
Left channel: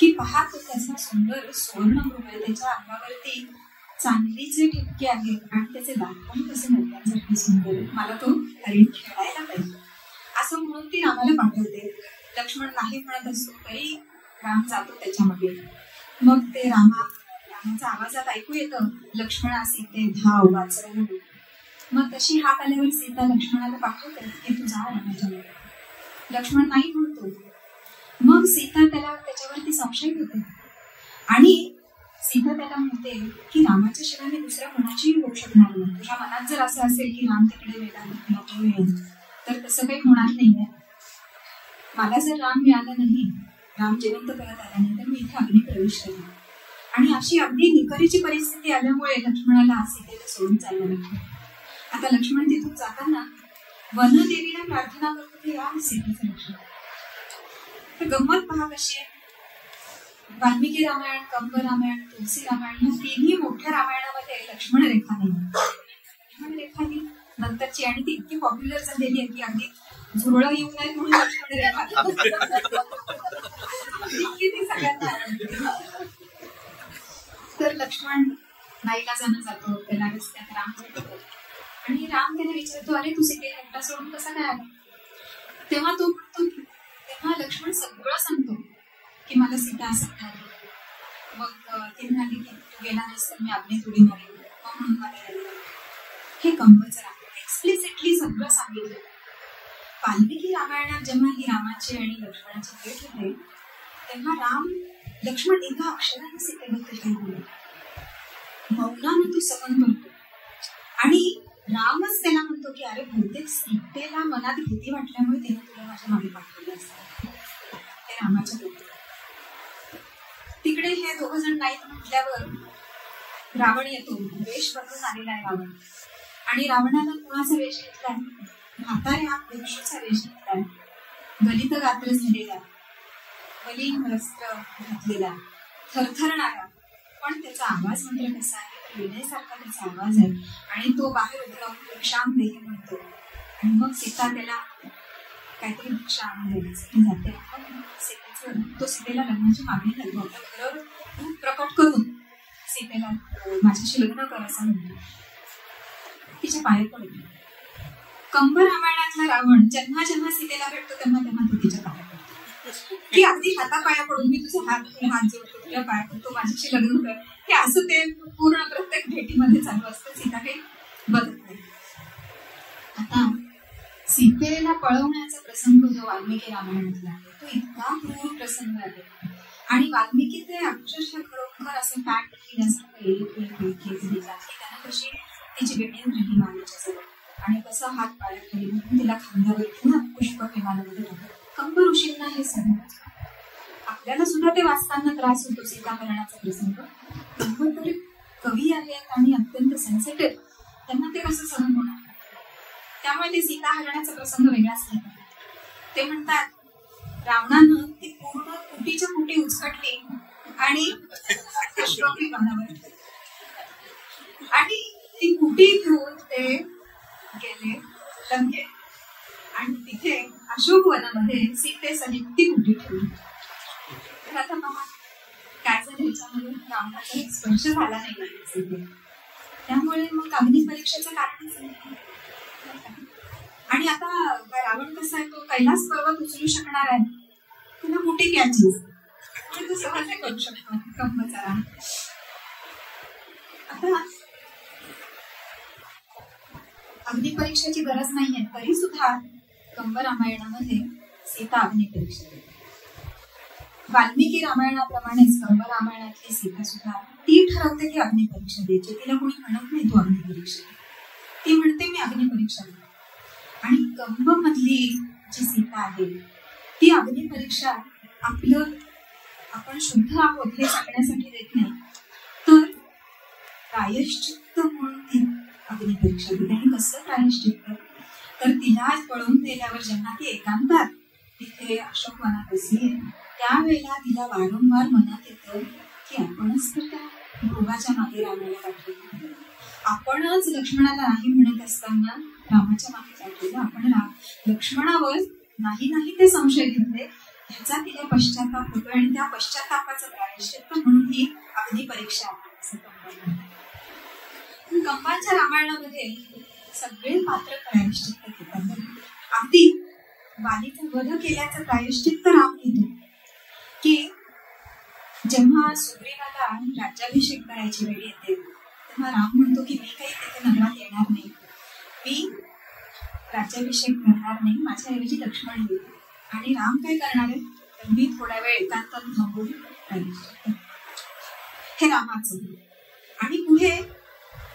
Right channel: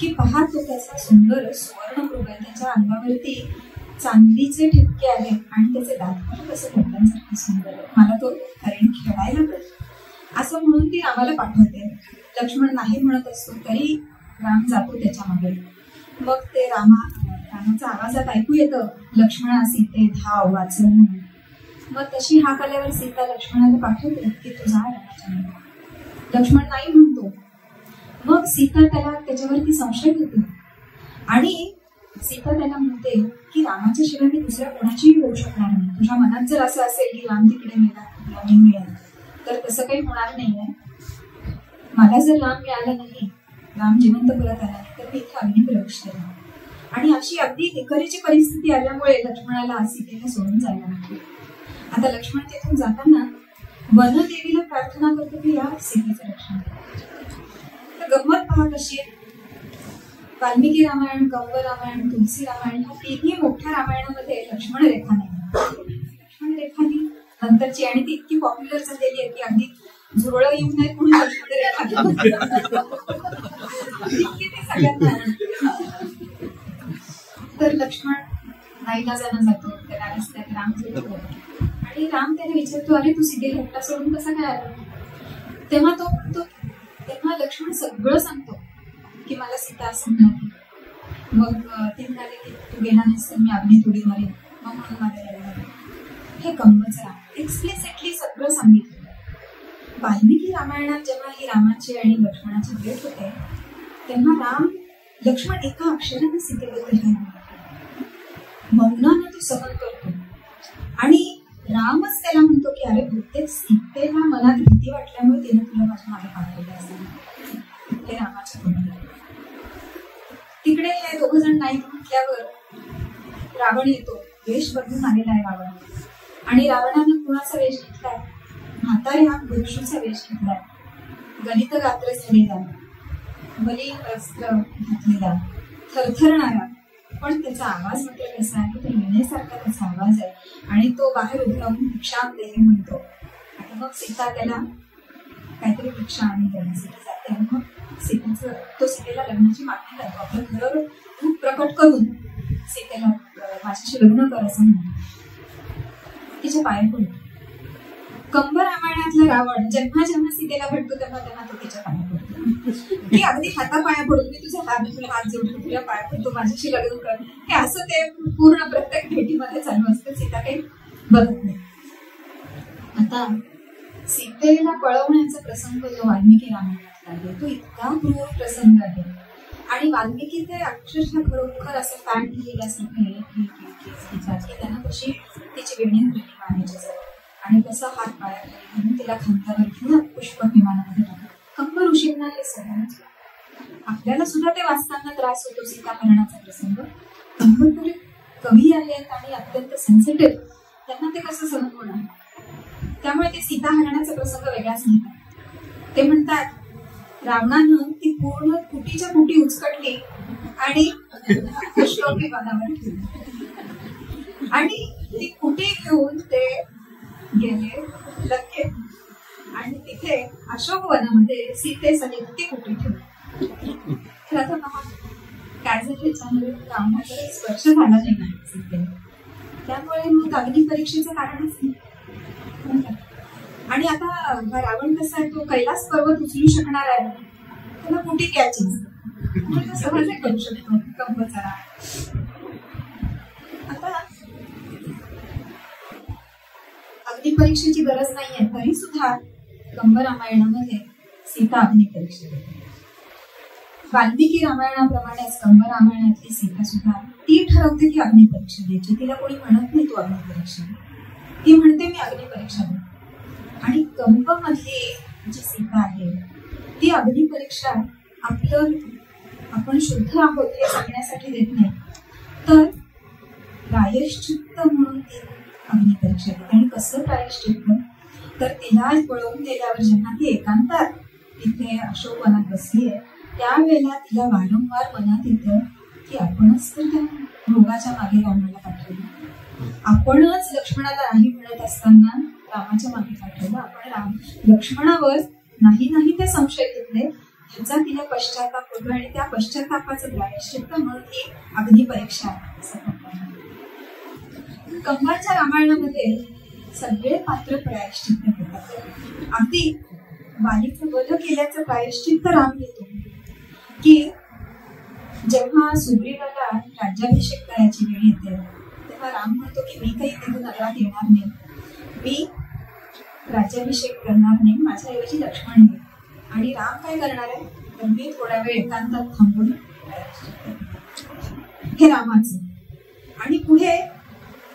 की पहा तो त्याचा सुंदर सुवर्णमृग आहे, त्याच्या अंगावरती चांदीचे ठिपके आहेत आणि त्याचे दात पण कसे मोठ्यांसारखे सुंदर आहेत, मला तो हरिण खेळायला पाहिजे असं म्हणून ती रामाला पाठवते. लक्ष्मण नाही म्हणत असतो तरी राम जातो त्याच्या मागे. मग ते रामाच्या आवाजात ऐकू येतं लक्ष्मणा सीते धाव वाचवून. मग तशी हाक आल्यावर सीता लक्ष्मणाला पाठवते की तू जा रामाच्या मागे. लक्ष्मण नाही म्हणतो. मग सीता त्याला त्याच्यावरती संशय घेते आणि सीता त्याला म्हणते की रामाच्या शिवाय मी दुसऱ्या कोणाचीही होऊ शकणार नाही. तुझ्या मनात जर असं असेल की राम तिकडे मिळेल तर तसं काही होणार नाहीये. मला जर राम मिळाला नाही, राम जिवंत परत आला नाही तर मी इथे अग्नी प्रवेश केला. आणि अशी अगदी निकरीची परिस्थिती आल्यामुळे लक्ष्मणाला सीतेला सोडून जायला लागते. आता लक्ष्मण तिथून जाताना वनदेवीला प्रार्थना करतो की या सीतेचं रक्षण. तर गंमत पहा कशी आहे. वाल्मिकी रामायण, कंब रामायण, तुलसी रामायण ह्या तिन्ही मोठ्या रामायणामध्ये लक्ष्मण रेखा नाही. लक्ष्मण रेखा ही नंतरची आणि ती इतकी पॉप्युलर झालेली आहे की अगदी झुरळ येऊ नये म्हणून लक्ष्मण रेखा सगळ्यांना. तर लक्ष्मण नाईलाजानं जातो, त्याला रस्त्यात राम भेटतो आणि राम त्याला विचारतो अरे तू सीतेला एकटा सोडून कसा काय आला. तेव्हा तो म्हणतो, तेव्हा लक्ष्मण सगळं सांगतो की मला सीता असं म्हणाली, मग ते म्हणाले की तू गेला नाहीस तर मी अग्नीत उडी मारेन, मग म्हणून मला यायला लागलं. हे कंबचा एक्सप्लिसिटली सगळं सांगितलं. वाल्मिकी रामायणात जेव्हा ही रामाची आणि लक्ष्मणाची भेट होते तेव्हा लक्ष्मण एका अक्षराने सीतेबद्दल काही बोलत, मौनानं तो सहन करतो आणि रामच त्याला म्हणतो की अरे बहुतेक सीतेला मनात भीती वाटल्यामुळे तिने तुला माझ्या मागे पाठवलं असं. हे रामाच्या बोलण्यात. तिकडे हे दोघ जण नाही म्हटल्यावर रावण येतो. वेश बदलून आलेला आहे रावण, आणि रावणानं कुणाचा वेश घेतलाय? म्हाताऱ्या भिक्षूचा वेश घेतलाय, गलित गात्र झालेला, बलीन वस्त्र घातलेला, थरथरणारा, पण त्याचा आवाज मात्र कसा आहे तर विनेसारखा त्याचा आवाज आहे. आणि तो बाहेर उभं राहून भिक्षा देही म्हणतो, आणि मग सीता त्याला काहीतरी भिक्षा आणून देण्यासाठी जाते. आणि मग तो सीतेला लग्नाची मागणी करतो. आपलं खरं रूप प्रकट करून सीतेला माझ्याशी लग्न कर असं म्हणतो. तिच्या पाया पडतो. कंब रामायणातला रावण जेव्हा जेव्हा सीतेला भेटतो तेव्हा तेव्हा तो तिच्या पाया पडतो की अगदी हातापाया पडून मी तुझा हात जोडतो, तुझ्या पाया पडतो, माझ्याशी लग्न कर. हे असं ते पूर्ण प्रत्येक भेटीमध्ये चालू असतं. सीता काही बदलत नाही. आता सीतेला पळवण्याचा प्रसंग जो वाल्मिकी रामायणातला आहे तो इतका क्रूर प्रसंग आहे, आणि वाल्मिकी ते अक्षरशः खरोखर असं पॅट लिहिल्यासारखं एक लिहितात की त्यांना कशी तिची वेणी राहिली मानाची आणि कसा हात पाया खाली म्हणून तिला खांद्यावर घेऊन पुष्पक विमानामध्ये टाकतात. कंब ऋषींना हे सगळं, आपल्याला सुद्धा ते वाचताना त्रास होतो सीता मरणाचा प्रसंग. कंब तरी कवी आहेत आणि अत्यंत सेन्सिटिव्ह, त्यांना ते कसं सहन होणार? त्यामुळे ते सीता हरणाचा प्रसंग वेगळाच नाही. ते म्हणतात रावणानं ती पूर्ण कुटीच्या कुटी उचकटली आणि पुष्पक विमानावर ठेवली, आणि ती कुटी घेऊन ते गेले लंकेत, आणि तिथे अशोक वनामध्ये सीतेसहित ती कुटी ठेवली. तर आता पहा काय झालं याच्यामध्ये, रावणाचा स्पर्श झाला नाही सीते, त्यामुळे मग अग्नी परीक्षेचं कारणच नाही. आणि आता हा रावण कसा आहे, तो कैलास पर्वत उचलू शकणार आहे, त्याला कुटी कॅचीज तो सहज करू शकतो कंबचा. आता अग्निपरीक्षेची गरज नाहीये तरी सुद्धा कंब रामायणामध्ये सीता अग्निपरीक्षा देते. वाल्मिकी रामायणाप्रमाणेच कंब रामायणातली सीता सुद्धा ती ठरवते की अग्निपरीक्षा द्यायची. तिला कोणी म्हणत नाही तू अग्निपरीक्षा दे, ती म्हणते मी अग्निपरीक्षा देते. आणि कंब मधली जी सीता आहे ती अग्निपरीक्षा आपण शुद्ध आहोत हे सांगण्यासाठी देत नाही, तर प्रायश्चित्त म्हणून ती अग्निपरीक्षा देते. आणि कसं प्रायश्चित्त, तर तिला पळून दिल्यावर जेव्हा ती एकांतात तिथे अशोक वनात बसली आहे त्यावेळेला तिला वारंवार मनात येतं की आपणच तर त्या मृगाच्या मागे रामाला पाठवलं, आपणच लक्ष्मणाला नाही म्हणत असताना रामाच्या मागे पाठवलं, आपण लक्ष्मणावर नाही ते संशय घेतले, ह्याचा तिला पश्चाताप होतो. आणि त्या पश्चातापाचं प्रायश्चित्त म्हणून ही अग्निपरीक्षा असं कंबाच्या रामायणामध्ये सगळे पात्र प्रायश्चित्त घेतात. अगदी वालीचा वध केल्याचं प्रायश्चित्त राम घेतो की जेव्हा सुग्रीवाला राज्याभिषेक करायची वेळ येते तेव्हा राम म्हणतो की मी काही तिथे नगरात येणार नाही, मी राज्याभिषेक करणार नाही, माझ्याऐवजी लक्ष्मण येईल. आणि राम काय करणार आहे तर मी थोडा वेळ एकांतात थांबून हे रामाचं. आणि पुढे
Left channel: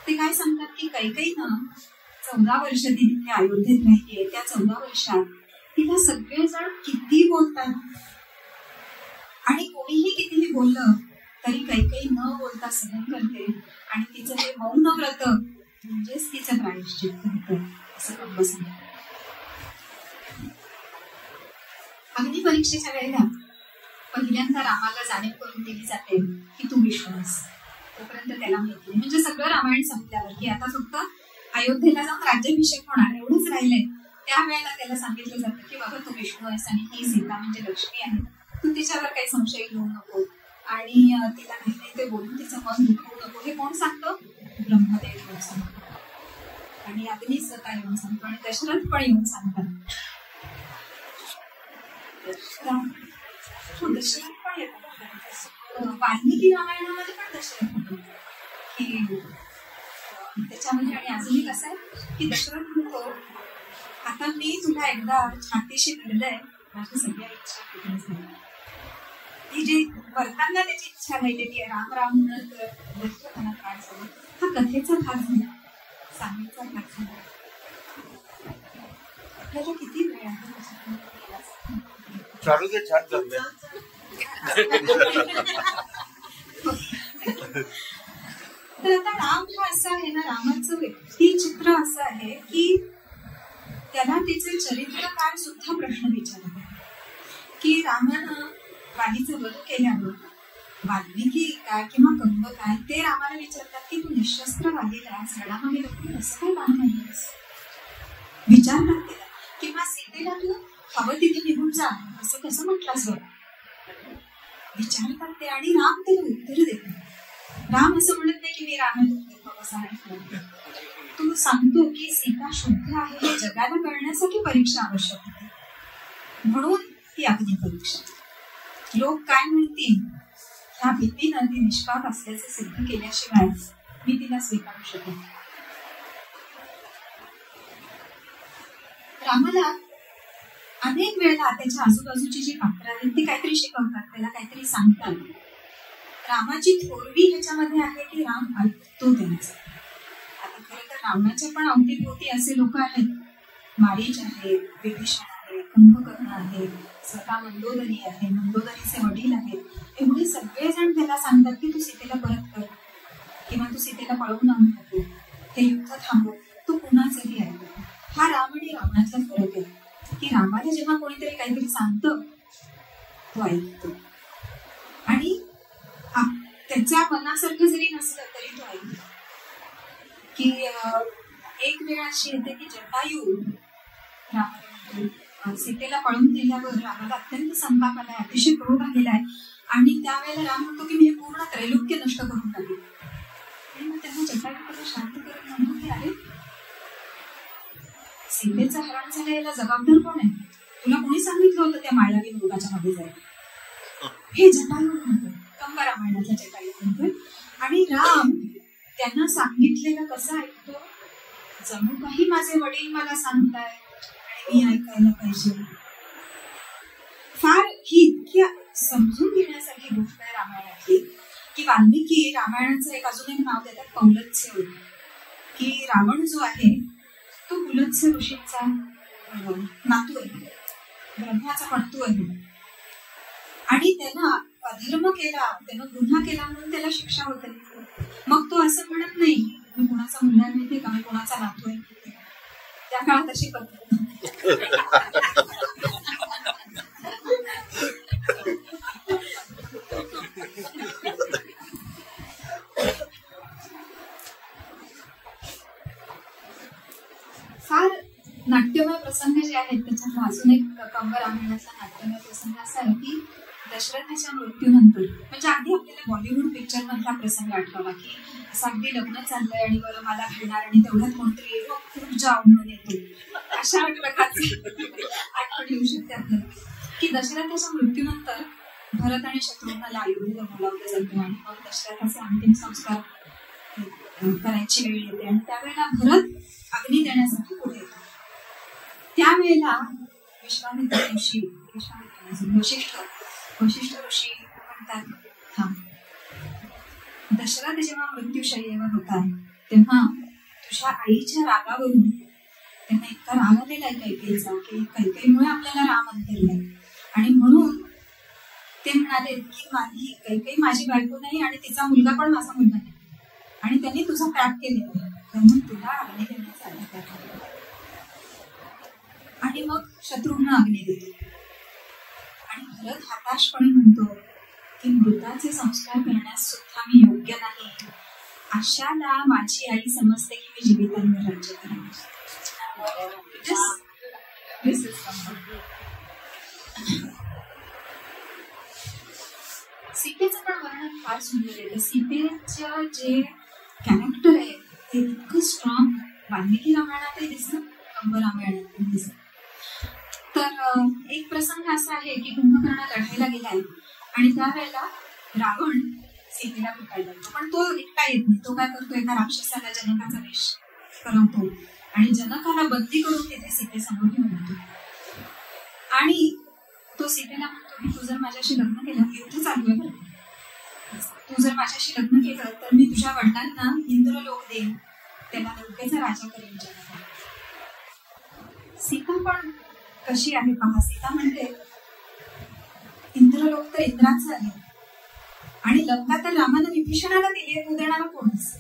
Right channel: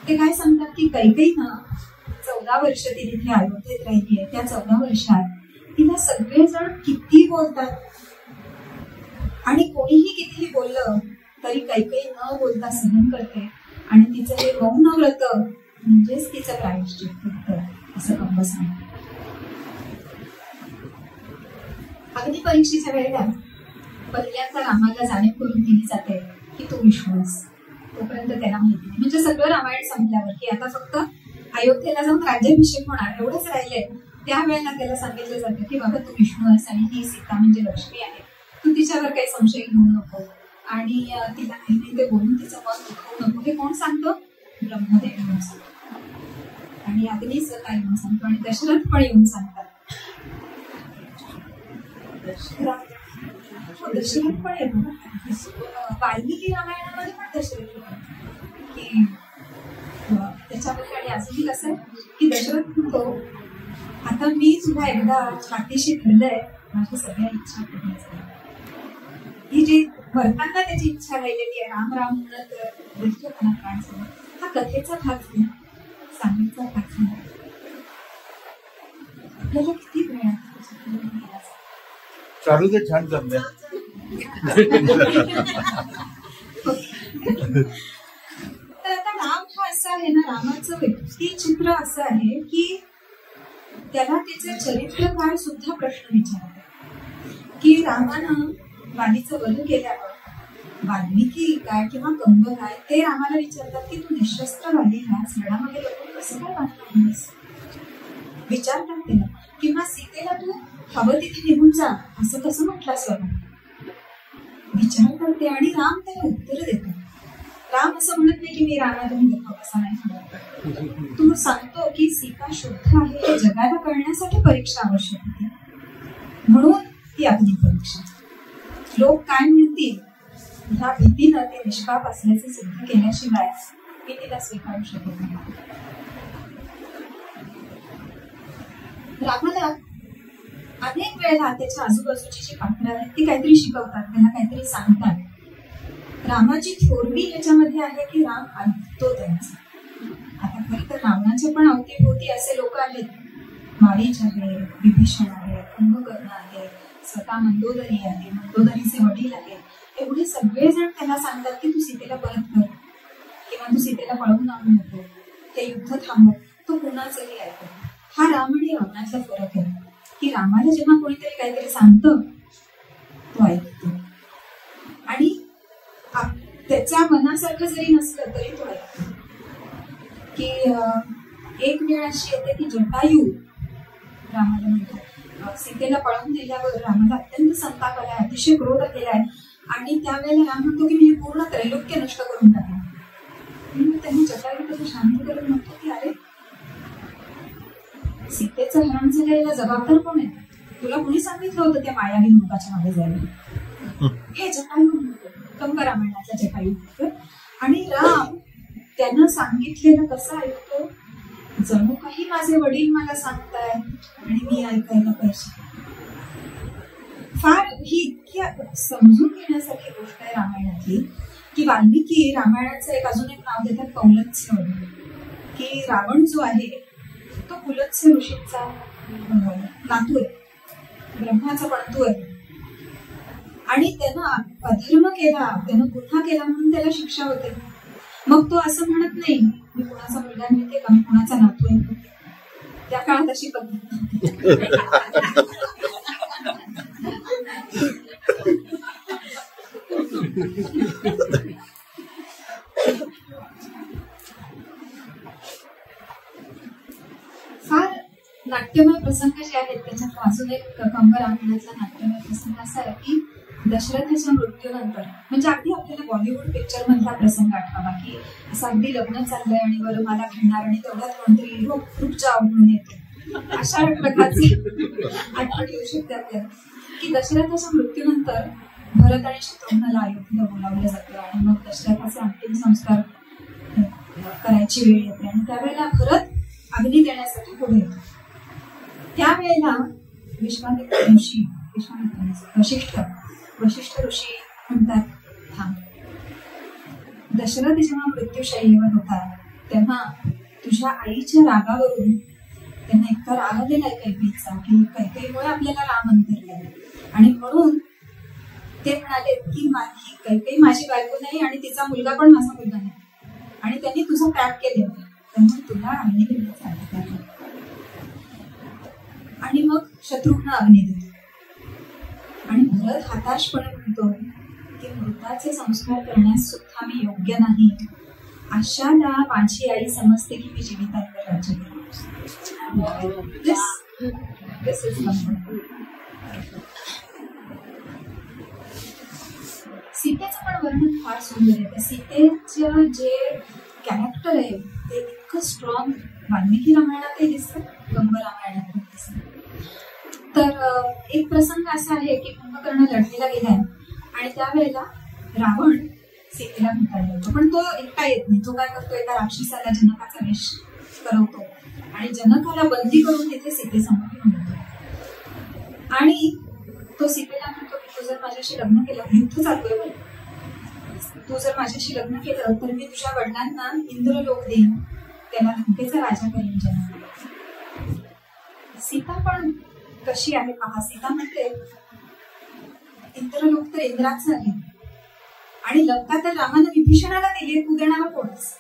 ते काय सांगतात की कैकेयीनं 14 वर्ष ती तिथे अयोध्येत राहिली आहे. त्या 14 वर्षात तिला सगळेजण किती बोलतात आणि कोणीही कितीही बोललं तरी कैकेयी न बोलता सहन करते. आणि तिचं हे मौन व्रत म्हणजेच तिचं प्रायश्चित्त होतं असं कंब सांगतात. अग्निपरीक्षेच्या वेळेला पहिल्यांदा रामाला जाणीव करून दिली जाते की तू विष्णू आहेस. तोपर्यंत त्याला माहिती नाही, म्हणजे सगळं रामायण संपल्यावर की आता फक्त अयोध्येला जाऊन राज्याभिषेक होणार एवढंच राहिलंय त्यावेळेला त्याला सांगितलं जातं की बाबा तू विष्णू आहेस आणि ही सीता म्हणजे लक्ष्मी आहे, तू तिच्यावर काही संशय घेऊ नको आणि तिला काही ते बोलून तिचं मन दुखवू नको. हे कोण सांगतो? ब्रह्मदेव येऊन सांगतो आणि अग्नीच काय येऊन सांगतो आणि दशरथ पण येऊन सांगतात. दशरथ पण येतो ना. वाल्मिकी रामायणामध्ये पण दशरथ होतो की त्याच्यामध्ये. आणि अजूनही कसं आहे की दशरथ म्हणतो, आता मी तुला एकदा पाठीशी धरलंय, माझ्या सगळ्या इच्छा पूर्ण झाल्या. ही जी भरताना त्याची इच्छा राहिलेली आहे, राम राम म्हणत दशरथाला प्राण झाला. हा कथेचा भाग झाला, सांगण्याचा भाग झाला. आपल्याला किती वेळ आहे चालू ते छान चाललंय. तर आता राम हा असा आहे ना, रामाचं व्यक्तिचित्र असं आहे की त्याला तिचं चरित्रकार सुद्धा प्रश्न विचारत आहे की रामानं वालीचं वध केल्यावर वाल्मिकी काय किंवा कंब काय ते रामाला विचारतात की तू निशस्त्र वालीला झाडामध्ये लपून कसं काय बांधून विचारतात त्याला. किंवा सीतेला तू हवं तिथे निघून जा असं कसं म्हटलंस बाबा, विचारतात ते. आणि राम त्याला उत्तर देतो. राम असं म्हणत नाही की मी रामातून देतो असं नाही म्हणत. तू सांगतो की सीता शुद्ध आहे हे जगाला कळण्यासाठी परीक्षा आवश्यक होती, म्हणून ती अग्नी परीक्षा. लोक काय म्हणतील ह्या भीतीनं ते निष्पाप असल्याचे सिद्ध केल्याशिवाय मी तिला स्वीकारू शकत नाही. रामाला अनेक वेळेला त्याच्या आजूबाजूची जी पाखरं आहेत ती काहीतरी शिकवतात, त्याला काहीतरी सांगतात. रामाची थोरवी ह्याच्यामध्ये आहे की राम ऐकतो त्यांचं. आता खरं तर रावणाच्या पण अवतीभोवती असे लोक आहेत, मारीच आहे, विभीषण आहे, कुंभकर्ण आहे, स्वतः मंदोदरी आहे, मंदोदरीचे वडील आहेत. एवढे सगळेजण त्याला सांगतात की तू सीतेला परत कर किंवा तू सीतेला पळवून आणू नको, ते युद्ध थांबव. तो कुणाचंही ऐकतो. हा राम आणि रावणाचा फरक आहे की रामाला जेव्हा कोणीतरी काहीतरी सांगतं तो ऐकतो, आणि त्याच्या मनासारखं जरी नसलं तरी तो ऐकतो. की एक वेळ अशी येते की जटायू रामाला म्हणतो, सीतेला पळवून दिल्यावर रामाला अत्यंत संताप आलाय, अतिशय क्रोध गेलाय. आणि त्यावेळेला राम म्हणतो की मी पूर्ण त्रैलोक्य नष्ट करून टाकलं. आणि मग त्यांनी जटायू कसं शांत करून म्हणतो की अरे सीतेचं हरण झालं याला जबाबदार कोण आहे? तुला कोणी सांगितलं होतं त्या मायावी मृगाच्या मागे जायला? हे जटायू म्हणतो, कंब रामायणातला जटायू म्हणतो. आणि राम त्यांना सांगितलेलं कसं ऐकतो, जणू काही माझे वडील मला सांगताय आणि मी ऐकायला पाहिजे. फार ही इतकी समजून घेण्यासारखी गोष्ट आहे रामायणातली की वाल्मिकी रामायणाचं एक अजून एक नाव देतात पौलत्स्य, की रावण जो आहे तो पुलत्स्य ऋषींचा नातू आहे, ब्रह्माचा पणतू आहे. आणि त्यानं अधर्म केला, त्यानं गुन्हा केला म्हणून त्याला शिक्षा होते. मग तो असं म्हणत नाही मी कुणाचा मुलगा मिळते का, मी कुणाचा नातू आहे. त्या काळात अशी पद्धत फार नाट्यमय प्रसंग जे आहेत त्याच्यात अजून एक कंब रामायणातला नाट्यमय प्रसंग असा आहे की दशरथाच्या मृत्यूनंतर, म्हणजे अगदी आपल्याला बॉलिवूड पिक्चर मधला प्रसंग आठवावा की असं अगदी लग्न चाललंय आणि बरं मला घडणार आणि तेवढ्यात कोणतरी खूप जाव म्हणून येतो, अशा प्रकारची आठवण येऊ शकते आपल्याला. की दशरथाच्या मृत्यूनंतर भरत आणि शत्रुघ्नला अयोध्येला बोलावलं जातं आणि मग दशरथाचे अंतिम संस्कार करायची वेळ येते. आणि त्यावेळेला भरत अग्नी देण्यासाठी पुढे येतो. त्यावेळेला विश्वामित्र ऋषी वशिष्ठ ऋषी म्हणतात थांब, दशरथ जेव्हा मृत्यूशय्येवर होता तेव्हा तुझ्या आईच्या रागावरून त्यांना इतका राग आलेला आहे कैकेयीचा की कैकेयीमुळे आपल्याला राम अंतरलाय. आणि म्हणून ते म्हणाले की कैकेयी माझी बायको नाही आणि तिचा मुलगा पण माझा मुलगा नाही आणि त्यांनी तुझा त्याग केलेला आहे, त्यामुळे तुला अग्नी देण्याचा अधिकार आहे. आणि मग शत्रुघ्न अग्नी देतो. आणि भरत हताशपणे म्हणतो की मृताचे संस्कार करण्यास सुद्धा मी योग्य नाही, अशाला माझी आई समजते की मी जीवितांवर राज्य करणार. सीतेचं पण वर्णन फार सुंदर आहे. सीतेचं जे कॅरेक्टर आहे ते इतकं स्ट्रॉंग वाल्मिकी रामायणातही दिसतं, कंब रामायणात पण दिसतं. तर एक प्रसंग असा आहे की कुंभकर्ण लढायला गेलाय आणि त्यावेळेला रावण सीतेला भेटायला येतो, पण तो एकटा येत नाही. तो काय करतो, एका राक्षसाला जनकाचा वेश करवतो आणि जनकाला बंदी करून तिथे सीतेसमोर घेऊन येतो आणि तो सीतेला म्हणतो की तू जर माझ्याशी लग्न केलं, युद्ध चालू आहे, तू जर माझ्याशी लग्न केलं तर मी तुझ्या वडिलांना इंद्रलोक देईन, त्याला लंकेचा राजा करीन जनक. सीता पण कशी आहे पहा. सीता म्हणते इंद्रलोक तर इंद्राचं आहे आणि लंका तर रामानं विभीषणाला दिली, तू देणारा कोणच.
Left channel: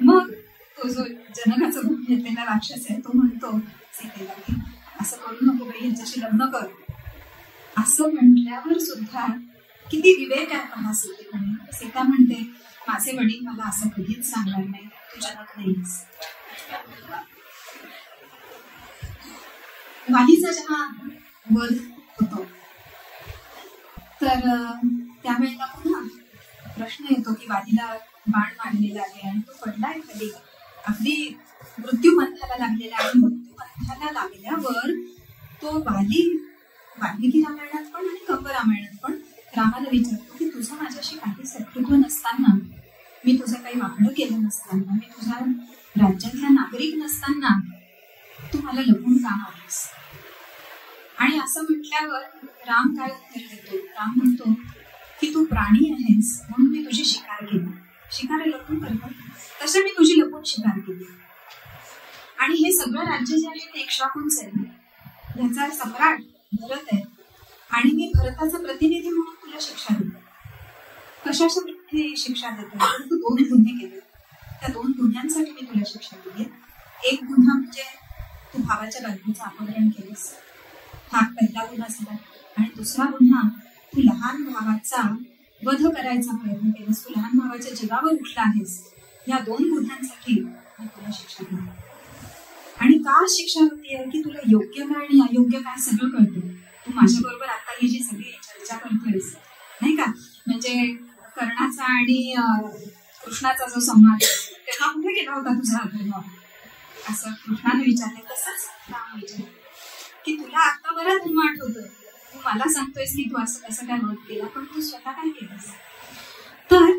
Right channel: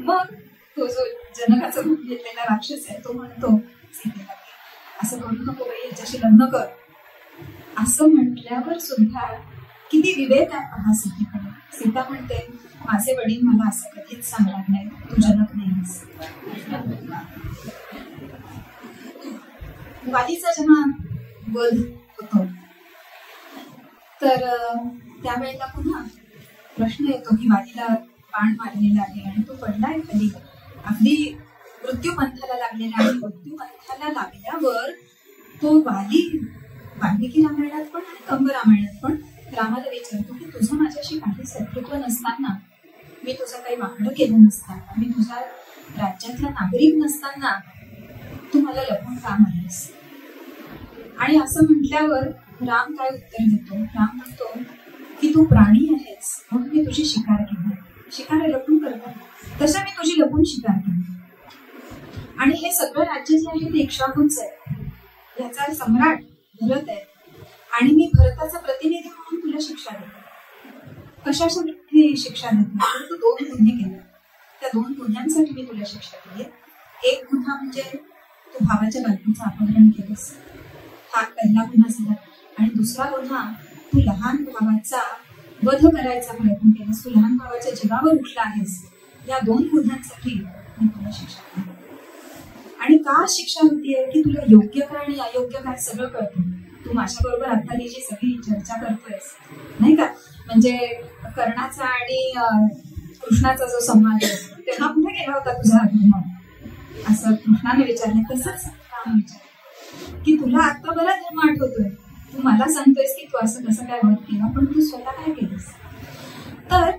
मग तो जो जनकाचा रूप घेतलेला राक्षस आहे तो म्हणतो सीतेला की असं करू नको बाई, याच्याशी लग्न कर. असं म्हटल्यावर सुद्धा किती विवेक आहे पहा सीतेकडे. सीता म्हणते माझे वडील मला असं कधीच सांगणार नाही, तू जनक नाहीस. वालीचा जेव्हा वध होतो तर त्यावेळेला पुन्हा प्रश्न येतो की वालीला बाण मारलेला आहे आणि तो पडलाय खाली, अगदी मृत्यूपंथाला लागलेला आहे. मृत्यूपंथाला लागल्यावर तो वाली वाल्मिकी रामायणात पण आणि कंब रामायणात पण रामाला विचारतो की तुझं माझ्याशी काही शत्रुत्व नसताना, मी तुझं काही वाकडं केलं नसताना, मी तुझ्या राज्यातला नागरिक नसताना तू मला लपून का मारलीस. आणि असं म्हटल्यावर राम काय उत्तर देतो, राम म्हणतो की तू प्राणी आहेस म्हणून मी तुझी शिकार केली. शिकार लपून करतात, तसं मी तुझी लपून शिकार केली. आणि हे सगळं राज्य जे आहे ते इक्ष्वाकूंच आहे, याचा सम्राट भरत आहे आणि मी भरताचा प्रतिनिधी म्हणून तुला शिक्षा देतो. कशासाठी शिक्षा देतो, तर तू 2 गुन्हे केले, त्या 2 गुन्ह्यांसाठी मी तुला शिक्षा दिली. एक गुन्हा म्हणजे तू भावाच्या बायकोचं अपहरण केलेस, हा पहिला गुन्हा झाला. आणि दुसरा गुन्हा, तू लहान भावाचा वध करायचा प्रयत्न केलास, तू लहान भावाच्या जीवावर उठला आहेस. या 2 गुन्ह्यांसाठी मी तुला शिक्षा दिली. आणि का शिक्षा होतीये की तुला योग्य काय आणि अयोग्य काय सगळं कळतं. तू माझ्याबरोबर आता ही जी सगळी चर्चा करतोयस नाही का, म्हणजे कर्णाचा आणि कृष्णाचा जो संवाद तेव्हा कुठे गेला होता तुझा धर्म, असं कृष्णाने विचारले. तसंच राम विचार की तुला आता बरा धर्म आठवतोय, तू मला सांगतोयस की तू असं कसं काय वध केला, पण तू स्वतः काय केलंस. तर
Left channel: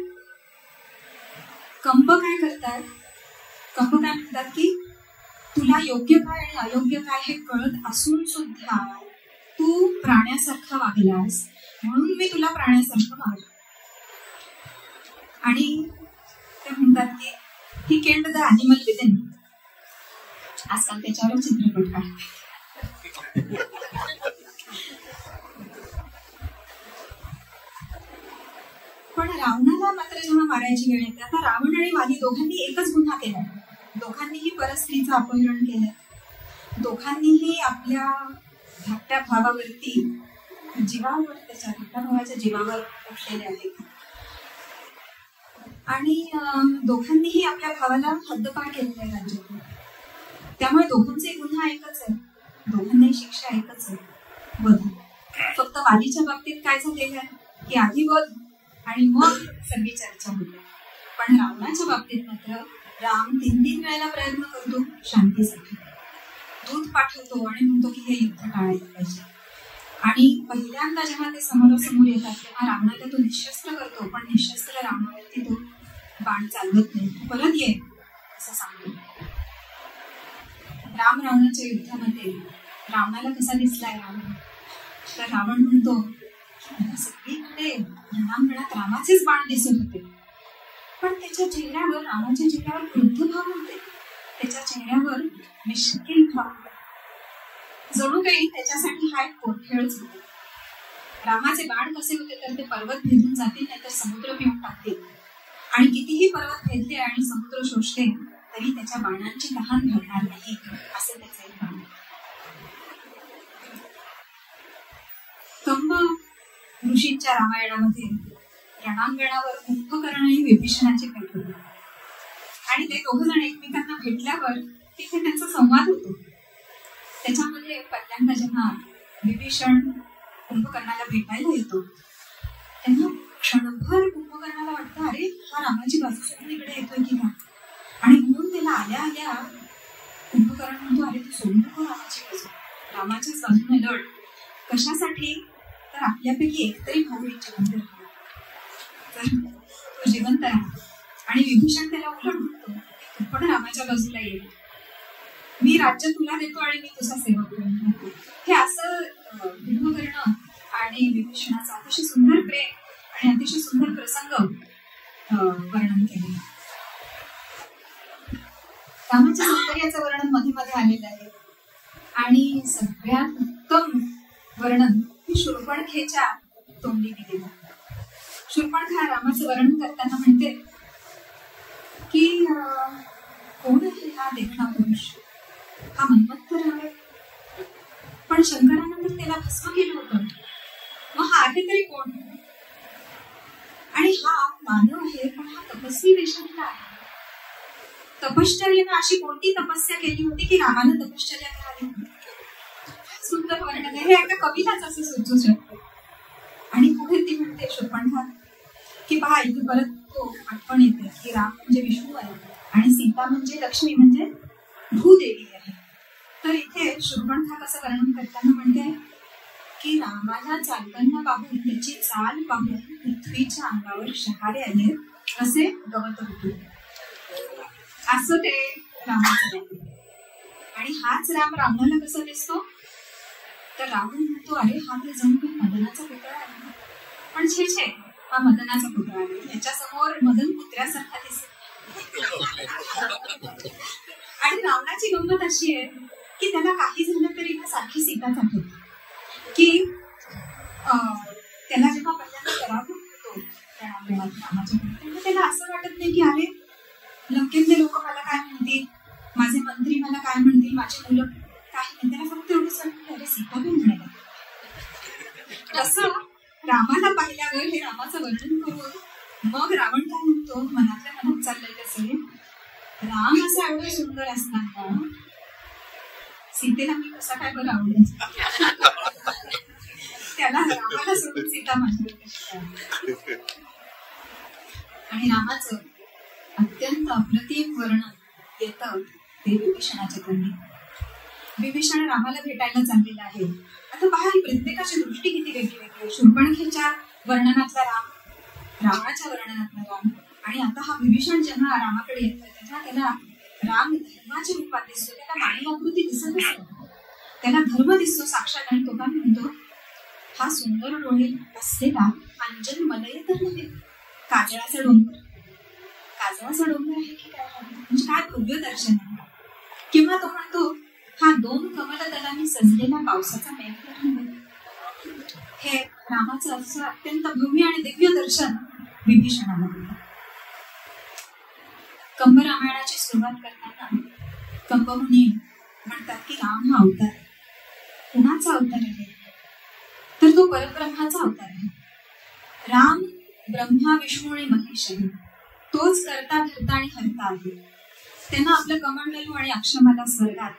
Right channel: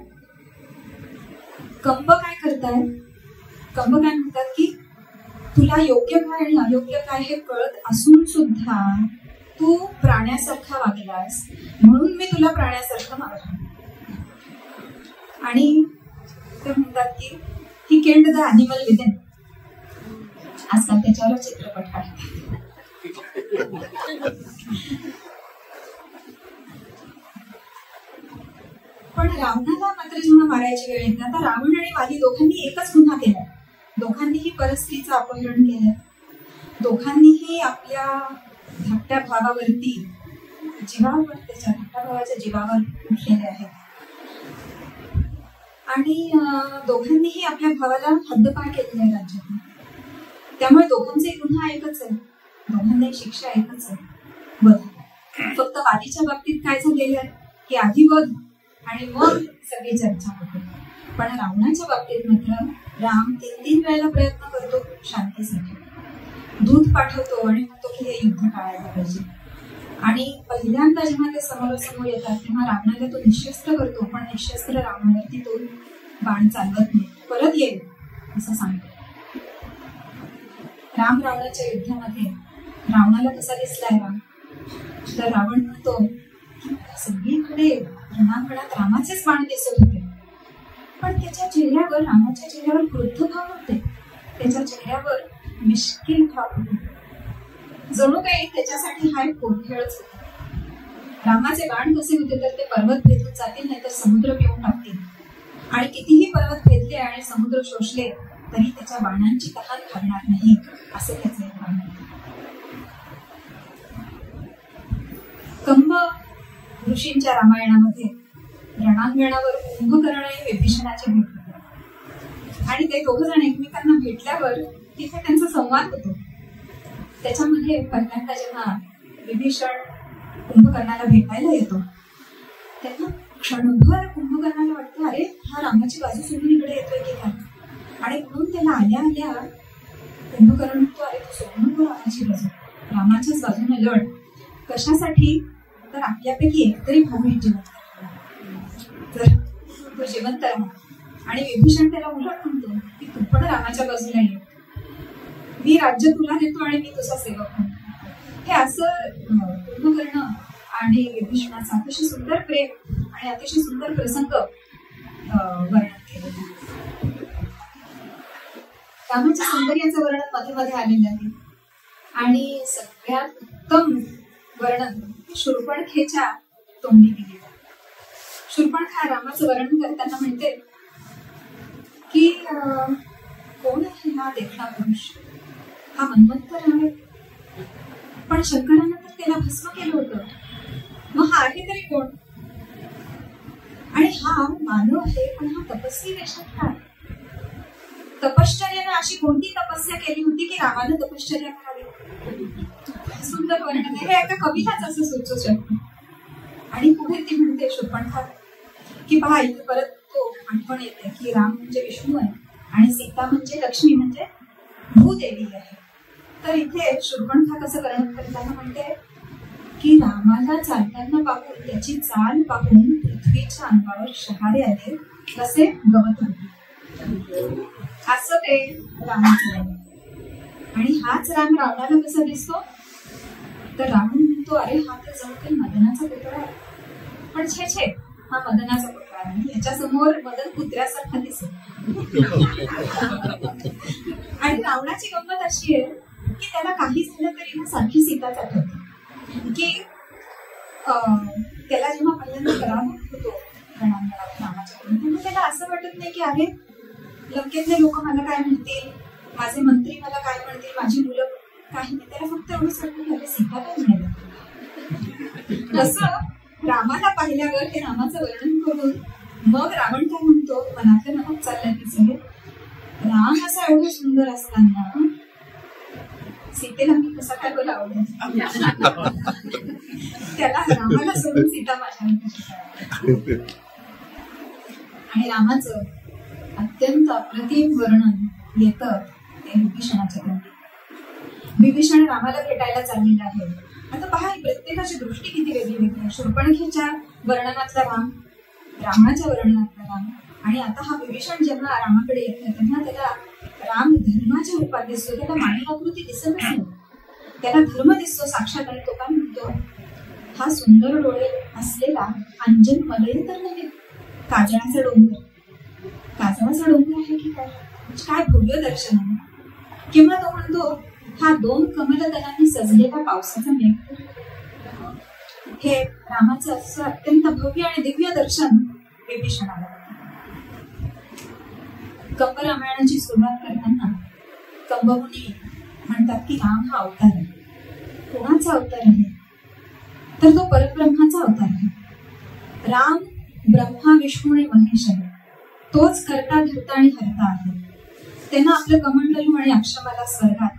कंब काय करतायत, कंब काय म्हणतात की तुला योग्य काय आणि अयोग्य काय हे कळत असून सुद्धा तू प्राण्यासारखा वागलास म्हणून मी तुला प्राण्यासारखं मारलं. आणि ते म्हणतात की he killed the animal within. आजकाल त्याच्यावर चित्रपट काढतात. पण रावणाला मात्र जेव्हा मारायची वेळ येते, आता रावण आणि वाली दोघांनी एकच गुन्हा केलाय. दोघांनीही परस्त्रीचं अपहरण केलंय, दोघांनीही आपल्या धाकट्या भावावरती जीवावर, त्याच्या धाकट्या भावाच्या जीवावर उठलेले आहेत आणि दोघांनीही आपल्या भावाला हद्दपार केलेला आहे राज्यातून. त्यामुळे दोघांचे गुन्हा एकच आहे, दोघांनाही शिक्षा एकच आहे, वध. फक्त वालीच्या बाबतीत काय झालेलं आहे की आधी वध आणि मग सगळी चर्चा होते. पण रावणाच्या बाबतीत मात्र राम 3 वेळेला प्रयत्न करतो शांतीसाठी, दूत पाठवतो आणि म्हणतो की हे युद्ध टाळायला पाहिजे. आणि पहिल्यांदा जेव्हा ते समोरासमोर येतात तेव्हा रावणाला तो निशस्त्र करतो, पण निशस्त्र रावणावरती तो बाण चालवत नाही, परत ये असं सांगतो. राम रावणाच्या युद्धामध्ये रावणाला कसा दिसलाय राम, तर रावण म्हणतो की मला सगळीकडे रणांगणात रामाचेच बाण दिसत होते, पण त्याच्या चेहऱ्यावर, रामाच्या चेहऱ्यावर क्रुद्ध भाव होते, त्याच्या चेहऱ्यावर मिश्किल भाव होते, जणू काही त्याच्यासाठी हा एक पोटखेळच होता. रामाचे बाण कसे होते तर ते पर्वत भेदून जातील, नाहीतर समुद्र पिऊन टाकतील. आणि कितीही पर्वत भेदले आणि समुद्र शोषले तरी त्याच्या बाणांची तहान घालणार नाही, असे त्याचे एक बाण होते. कंब ऋषींच्या रामायणामध्ये रणांगणावर कुंभकर्ण आणि विभीषणाची भेट होते आणि ते 2 जण एकमेकांना भेटल्यावर तिथे त्यांचा संवाद होतो. त्याच्यामध्ये पहिल्यांदा जेव्हा विभीषण कुंभकर्णाला भेटायला येतो तेव्हा क्षणभर कुंभकर्णाला वाटतं अरे हा रामाची बाजू सोडून इकडे येतोय की काय, आणि म्हणून त्याला आल्या आल्या कुंभकर्ण म्हणतो, अरे तू सोडून नको रामाची बाजू, रामाच्याच बाजूने लढ. कशासाठी? तर आपल्यापैकी एकतरी भाऊ जिवंत राहा, तर तो जिवंत राहा. आणि विभीषण त्याला उलट म्हणतो की तू पण रामाच्या बाजूला ये, मी राज्य तुला देतो आणि मी तुझा सेवक म्हणतो. हे असं कुंभकर्ण आणि विभीषणाचा अतिशय सुंदर प्रेम आणि अतिशय सुंदर प्रसंग वर्णन केलेलं. रामाच्या सौंदर्याचं वर्णन मध्ये मध्ये आलेलं आहे. आणि सगळ्यात उत्तम वर्णन हे शूर्पणखेच्या तोंडी केलेलं. शूर्पणखा रामाचं वर्णन करताना म्हणते की कोण आहे हा देखणा पुरुष, हा मन्वंतर आहे, पण शंकरानं तर त्याला भस्म केलं होतं, मग हा आहे तरी कोण? आणि हा मानव आहे, पण हा तपस्वी वेशात का? तपश्चर्यानं अशी कोणती तपस्या केली होती की रामानं तपश्चर्या करावी? सुंदर वर्णन आहे, हे एका कवीलाच असं सुचू शकतो. आणि पुढे ती म्हणते शूर्पणखा की पहा, इथे परत तो आठवण येते की राम म्हणजे विष्णू आहे आणि सीता म्हणजे लक्ष्मी म्हणजे भूदेवी आहे. तर इथे शूर्पणखा कसं वर्णन करताना म्हणते की रामाला चालताना पाहून, त्याची चाल पाहून पृथ्वीच्या अंगावर शहारे आले, कसे गवत होते, असं ते रामाचं आहे. आणि हाच राम रावणाला कसा दिसतो? तर रावण म्हणतो, अरे हा तर जणू काही मदनाचा पुतळा आहे. पण छे छे, हा मदनाचा पुतळा आहे, याच्या समोर मदन पुत्र्यासारखा दिसेल. आणि रावणाची गंमत अशी आहे की त्याला काही झालं तरी ना सारखी सीताच आठवते. की त्याला जेव्हा पहिल्यांदा पराभव होतो रामाच्या पुढे, त्याला असं वाटत नाही की अरे लंकेतले लोक मला काय म्हणतील, माझे मंत्री मला काय म्हणतील, माझी मुलं काही नाही. त्याला फक्त एवढंच वाटतं की अरे सीता काय म्हणाले. तसं रामाला पाहिल्यावर हे रामाचं वर्णन करून मग रावण काय म्हणतो, मनातल्या मनात चाललंय कसं, राम असा एवढं सुंदर असताना सीतेला मी कसा काय बरं आवडेल, त्याला रामाला सोडून सीता माझ्यावर कशी काय. आणि रामाचं अत्यंत अप्रतिम वर्णन येतं ते विभीषणाच्या तोंडी. विभीषण रामाला भेटायला चाललेला आहे. आता पहा, प्रत्येकाची दृष्टी किती वेगळी वेगळी आहे. शूर्पणखेच्या वर्णनातला राम, रावणाच्या वर्णनातला राम, आणि आता हा विभीषण जेव्हा रामाकडे येतो तेव्हा त्याला राम धर्माच्या रूपात दिसतो. त्याला मानवाकृती दिसत नाही, त्याला धर्म दिसतो साक्षात. आणि तो काय म्हणतो, हा सुंदर डोळे असलेला अंजन मलय तर नव्हे, काजळाचा डोंगर. काजळाचा डोंगर आहे की काय, म्हणजे काय भव्य दर्शन आहे. किंवा तो म्हणतो, हा 2 कमलदलांनी सजलेला पावसाचा मेघ तर नव्हे. हे रामाचं असं अत्यंत भव्य आणि दिव्य दर्शन विभीषणाला. कंब रामायणाची सुरुवात करताना कंबमुनी म्हणतात की राम हा अवतार आहे. कोणाचा अवतार आहे? तर तो परब्रह्माचा अवतार आहे. राम ब्रह्मा विष्णू आणि महेश आहे. तोच करता धरता आणि हरता आहे. त्यांना आपलं कमंडलू आणि अक्षमाला स्वर्गात,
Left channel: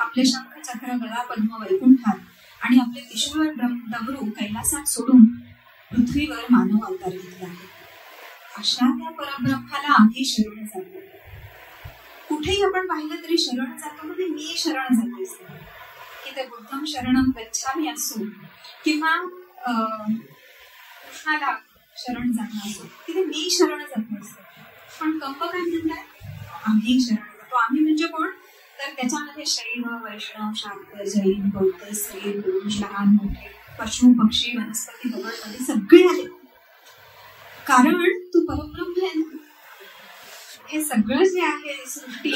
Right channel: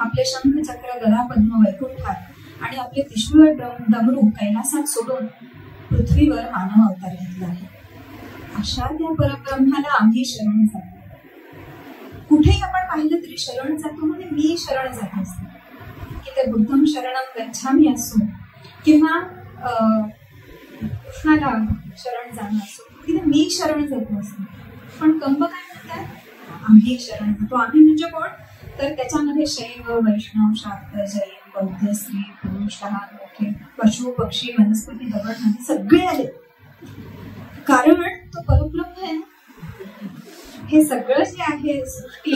आपले शंख चक्र गदा पद्म वैकुंठात आणि आपले त्रिशूळ डमरू कैलासात सोडून पृथ्वीवर मानव अवतार घेतला आहे. अशा त्या परब्रह्माला आम्ही शरण जातो. कुठेही आपण पाहिलं तरी शरण जातो म्हणजे मी शरण जातो असतो. की ते बुद्धम शरणम गच्छामी असो किंवा कृष्णाला शरण जाणं असो, तिथे मी शरण जातो असतो. पण कंब काय म्हणतात, आम्ही शरण जातो. आम्ही म्हणजे कोण? तर त्याच्यामध्ये शैव, वैष्णव, शाक्त, जैन, बौद्ध, स्त्री, पुरुष, लहान मोठे, पशु पक्षी, वनस्पती, दगड नदी सगळे आले. कारण तो परब्रह्म आहे ना. हे सगळं जे आहे सृष्टी,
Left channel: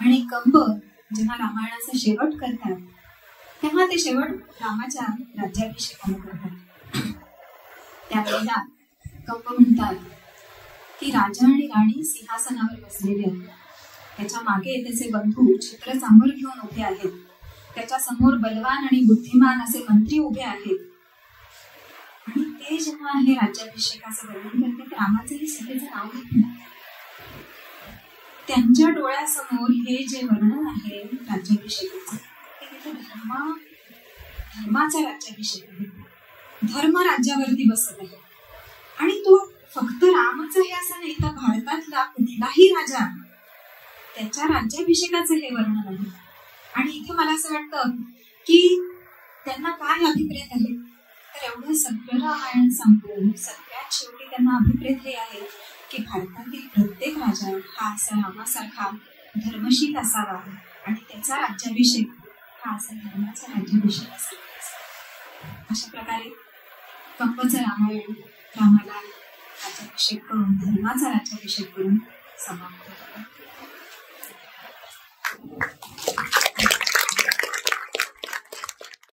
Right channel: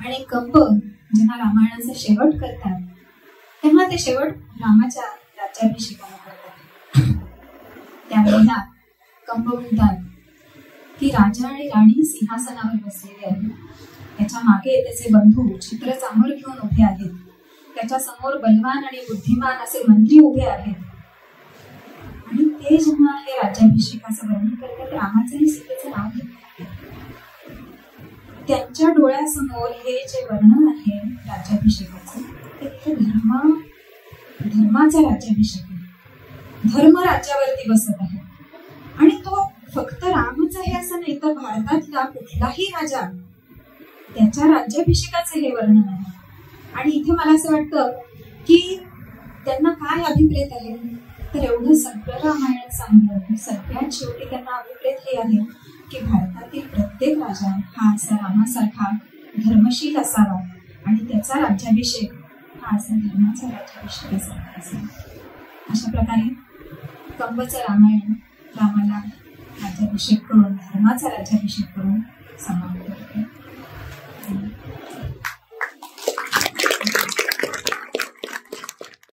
आणि कंब जेव्हा रामायणाचा शेवट करतात तेव्हा ते शेवट रामाच्या राज्याभिषेकाने करतात. त्यावेळेला कंब म्हणतात की राजा आणि राणी सिंहासनावर बसलेले आहेत. त्याच्या मागे त्याचे बंधू छत्र चांबळ घेऊन उभे आहेत. त्याच्या समोर बलवान आणि बुद्धिमान असे मंत्री उभे आहेत. आणि ते जेव्हा हे राज्याभिषेकाचं वर्णन करतात, रामाचंही सीतेचं नाव घेत नाही. त्यांच्या डोळ्यासमोर हे जे वर्णन आहे राज्याभिषेकाचं, ते धर्माचा राज्याभिषेक आहे. धर्म राज्यावरती बसत आहे. आणि तो फक्त रामच आहे असं नाही, तर भारतातला कुठलाही राजा त्याच्या राज्याभिषेकाचं हे वर्णन आहे. आणि इथे मला असं वाटतं की त्यांना काय अभिप्रेत आहे, तर एवढं सगळं रामायण सांगून सगळ्यात शेवटी त्यांना अभिप्रेत हे आहे की भारतातील प्रत्येक राजा हा असा रामासारखा धर्मशील असावा आणि त्याचा राज्याभिषेक हा असा धर्माचा राज्याभिषेकासारखा असावा. अशा प्रकारे कंबचं रामायण रामाला राज्याभिषेक करून, धर्माचा राज्याभिषेक करून समाप्त